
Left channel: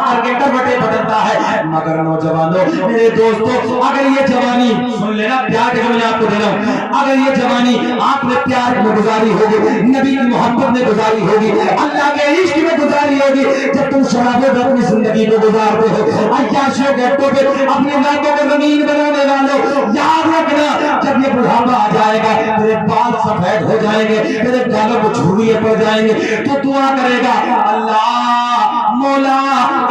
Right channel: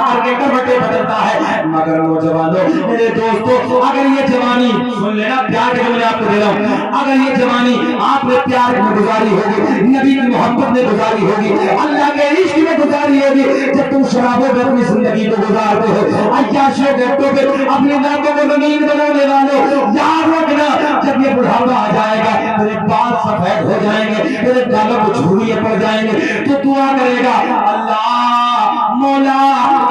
करके करवटे बदलता है। मगर नौजवानों, मेरे दोस्तों, अगर ये जवानी, सुन लेना, प्यार के मैं आपको दे रहा हूं, अगर ये जवानी आपने प्यार में गुजारी होगी, नबी की मोहब्बत में गुजारी होगी, अल्लाह के इश्क में गुजारी होगी, जब तुम शराबों पर अपनी जिंदगी को गुजारते हो, अय्याशों के अड्डों पे अपनी रातों को रंगीन बनाने वालों, याद रखना, जब ये बुढ़ापा आ जाएगा, तेरे बाल सफेद हो जाएंगे, तेरे गालों को झुर्रियां पड़ जाएंगे, तो दुआ करेगा, अल्लाह मौला,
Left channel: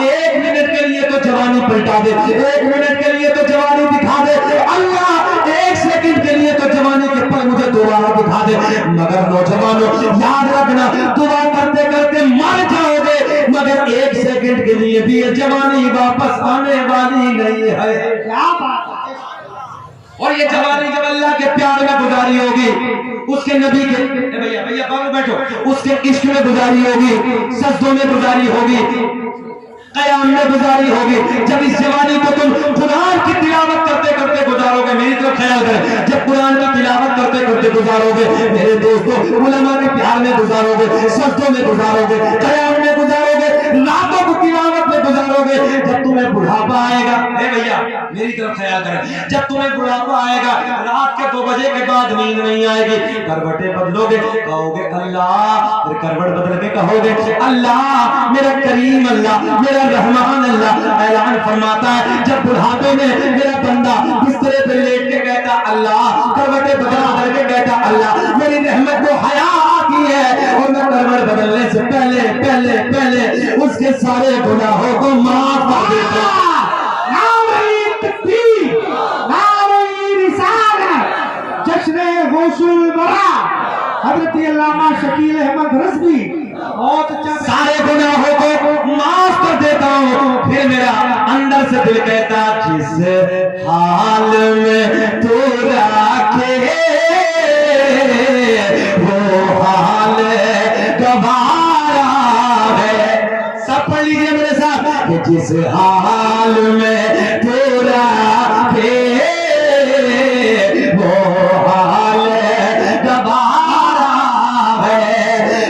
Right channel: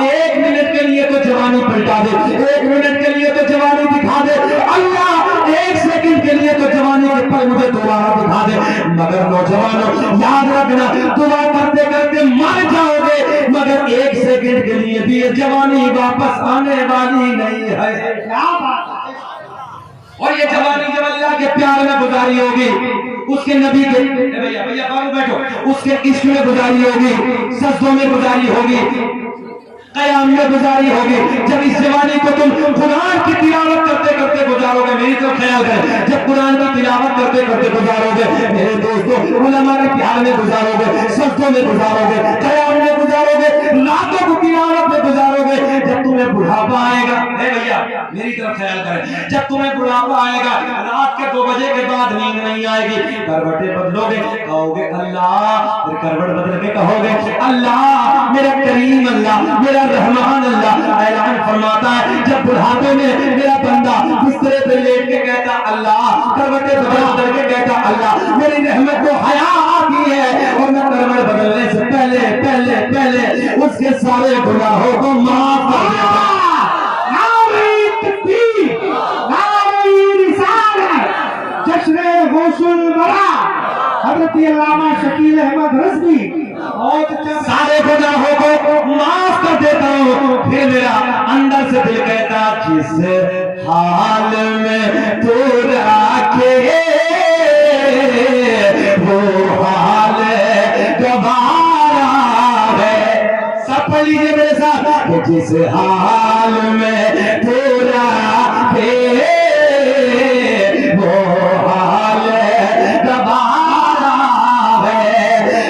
1 मिनट के लिए तो जवानी पलटा दे, 1 मिनट के लिए तो जवानी दिखा दे, अल्लाह 1 सेकंड के लिए तो जवानी के पल मुझे दोबारा दिखा दे। मगर नौजवानों, याद रखना, दुआ करते करते मर जाओगे, मगर 1 सेकंड के लिए भी ये जवानी वापस आने वाली नहीं है। क्या बात है। और ये जवानी जब अल्लाह के प्यार में गुजारी होगी, उसके नबी के, भैया भैया बाबू बैठो, उसके इश्क में गुजारी होगी, सजदों में गुजारी होगी, कयाम में गुजारी होगी। जब इस जवानी को तुम कुरान की तिलावत करते करते गुजारोगे, मेरी तो ख्याल है, जब कुरान की तिलावत करते करते गुजारोगे, मेरे दोस्तों, उलमा के प्यार में गुजारोगे, सजदों में गुजारोगे, कयाम में गुजारोगे, रातों को तिलावत में गुजारोगे, जब तुम्हें बुढ़ापा आएगा, भैया मेरी तरफ ख्याल करें, जब तुम्हें बुढ़ापा आएगा, रात के 2 बजे के बाद नींद नहीं आएगी, करवटे बदलोगे, कहोगे अल्लाह, फिर करवट बदल के कहोगे अल्लाह, मेरा करीम अल्लाह, मेरा रहमान अल्लाह। ऐलान फरमाता है, जब बुढ़ापे में मेरा बंदा बिस्तरे पे लेट के कहता अल्लाह, करवटे बदल के कहता अल्लाह, मेरी रहमत को हया आती है, और मैं करवट बदलने से पहले पहले पहले उसके सारे गुनाहों को माफ कर देता हूं। हज़रत अल्लामा शकील अहमद रज़वी बहुत सारे गुनाहों को माफ कर देता हूँ। फिर मेरा अंदर से दिल कहता, जिस हाल में तू रखे वो हाल गवारा है। सब पढ़ लीजिए मेरे साथ, जिस हाल में तू रखे वो हाल गवारा है,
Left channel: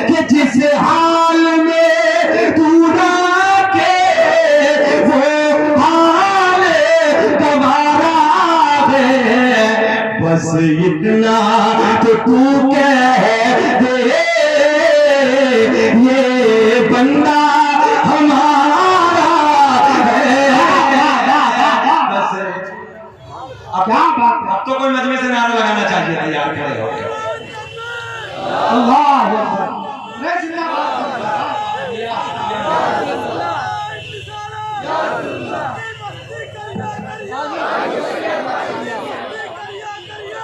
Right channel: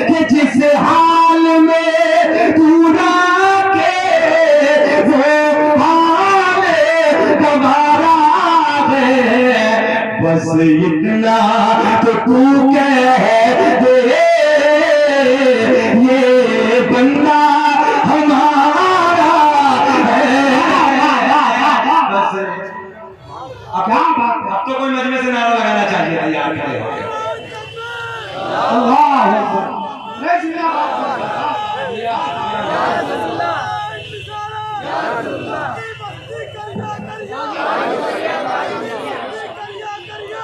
कि जिस हाल में तू रखे वो हाल गवारा है। बस इतना तो तू कह दे, ये बंदा हमारा है। बस क्या बात है, अब तो कोई मजमे से नारा लगाना चाहिए, तैयार खड़े हो गए। अल्लाह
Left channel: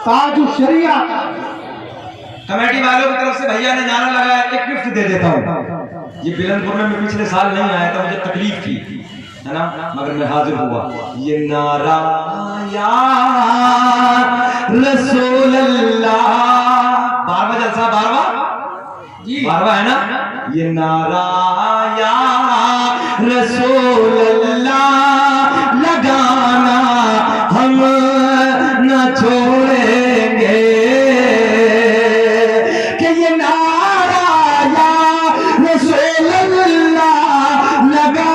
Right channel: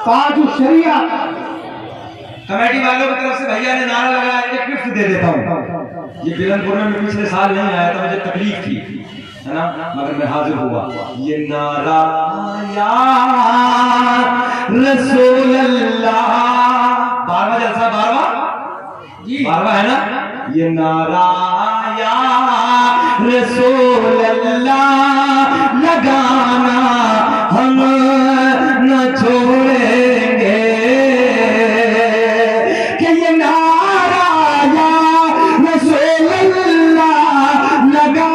ताज शरिया कमेटी वालों की तरफ से भैया ने नारा लगाया, एक गिफ्ट दे देता हूँ। ये बिलनपुर में पिछले साल नहीं आया था, मुझे तकलीफ थी, है ना, मगर मैं हाजिर हुआ। ये नारा या रसूल अल्लाह, 12वां जलसा, 12वां है ना, ये नारा या रसूल अल्लाह लगाना हम न छोड़ेंगे, कि ये नारा या रसूल अल्लाह लगा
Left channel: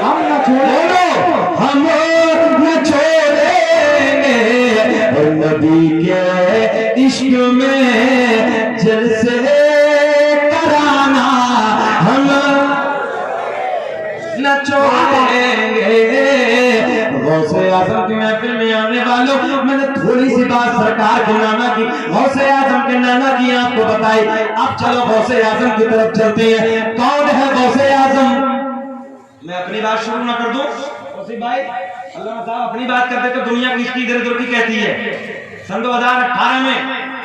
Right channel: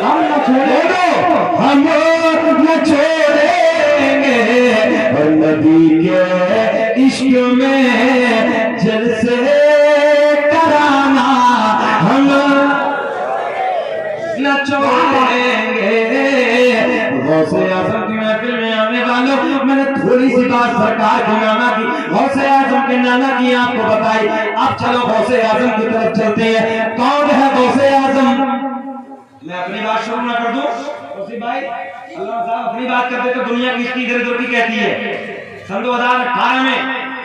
हम न छोड़ो, हम इश्क में जलसे कराना हम न छोड़ेंगे। गौसे आजम की महफिल में आने वालों, मैंने थोड़ी सी बात सरकार के नाना की, गौसे आजम के नाना की आपको बताई। अब चलो गौसे आजम की तरफ चलते हैं। कौन है गौसे आजम? मैं अपनी बात शुरू ना कर दूं भाई, अल्लाह साहब अपनी बात करते तो दुनिया किसकी इधर उधर की कहती है। सन 2018 में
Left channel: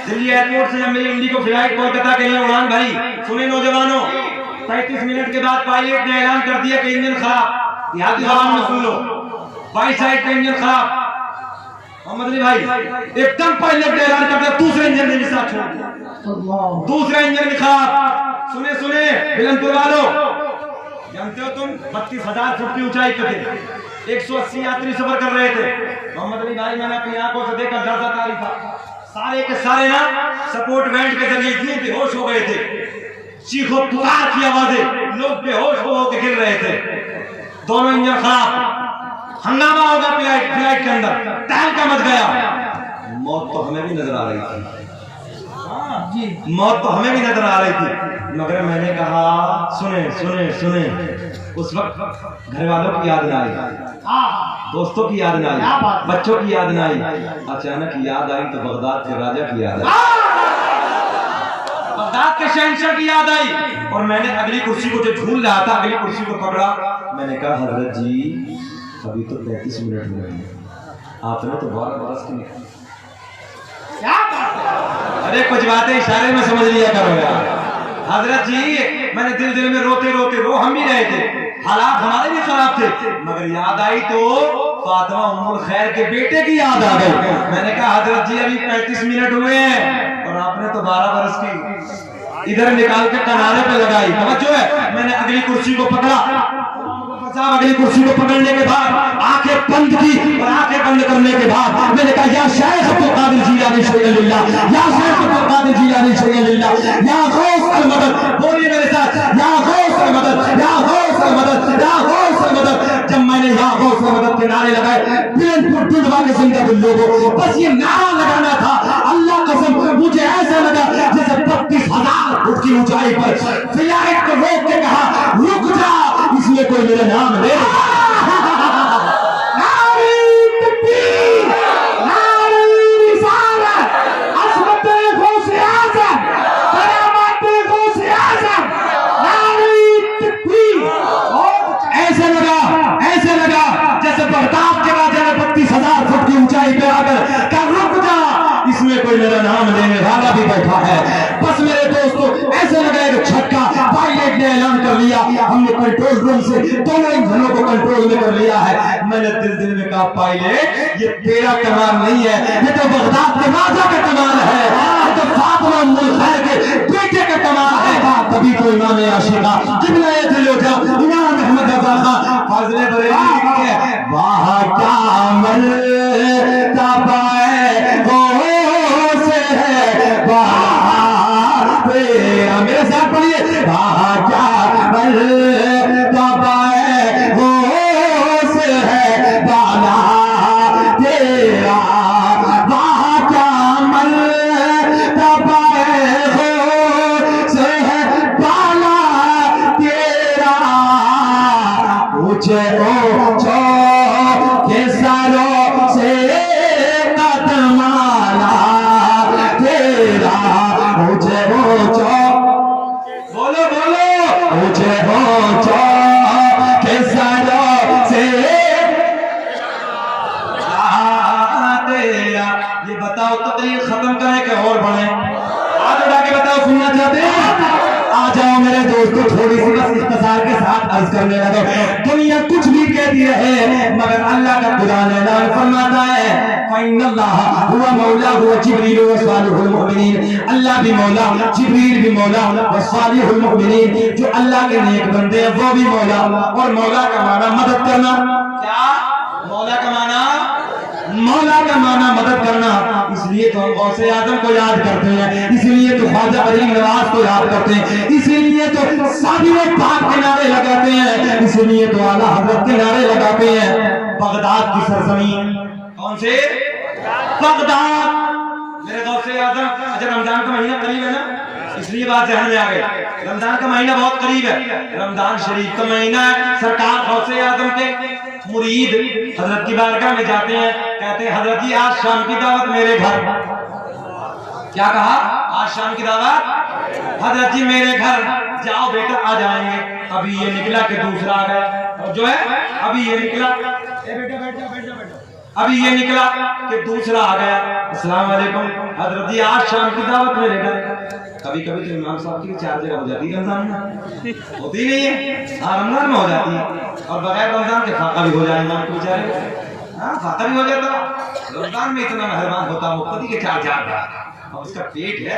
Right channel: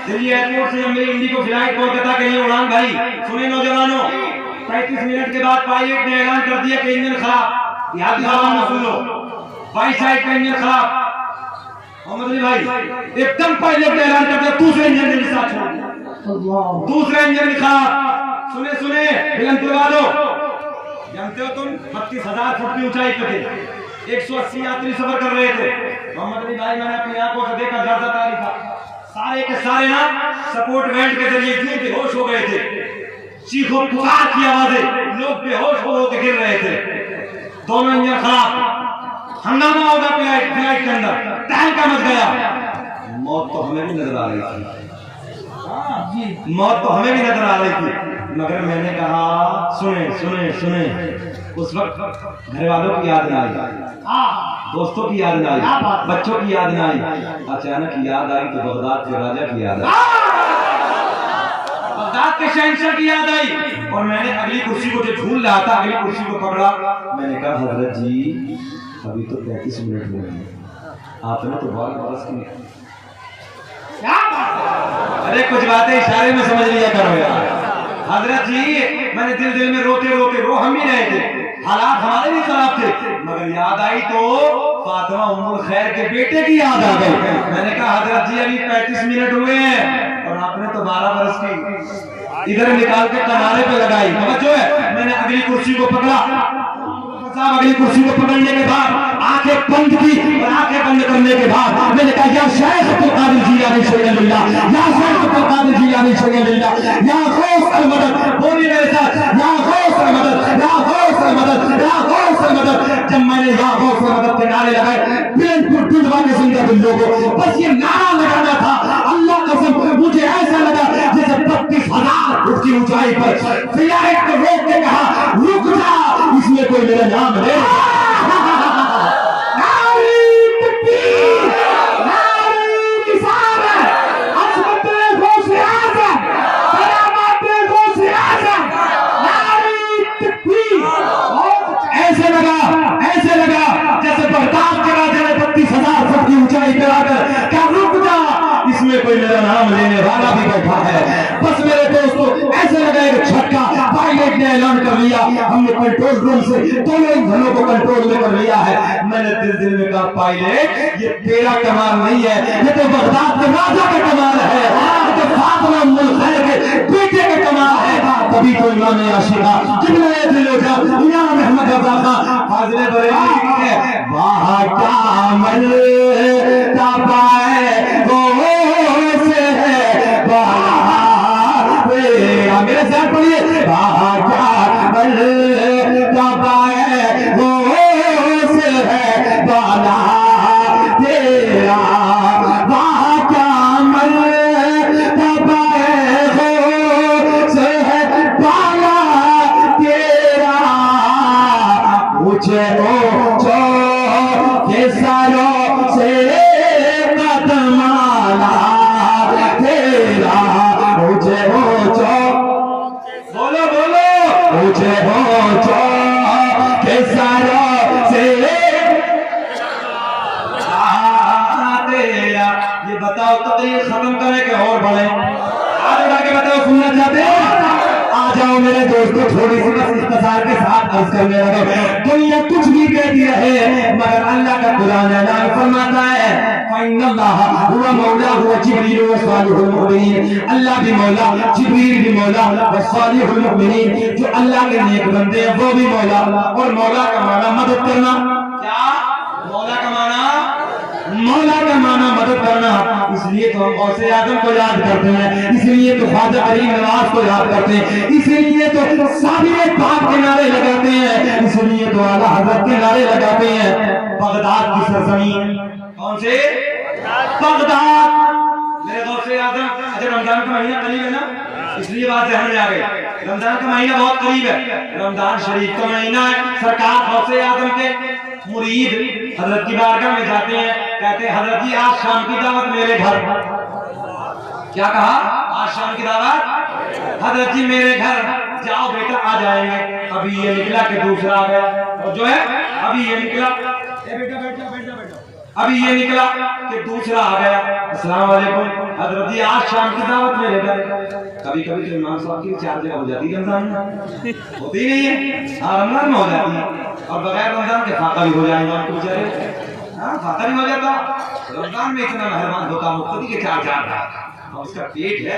दिल्ली एयरपोर्ट से जब मेरी इंडिगो फ्लाइट कोलकाता के लिए उड़ान भरी, सुने नौजवानों, 35 मिनट के बाद पायलट ने ऐलान कर दिया कि इंजन खराब। यहाँ की जबान में सुन लो, 22 साइड का इंजन खराब। मोहम्मद अली भाई एकदम पायलट ने ऐलान कर दिया दूसरे इंजन के साथ छोड़, दूसरा इंजन भी खराब। सुने सुने फिल्म तुला लो, जानते हो तुम 32,000 फुट की ऊंचाई पे थे, 180 यात्री सफर कर रहे थे। मोहम्मद अली भाई मैंने अपनी आंखों से देखा, डर सता रही था। सारे के सारे ना सपोर्ट बैंड के जरिए यूं बेहोश हो गए थे, चीखो पुकार की आवाजें, लोग बेहोश हो के गिर रहे थे। दोनों इंजन खराब, हंगामा हो गया फ्लाइट के अंदर, तहलका मच गया। मौत तो हमें भी नजर आ रही थी, मौत तो हमें भी नजर आ रही थी, मगर मैंने कहा सुने सुने सुने। उस वक्त घर वालों की याद ना आई, दोस्तों की याद ना आई, बच्चों की याद ना आई, अचानक याद आई तो बगदाद के राजा की याद आई, बगदाद के शहंशाह की याद आई। और मैंने अगली कुर्सी को जो झूल रहा था, अगली कुर्सी को पकड़ा। मैंने कहा हजरत जी अभी तो 35 मिनट हुए हैं, आपने तो बहुत बरस की। अरे कुछ बातें इशारे में समझ लिया करो यार। हजरत जी मैंने दिल में रोते रोते रो हम भी रहे थे, हालात हमारे भी खराब थे, मगर याद आई तो फातिमा उम्मुल खैर के बेटे की याद आ गई। मैंने कहा हजरत जी अभी 35 मिनट हुए हैं और आपने तो 12 बरस की। इधर निकाल के किनारे पे लगाई, समझो है। मैंने अगली कुर्सी को पकड़ा, अगली कुर्सी को पकड़ने के बाद आंखें बंद की, और आंखें बंद करने के बाद मैंने कहा या शेख अब्दुल कादिर जिलानी शोयलिल्लाह, या शेख अब्दुल कादिर जिलानी शोयलिल्लाह, या गौस अल मदद। बोलिए मेरे साथ, या गौस अल मदद, या गौस अल मदद, या गौस अल मदद। जब मैंने या गौस अल मदद के नारे लगाए, बिल्कुल दिलवा के जिंदा दिल लोगों, बस ये नारा लगाना था। अल्लाह कसम मुझे ऐसा लगा जैसे 32,000 फुट की ऊंचाई पर फ्लाइट को रोक के कहा रुक जा, इसमें कोई मेरा नाम ले। ऐसे लगा जैसे बगदाद के राजा ने 32,000 फुट की ऊंचाई पर आकर क्या रुक जा, इसमें कोई मेरा नाम लेने वाला भी बैठा है। बस मेरे दोस्तों ऐसे लगा एक झटका, पायलट ने ऐलान कर लिया, हमने कंट्रोल रूम से दोनों इंजनों को कंट्रोल में कर लिया है। मैंने दिल में कहा पायलट ये तेरा कमाल नहीं है, ये तो बगदाद के राजा का कमाल है, ये तो फातिमा उम्मुल खैर के बेटे का कमाल है। तभी तो इमाम आशिका जिब्राइल दिलोजा इमाम अहमद रज़ा फाज़िल बरेली के वाह क्या अमल तबाए वो से है वाह मेरे साथ पढ़िए, वाह क्या अमल तबाए वो से है वाला तेरा, वाह क्या अमल तबाए वो से है वाला तेरा। मुझे ऊंचो के सरों से कदमाला तेरा, मुझे ऊंचो बोलो बोलो, मुझे ऊंचो के सरों से तेरा। ये बताओ तकरीर खत्म करें कि और बढ़े? हाथ उठा के बताओ, सुनना चाहते हैं? आ जाओ मेरे दोस्तों, थोड़ी सी बस इख्तिसार के साथ अर्ज करने लगे। दुनिया कुछ भी कहती रहे मगर अल्लाह का कुरान ऐलान फरमाता है फइन्नल्लाह हुवा मौला हुवा जिब्रील व सालिहुल मुमिनीन। अल्लाह भी मौला, जिब्रील भी मौला, व सालिहुल मुमिनीन, जो अल्लाह के नेक बंदे हैं वो भी मौला। और मौला का माना मदद करना। क्या मौला का माना? मौला का माना मदद करना। इसलिए तो हम गौसे आजम को याद करते हैं, इसलिए तो ख्वाजा गरीब नवाज को याद करते हैं, इसीलिए तो साबिर पाक के नारे लगाते हैं, इसलिए तो आला हजरत के नारे लगाते हैं। बगदाद की सरजमीन कौन से? बगदाद। मेरे गौसे आजम। अच्छा रमजान का महीना करीब है ना, इसलिए बात ध्यान में आ गई। रमजान का महीना बहुत करीब है, रमजान शरीफ का महीना है। सरकार गौसे आजम के मुरीद हजरत की बारगाह में जाते हैं, कहते हैं हजरत जी आज शाम की दावत मेरे घर। क्या कहा? आज शाम की दावत हजरत जी मेरे घर, जाओ बेटा आ जाएंगे। अभी ये निकला कि दूसरा आ गया, और जो है अभी ये निकला, ए बेटा बैठ जा, बैठ जा, बैठ जा। अभी ये निकला कि दूसरा आ गया, अस्सलाम वालेकुम हजरत जी आज शाम की दावत मेरे घर। कभी कभी तो इमाम साहब की 4 जगह हो जाती है, रमजान में होती नहीं है, हाँ रमजान में हो जाती है, और बगैर रमजान के फाका भी हो जाए इमाम को बेचारे, हाँ खाता भी हो जाता। रमजान में इतना मेहरबान होता हो कभी के 4 और उसका पेट है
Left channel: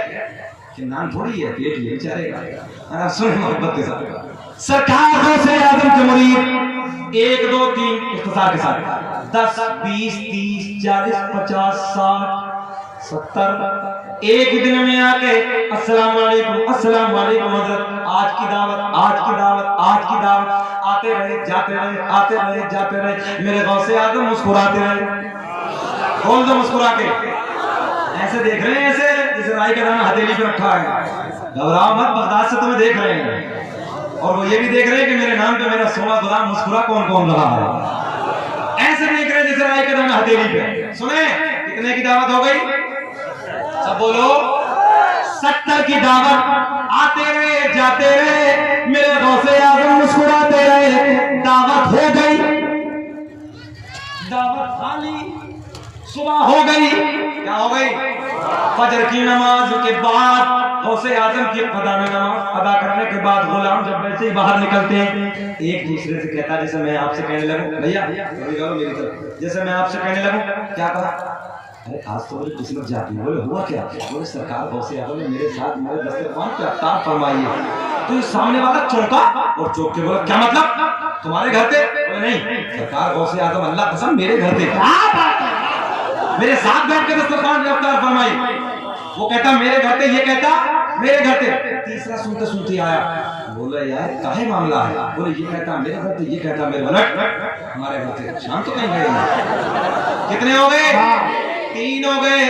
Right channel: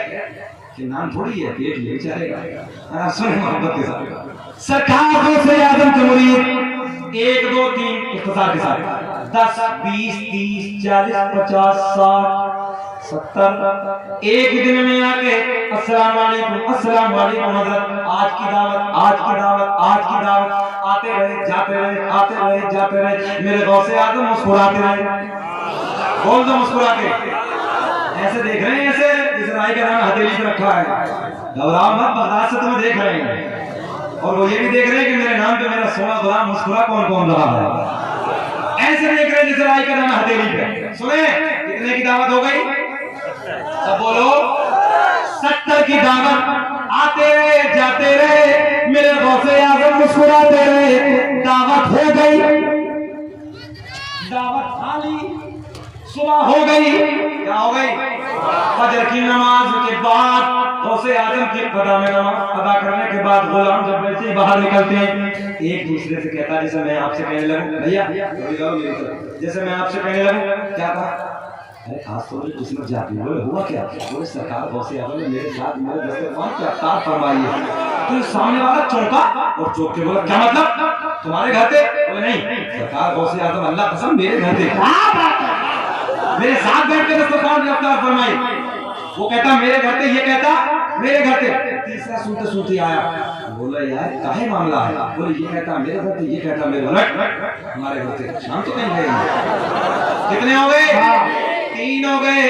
कि नाम थोड़ी है, पेट ये बेचारे का। सुन मोहब्बत के साथ सरकार गौसे आजम के मुरीद 1 2 3 इख्तिसार के साथ 10 20 30 40 50 60 70 एक दिन में आके अस्सलाम वालेकुम हजरत आज की दावत, आज की दावत, आज की दावत, आते रहे जाते रहे, आते रहे जाते रहे। मेरे गौसे आजम मुस्कुराते रहे, बोल दो मुस्कुरा के, ऐसे देख रहे हैं, ऐसे इस राय का नाम हथेली पे रखा है, घबराओ मत, बर्दाश्त से तुम्हें देख रहे हैं, और वो ये भी देख रहे हैं कि मेरे नाम पे मेरा 16 गुलाम मुस्कुरा कौन कौन रहा है, ऐसे देख रहे हैं जैसे राय का नाम हथेली पे। सुने कितने की दावत हो गई? सब बोलो 70 की दावत। आते रहे जाते रहे, मेरे गौसे आजम मुस्कुराते रहे, दावत हो गई, दावत खाली, सुबह हो गई। क्या हो गई? फजर की नमाज के बाद गौसे आजम की कदा में नमाज अदा करने के बाद गुलाम जब वैसे ही बाहर निकलते हैं, एक दूसरे से कहता है, जैसे मैं आपसे कहने लगूं भैया मेरी तरफ, जैसे मैं आपसे कहने लगूं क्या कहा, अरे खास तौर पर किस्मत जाती है। बोले हुआ क्या? बोले सरकार गौसे आजम ने मेरे साथ मेरे दस्तरखान पे अफ्तार फरमाई है। तो सामने वाला चौंका और चौंक के बोला क्या मतलब तुम्हारे घर पे? बोले नहीं सरकार गौसे आजम अल्लाह कसम मेरे घर पे, मेरे साथ बैठ के दस्तरखान पे अफ्तार फरमाई। वो कहता मेरे घर पे, ये कहता मेरे घर पे। तीसरा सुनते सुनते आया, बोला यार काहे मामला है? बोले ये कहता मेरे घर पे, ये कहता मेरे घर, हमारे घर पे शाम तो नहीं गए। कितने हो गए? 3 हो गए।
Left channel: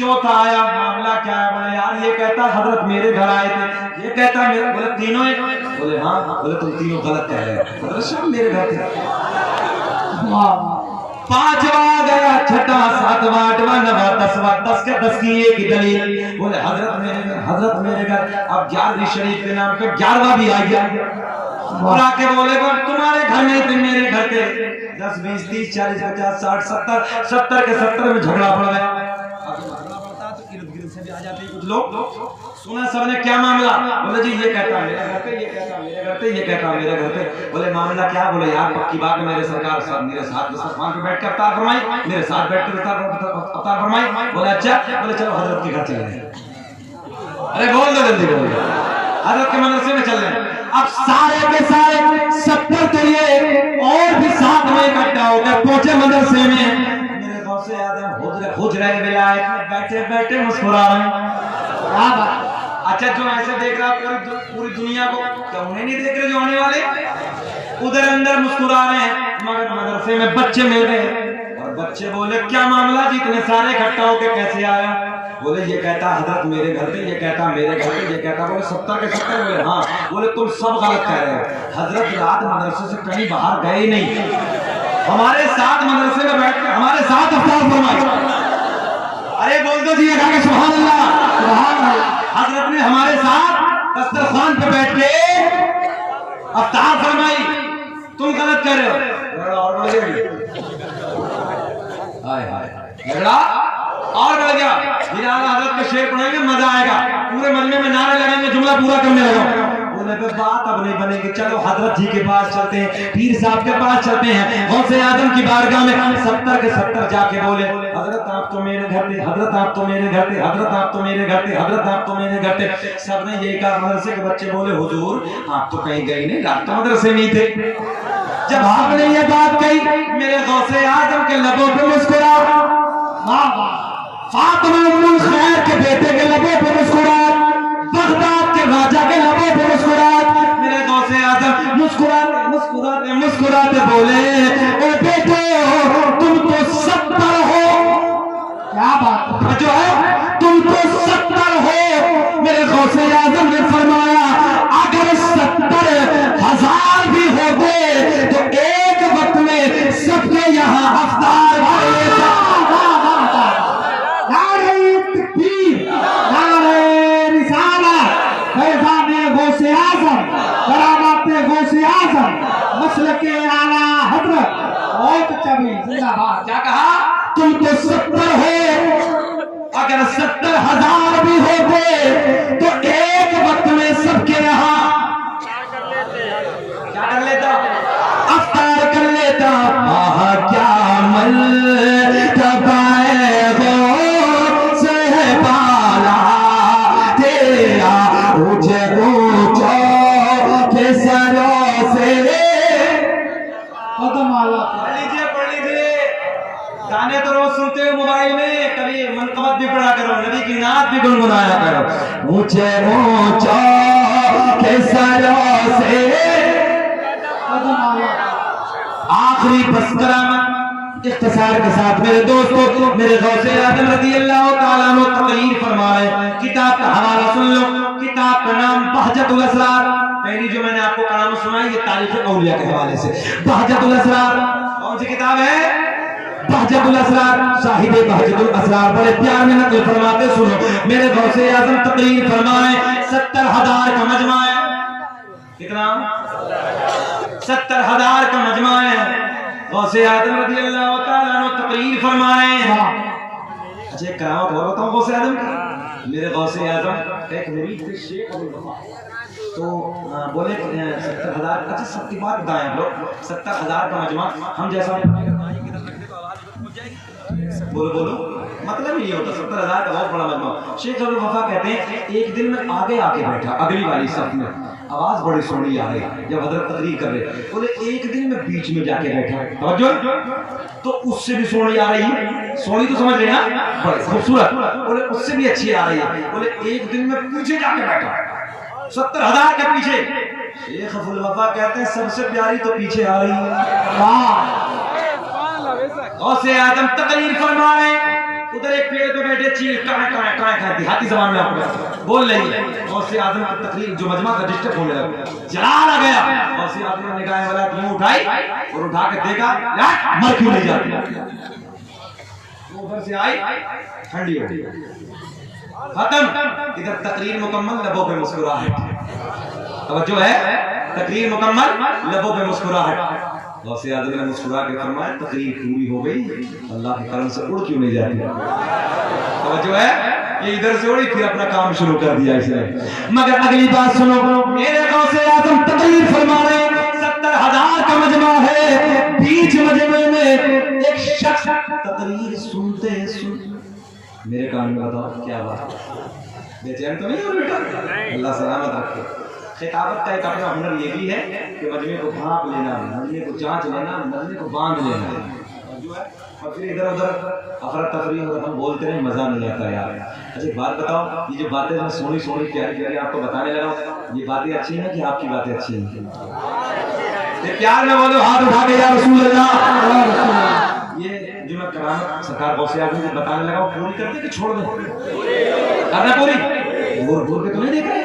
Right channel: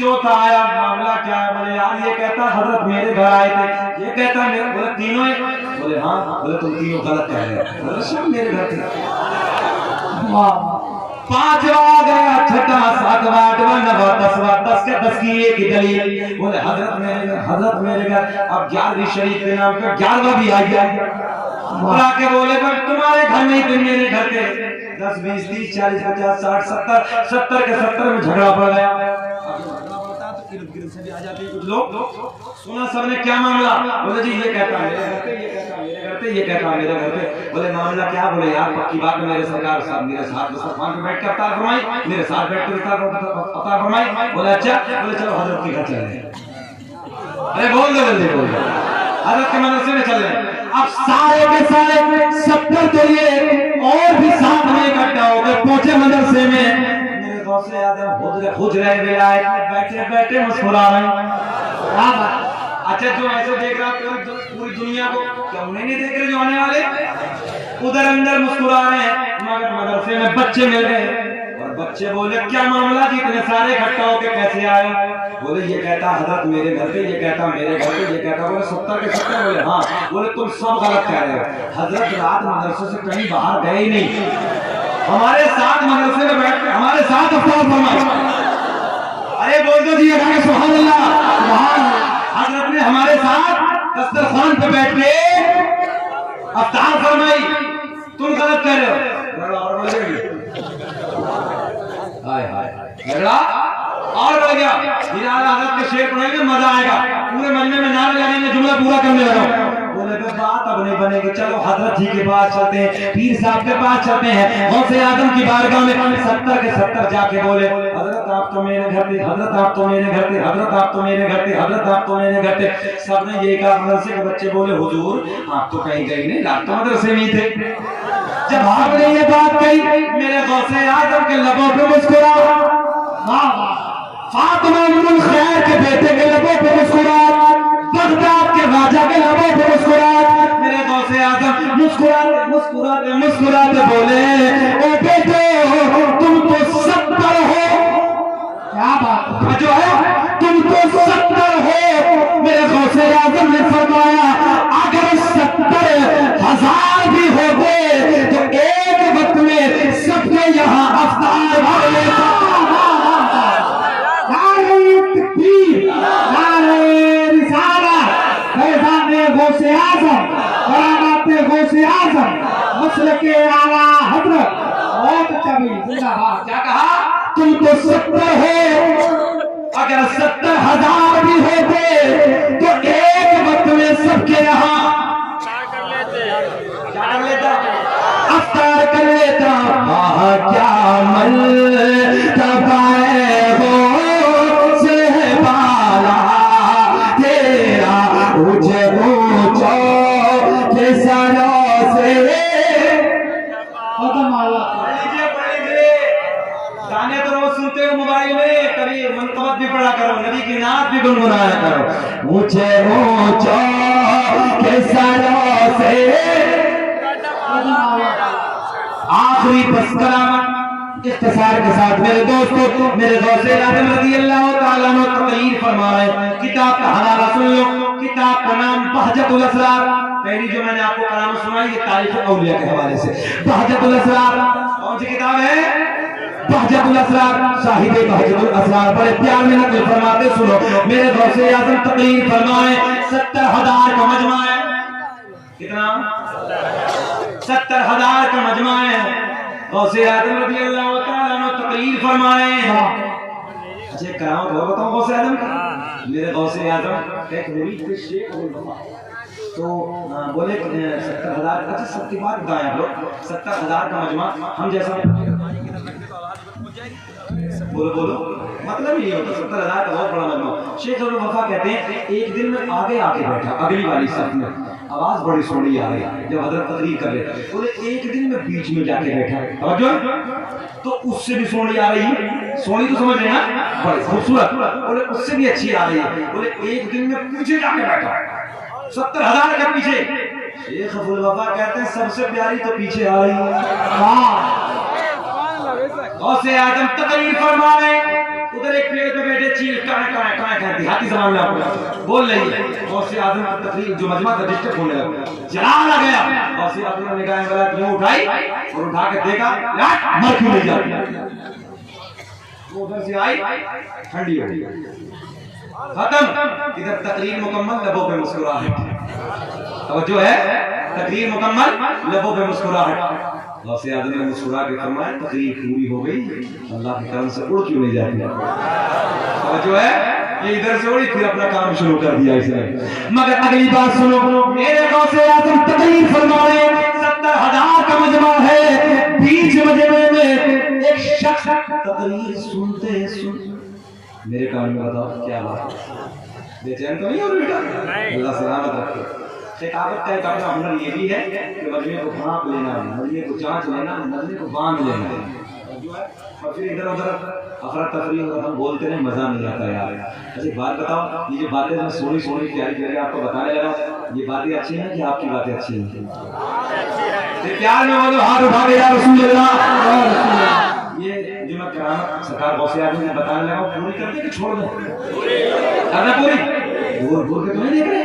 चौथा आया, मामला क्या है? बोले यार ये कहता हजरत मेरे घर आए थे, ये कहता मेरे। बोले तीनों है? बोले हाँ। बोले तुम तीनों गलत कह रहे हो। बोले सब मेरे घर थे। 5वां आ गया, 6वां 7वां 8वां 9वां 10वां 10 के 10 की एक ही दलील। बोले हजरत मेरे घर, हजरत मेरे घर। अब 11वीं शरीफ के नाम पे 11वां भी आ गया। और आके बोले तुम्हारे घर नहीं थे मेरे घर के। 10 20 30 40 50 60 70 70 के 70 में झगड़ा पड़ गया। इर्द गिर्द से भी आ जाते हैं कुछ लोग। सुना सबने क्या मामला? बोले जी ये कहता मेरे घर पे, ये कहता मेरे घर पे, ये कहता मेरे घर पे। बोले मामला क्या? बोले यार पक्की बात है, मेरे सरकार साहब मेरे साथ दस्तरखान पे बैठ कर अफ्तार फरमाई, मेरे साथ बैठ कर अफ्तार फरमाई। बोले अच्छा। बोले चलो हजरत के घर चल रहे हैं। अरे बोल दो जल्दी, बोल दो हजरत के मदरसे में चल रहे हैं। अब सारे के सारे 70 तो ये और भी साथ में इकट्ठा हो गए, पहुंचे मदरसे में। मेरे गौसे आजम हुजरे विलायत में बैठे बैठे मुस्कुरा रहे हैं। अच्छा जो ऐसे देख रहा पूरी दुनिया को, क्या उन्हें नहीं देख रहे जो आने वाले? उधर अंदर मुस्कुरा रहे हैं, मगर मदरसे में बच्चे मिल गए और बच्चे बोले क्या मामला जी, इतने सारे इकट्ठा होके कैसे आया? बोले ये कहता हजरत मेरे घर पे, ये कहता मेरे घर पे, ये कहता। बोले 70 के 70। बोले हाँ। बोले तुम सब गलत कह रहे हो, हजरत रात मदरसे से कहीं बाहर गए ही नहीं, हमारे साथ मदरसे में बैठ कर हमारे साथ अफ्तार फरमाई। अरे बोल दो जी सुभान अल्लाह, सुभान अल्लाह। हजरत ने हमारे साथ दस्तरखान पे बैठ के अफ्तार फरमाई, तुम गलत कह रहे हो। और हाय हाय झगड़ा और हो गया। बिलाल हजरत के शेर पढ़ेंगे मजा आएगा, पूरे मजमे में नारे लगेंगे, जुमला पूरा करने लगा। बोले तो बात अब नहीं बनेगी, चलो हजरत जी के पास चलते हैं, पीर साहब के पास चलते हैं। गौसे आजम की बारगाह में 70 के 70 जाके बोले हजरत आप तो मेरे घर थे, हजरत आप तो मेरे घर थे, हजरत आप तो मेरे घर थे, हजरत आप तो मेरे घर थे। सबने ये कहा। मदरसे के बच्चे बोले हुजूर आप तो कहीं गए नहीं, आप तो मदरसे में थे। जब आपने ये बात कही, मेरे गौसे आजम के लबों पे मुस्कुरा, फातिमा उम्मुल खैर के बेटे के लबों पे मुस्कुराहट, बगदाद के राजा के लबों पे मुस्कुराहट। मेरे गौसे आजम मुस्कुराते मुस्कुराते मुस्कुराते बोले ओ बेटे तुम तो 70 हो। क्या बात जो है, तुम जनाब गौसे आजम मसलके आला हजरत बहुत अच्छा भी जिंदाबाद। क्या कहा? तुम तो 70 हो, अगर 70,000 भी होते तो एक वक्त में सबके यहाँ क्या कर लेता? अफ्तार कर लेता। क्या मल तबाए हो से है बाला तेरा ऊंचे ऊंचा के सरों से। कदम आला पढ़ लीजिए। गाने तो रोज सुनते हो मोबाइल में, कभी मनकबत भी पढ़ा करो, नबी की नात भी गुनगुनाया करो। ऊंचे ऊंचा के सरों से। आखिरी बस करामत इख्तिसार के साथ मेरे दोस्तों, मेरे गौसे आजम रज़ी अल्लाह ताला अन्हु तकरीर फरमाए। किताब का हवाला सुन लो। किताब का नाम बहजतुल असरार। पहली जो मैंने आपको कलाम सुनाई ये तारीफ औलिया के हवाले से। बहजतुल असरार कौन सी किताब है? बहजतुल असरार। साहिब बहजतुल असरार बड़े प्यार में नकल फरमाते, सुनो मेरे गौसे आजम तकरीर फरमाए। 70,000 का मजमा है। कितना? 70,000 का मजमा है। गौसे आजम रज़ी अल्लाह ताला अन्हु तकरीर फरमाए। अच्छा करामत और बताऊं गौसे आजम की। मेरे गौसे आजम एक मुरीद थे शेख अब्दुल वफा, तो बोले 70,000। अच्छा सबकी बात बताएं आप लोग। 70,000 का मजमा हम जैसा बोलो बोलो मतलब ही नहीं होता। 70,000 का बहुत बड़ा मजमा। शेख अब्दुल वफा कहते हैं एक दिन में आगे आके बैठा अगली वाली सफ में, आवाज बड़ी सोहनी आ रही जब हजरत तकरीर कर रहे थे। बोले एक दिन में बीच में जाके बैठा तो उससे भी सोहनी आ रही है। सोहनी तो समझ रहे हैं ना, बड़ी खूबसूरत। बोले उससे भी अच्छी आ रही है। बोले एक दिन में पीछे जाके बैठा 70,000 के पीछे। शेख अब्दुल वफा कहते हैं सबसे प्यारी तो पीछे आ रही है। गौसे आजम तकरीर फरमा रहे। उधर एक पेड़ पे बैठे चील काए देहाती जबान में आपको बोल रही है। गौसे आजम की तकरीर जो मजमा था डिस्टर्ब होने लगा, जला गया। गौसे आजम ने गाय वाला यूं उठाई और उठा के देखा मर क्यों नहीं जाती। वो उधर से आई ठंडी हो गई, खत्म। इधर तकरीर मुकम्मल, लबों पे मुस्कुराहट। तो जो है तकरीर मुकम्मल, लबों पे मुस्कुराहट। गौसे आजम ने मुस्कुरा के फरमाया तकरीर पूरी हो गई, अल्लाह के करम से उड़ क्यों नहीं जाती। तो जो है ये इधर से उड़ी फिर अपना काम शुरू कर दिया इसने। मगर अगली बात सुनो, मेरे गौसे आजम तकरीर फरमा रहे। 70,000 का मजमा है। बीच मजमे में एक शख्स तकरीर सुनते मेरे कान में बताओ क्या बात, बेचैन तो नहीं हो बेटा? अल्लाह सलामत रखे। खिताबत का एक अपना हुनर ये भी है कि मजमे को भांप लेना, मजमे को जांच लेना, मजमे को बांध लेना और फिर इधर उधर अफरा तफरी और हम बोलते नहीं, मजा नहीं आता यार। अच्छा बात बताओ, ये जो बातें मैं सोनी सोनी प्यारी प्यारी आपको बताने लगा, ये बातें अच्छी हैं कि आपकी बातें अच्छी हैं? प्यार में बोलो हाथ उठा के या रसूल अल्लाह। ये जो मैं करामत सरकार गौसे आजम ने बताने लगा पूरी करते कि छोड़ दें? करना पूरी बोल के तो नहीं देख रहे।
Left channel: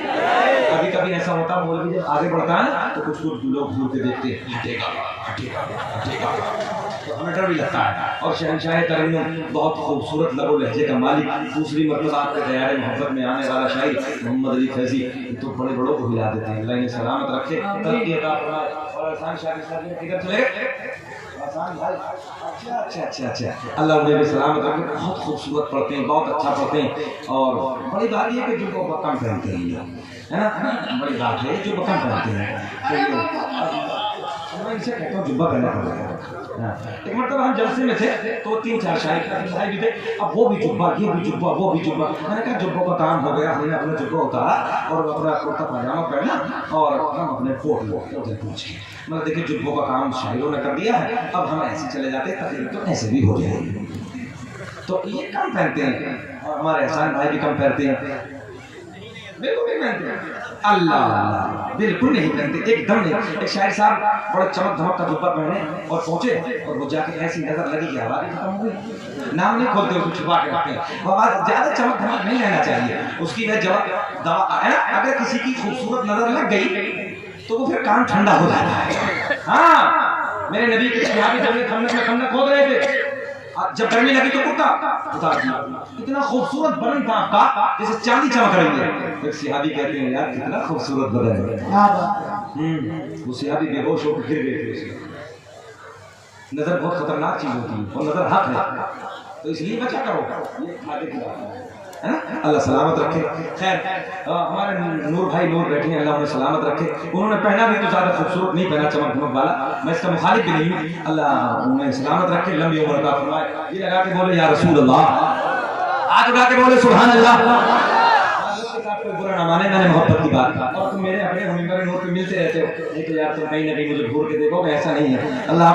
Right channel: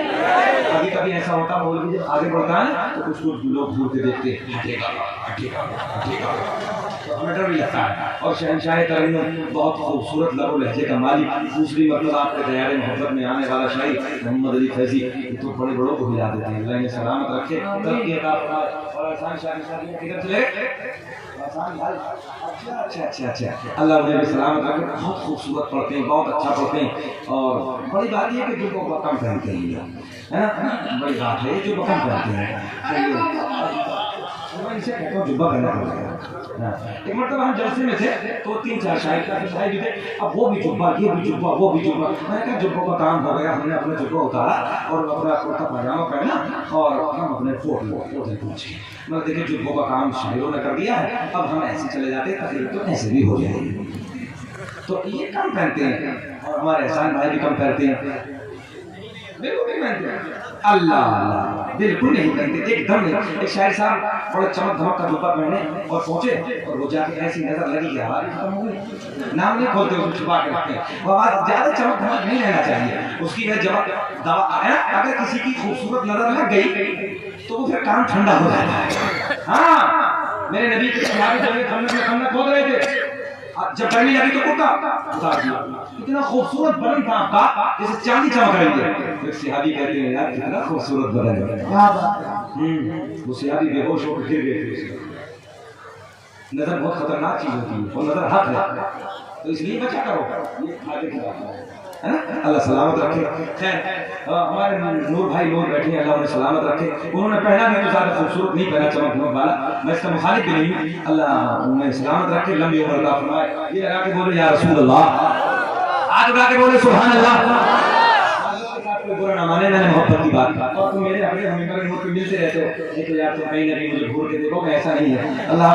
कभी कभी ऐसा होता है मौलवी जब आगे बढ़ता है तो कुछ लोग घूर के देखते हैं, हटेगा हटेगा हटेगा, तो हमें डर भी लगता है। और शहंशाह तरन्नुम बहुत खूबसूरत लबो लहजे का मालिक, दूसरी मतलब आपके दयारे मोहब्बत में आने वाला शाही मोहम्मद अली फैजी, तो बड़े बड़ों को हिला देते हैं। अल्लाह इन्हें सलामत रखे, तरक्की अता फरमाए। और आसान शादी किधर चले गए? अच्छा अल्लाह मुझे भी सलामत रखे। बहुत खूबसूरत पढ़ते हैं, बहुत अच्छा पढ़ते हैं। और बड़ी बात यह है कि जो कम पहनते हैं, है ना, बड़ी बात है जो कम पहनते हैं। इनसे कहता हूँ जुब्बा पहनना पड़ेगा। एक मतलब हम जलसे में थे तो 3-4 शाही भी थे, अब वो भी जुब्बा, ये भी जुब्बा, वो भी जुब्बा। मैंने कहा जुब्बों का काम हो गया, हमने अपना जुब्बा उतारा और अपना कुर्ता पजामा पहना और हम अपने कोट पहुंचे। मतलब देखिए जुब्बों का काम शायरों ने कर दिया है, अब हम ऐसे चले जाते तकरीर तो ऐसे भी हो जाएगी। तो ये कम पहनते हैं और हमारे एहसान भाई भी कम पहनते हैं, बिल्कुल नहीं पहनते हैं। अल्लाह बिल्कुल नहीं पहनते, एकदम नहीं। एक शायर साहब बड़ा चमक धमक का जुब्बा पहने और पहुंचे और वो जाके ऐसी नजर लगी कि आवाज खत्म हो गई। नाम नहीं खोलते, उसको छुपा के रखते हैं। वो आवाज ज्यादा चमक धमक नहीं रहना चाहिए, उसकी वह जवाब दवा है। अगर किसी की खूबसूरत नजर लग गई तो वो फिर काम ठंडा हो जाता है। हाँ मेरे नबी के सहाबी जब खंडक खोद रहे थे, जब गर्मी लगी तो कुर्ता उतार दिया। इतना खूबसूरत बदन था आपका जैसे चांदी चमक रही है। एक सहाबी कहते हैं यार कितना खूबसूरत बदन है, उसे अभी बेहोश होकर गिर गए थे उसमें। नजर बहुत खतरनाक चीज होती है और नजर हक है, तो इसलिए बचा करो, ये फायदे की बात है। अल्लाह सलामत रखे। खैर हमारे नूर भाई लोग बैठे हैं, अल्लाह उन्हें सलामत रखे। उन्होंने पहना भी तो ज़्यादा खूबसूरत नहीं पहना, चमक धमक वाला, मैं इसका मुखालिफ भी नहीं हूँ। अल्लाह उन्हें सलामत रखे, लंबी उम्र अता फरमाए। ये लगा के बोले या रसूल अल्लाह, हाथ उठा के बोले सुभान अल्लाह। बुरा ना माने, मैंने मोहब्बत की बात की, और तुम मेरे अपने हमें नूर पे मिलते रहते हो, लेकिन यार तुम कहीं ना कहीं मुझे घूर के देखो, ऐसा नहीं है। अल्लाह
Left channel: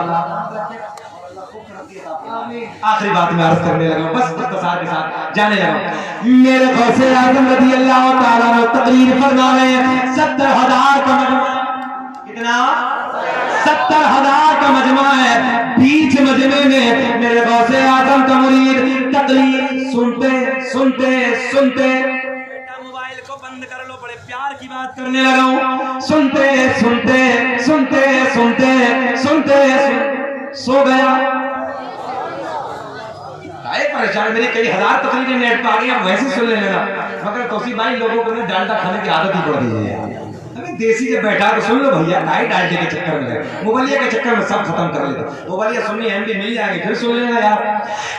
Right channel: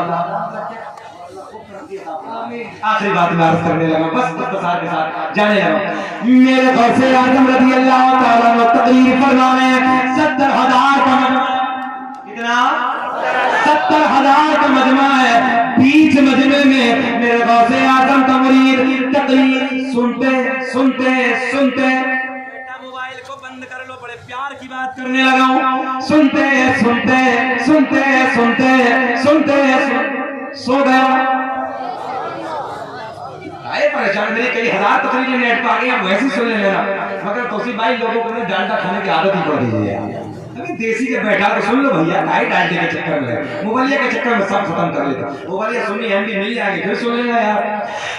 आखिरी बात में अर्ज करने लगा, बस के साथ जाने लगा। मेरे गौसे आजम रज़ी अल्लाह ताला ने तकरीर फरमाए 70,000 का मजमा, कितना 70,000 का मजमा है। बीच मजमे में मेरे गौसे आजम का मुरीद तकरीर सुनते सुनते सुनते, मोबाइल को बंद कर लो, बड़े प्यार की बात करने लगा। सुनते सुनते सुनते सुनते सुनते सो गया। परेशान मेरी कई हजार तकरीरें नेट पर आ गई, वैसे सुनने लगा, मगर तोसी भाई लोगों को डालडा खाने की आदत ही पड़ गई है। अभी देसी के बैठा के सुन लो भैया, काई डालडे के चक्कर में, मोबाइलिया के चक्कर में सब खत्म कर लेता। मोबाइलिया सुननी है भी मिल जाएगी, फिर सुन लेना यार।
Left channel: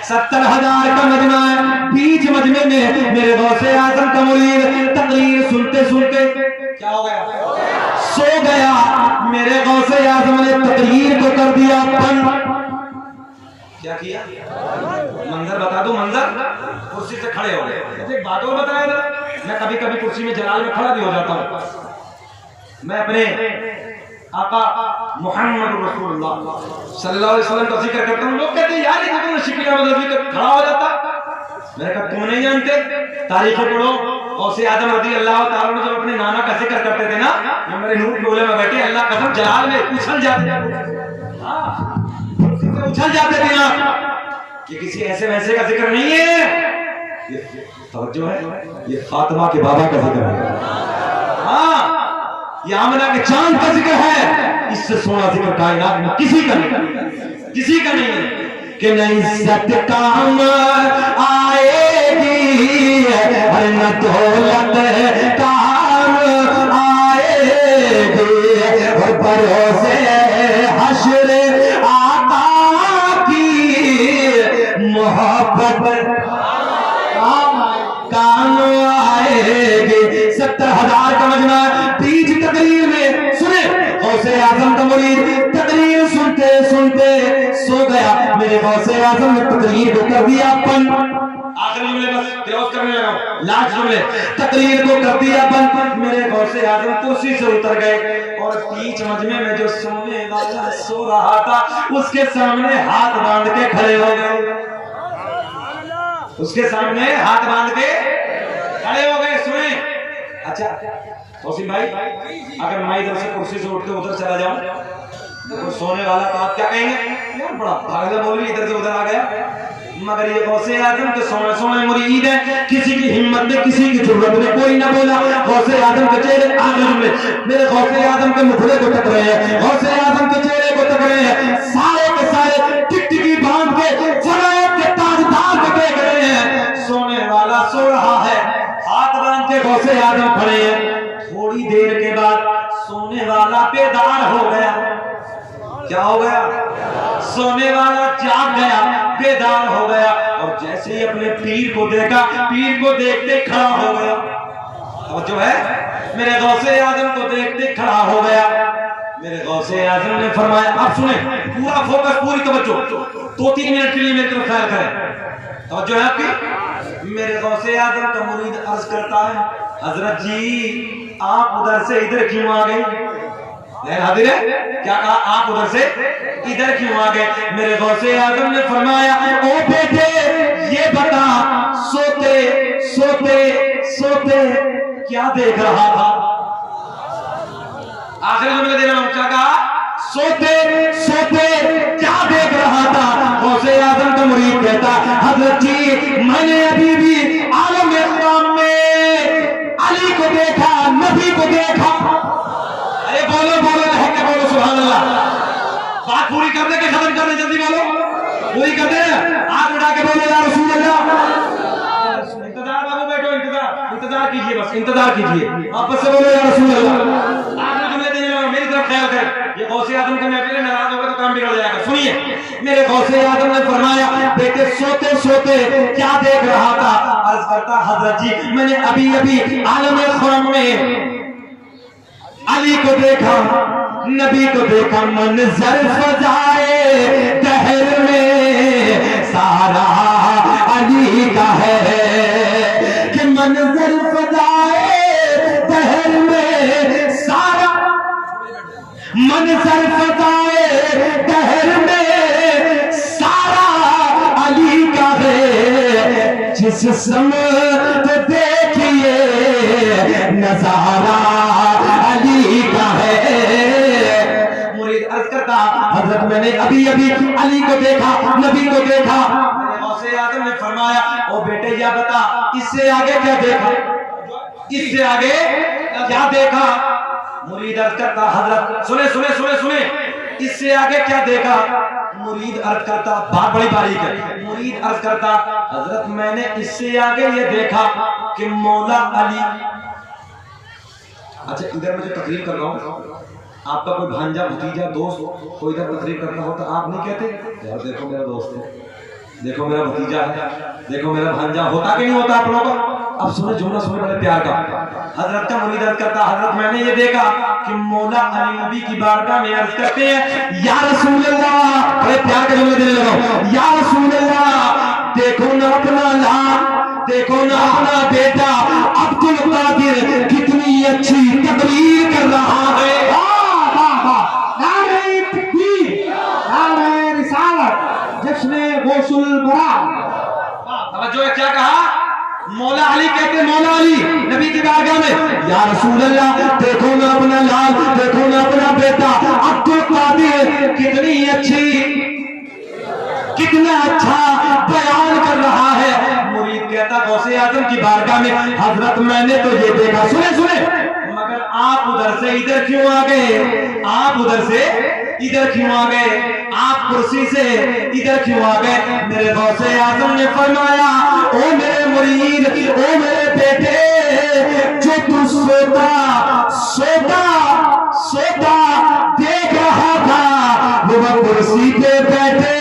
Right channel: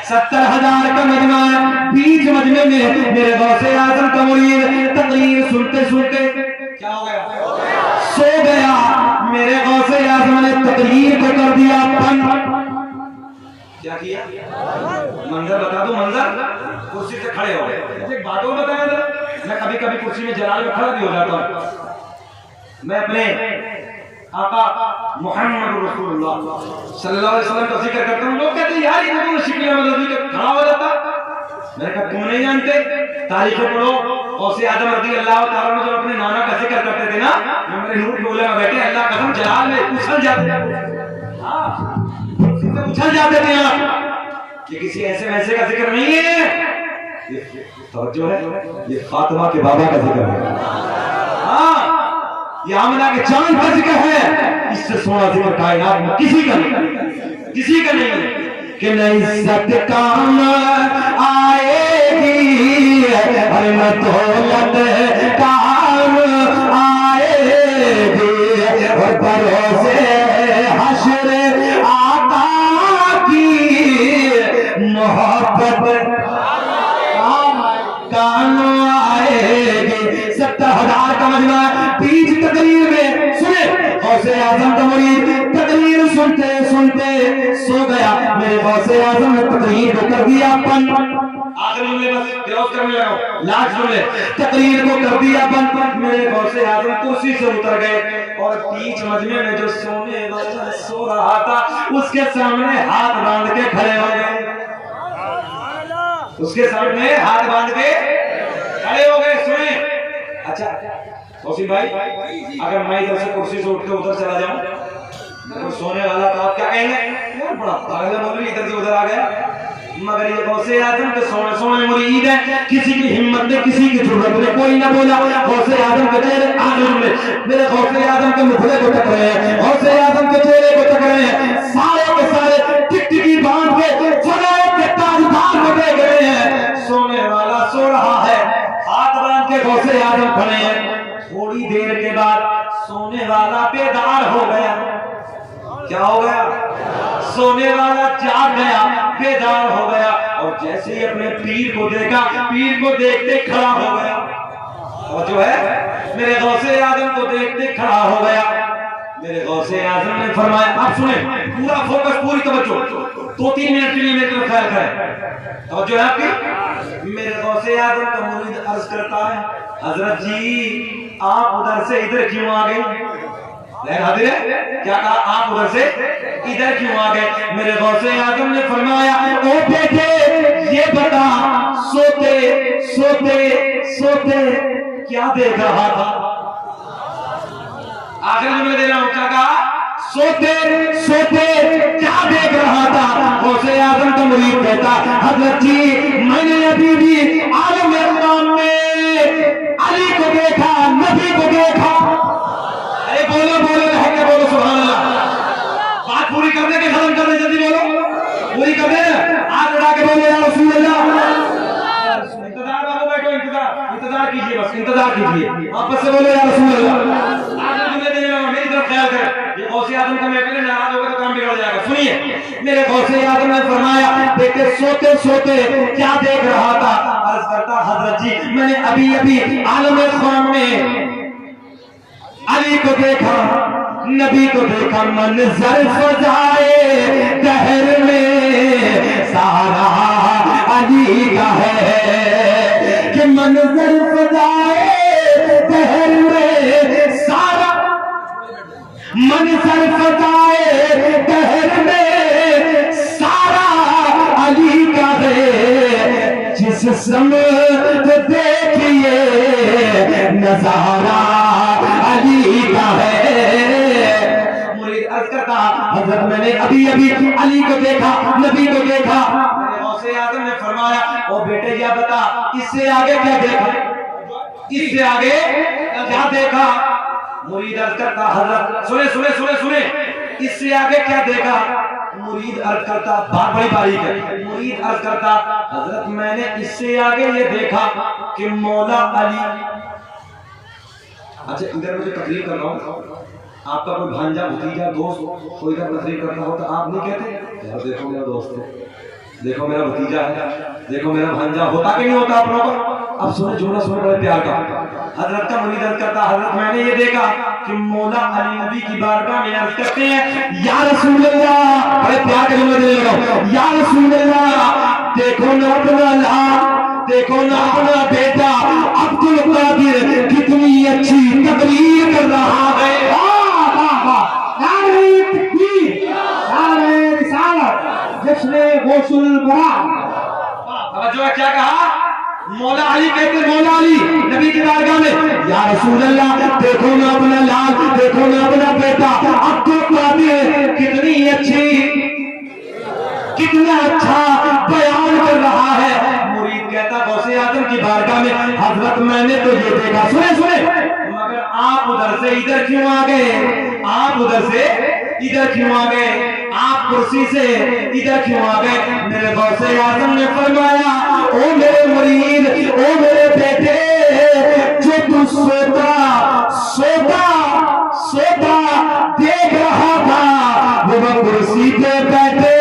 70,000 का मजमा है। बीच मजमे में मेरे गौसे आजम का मुरीद तकरीर सुनते सुनते क्या हो गया, सो गया। मेरे गौसे आजम ने तकरीर को कर दिया बंद। क्या किया, मंजर बता दो, मंजर कुर्सी से खड़े हो गए। एक बात और बताया था, मैं कभी कभी कुर्सी में जलाल में खड़ा भी हो जाता हूँ। मैं अपने आका मोहम्मद रसूलुल्लाह सल्लल्लाहु अलैहि वसल्लम का जिक्र करता हूँ। लोग कहते हैं यार ये तो शिकली अहमद रज़ी का खड़ा हो जाता। मैंने कहा तुम नहीं जानते, तारीखें पढ़ो। गौसे आजम रज़ी अल्लाह ताला ने जब अपने नाना का जिक्र करते थे ना, मेरे नूर डोले में बैठे, अल्लाह कसम जलाल में उछल जाते, हाँ उछल जाते थे आप। ये किसी ऐसे वैसे का जिक्र नहीं है, तो जो है ये फातिमा के बाबा का जिक्र है। हाँ ये आमना के चांद का जिक्र है। इससे सोना जिक्र कायनात में किसी का नहीं, किसी का नहीं है कि नहीं सत्य काम आएगी, दौलत काम आएगी, और भरोसे मोहब्बत कानों आएगी। 70,000 का मजमा बीच तकरीर में सुने, गौसे आजम का मुरीद तकरीर सुनते सुनते सो गया। मेरे गौसे आजम ने तकरीर को कर दिया बंद। आखिर में बस क्लोज करने लगा, लास्ट में तकरीर को कर दिया बंद। मेरे गौसे आजम कुर्सी से उतर गए और बीच मजमे में जो सोने वाला सो रहा था उसके सामने हाथ बांध के खड़े हो गए। उसके सामने हाथ बांध के खड़े हो गए। सुने, अच्छा तौसीफ भाई, अगर मैं इधर से कुर्सी से उठ के उधर चला जाऊं तो सोने वाला तो आप क्या कहेंगे, यार बड़ा पागल मौलवी इधर से उधर आ गया। मगर ये गौसे आजम के सोने मुरीद है, किसी की हिम्मत में, किसी की जरूरत में कोई ना बोला। गौसे आजम के चेहरे आजम में मेरे गौसे आजम के मुखड़े को तक रहे हैं, गौसे आजम के चेहरे को तक रहे हैं। सारे के सारे टिकटिकी बांध के जगाए के ताजदार को देख रहे हैं। सोने वाला सो रहा है, हाथ बांध के गौसे आजम खड़े हैं। थोड़ी देर के बाद सोने वाला बेदार हो गया। क्या हो गया, सोने वाला जाग गया, बेदार हो गया, और जैसे ही अपने पीर को देखा, पीर को देखते खड़ा हो गया। और जो है मेरे गौसे आजम को देखते खड़ा हो गया। मेरे गौसे आजम ने फरमाया, अब सुने, पूरा फोकस, पूरी तवज्जो, 2-3 मिनट के लिए मेरी तरफ ख्याल करें। और जो है आपकी, मेरे गौसे आजम का मुरीद अर्ज करता है, हजरत जी आप उधर से इधर क्यों आ गए? क्या कहा, आप उधर से इधर क्यों आ गए? मेरे गौसे आजम ने फरमाया, ओ बेटे ये बता, सोते सोते सोते क्या देख रहा था? आखिर में दे रहा हूं, क्या कहा, सोते सोते क्या देख रहा था? गौसे आजम का मुरीद कहता, हजरत जी मैंने अभी भी आलम इस्लाम में अली को देखा, नबी को देखा। अरे बोलो बोलो, रहके बोलो सुभान अल्लाह। बात पूरी करने के खत्म करने, जल्दी बोलो, पूरी कर दे। हाथ उठा के बोलो या रसूल अल्लाह। इंतजार बाबू, बैठो, इंतजार कीजिए, बस इंतजार कीजिए, आपस से बोलो या रसूल अल्लाह। मेरे गौसे आजम ने फरमाया बेटे सोते सोते क्या देख रहा था? अर्ज करता हजरत जी मैंने अभी अभी आलम ख्वाम में अली को देखा, नबी को देखा, मंजर फजाए दहर में सारा अली का है कि मंजर फजाए दहर में सारा, मंजर फजाए दहर में सारा अली का है। जिस समत देखिए नजारा अली का है। मुरीद अर्ज करता हजरत मैंने अभी अभी अली को देखा, नबी को देखा। मेरे गौसे आजम ने फरमाया ओ बेटे या बता इससे आगे क्या देखा, इससे आगे क्या देखा? मुरीद अर्ज करता हजरत सुने सुने सुने सुने इससे आगे क्या देखा? मुरीद अर्ज करता बात बड़ी बारीक है। मुरीद अर्ज करता हजरत मैंने इससे आगे ये देखा कि मौला अली। अच्छा इधर मैं जो तकरीर कर रहा हूँ, आपका कोई भांजा भतीजा दोस्त कोई इधर तकरीर करता हो तो आप नहीं कहते यार देखो मेरा दोस्त है, देखो मेरा भतीजा है, देखो मेरा भांजा, होता कि नहीं होता आप लोगों का? अब सुनो जुमला सुनो बड़े प्यार का। हजरत का मुरीद अर्ज करता हजरत मैंने ये देखा कि मौला अली नबी की बारगाह में अर्ज करते हैं या रसूल अल्लाह, बड़े प्यार का जुमला देने लगा, या रसूल अल्लाह देखो ना अपना लाल, देखो ना अपना बेटा अब्दुल कादिर कितनी अच्छी तकरीर कर रहा है। नारे तकबीर, नारे रिसालत, जश्न गौसुल बरात। जो क्या कहा? मौला अली कहते, मौला अली नबी की बारगाह में या रसूल अल्लाह देखो ना अपना लाल, देखो ना अपना बेटा अब्दुल कादिर कितनी अच्छी, कितना अच्छा बयान कर रहा है। मुरीद कहता गौसे आजम की बारगाह में हजरत मैंने तो ये देखा, सुने सुने, मगर आप उधर से इधर क्यों आ गए? आप उधर से इधर क्यों आ गए? आप कुर्सी से इधर क्यों आ गए? मेरे गौसे आजम ने फरमाया ओ मेरे मुरीद, ओ मेरे बेटे, जो तू सोता सोता सोता देख रहा था वो कुर्सी पे बैठे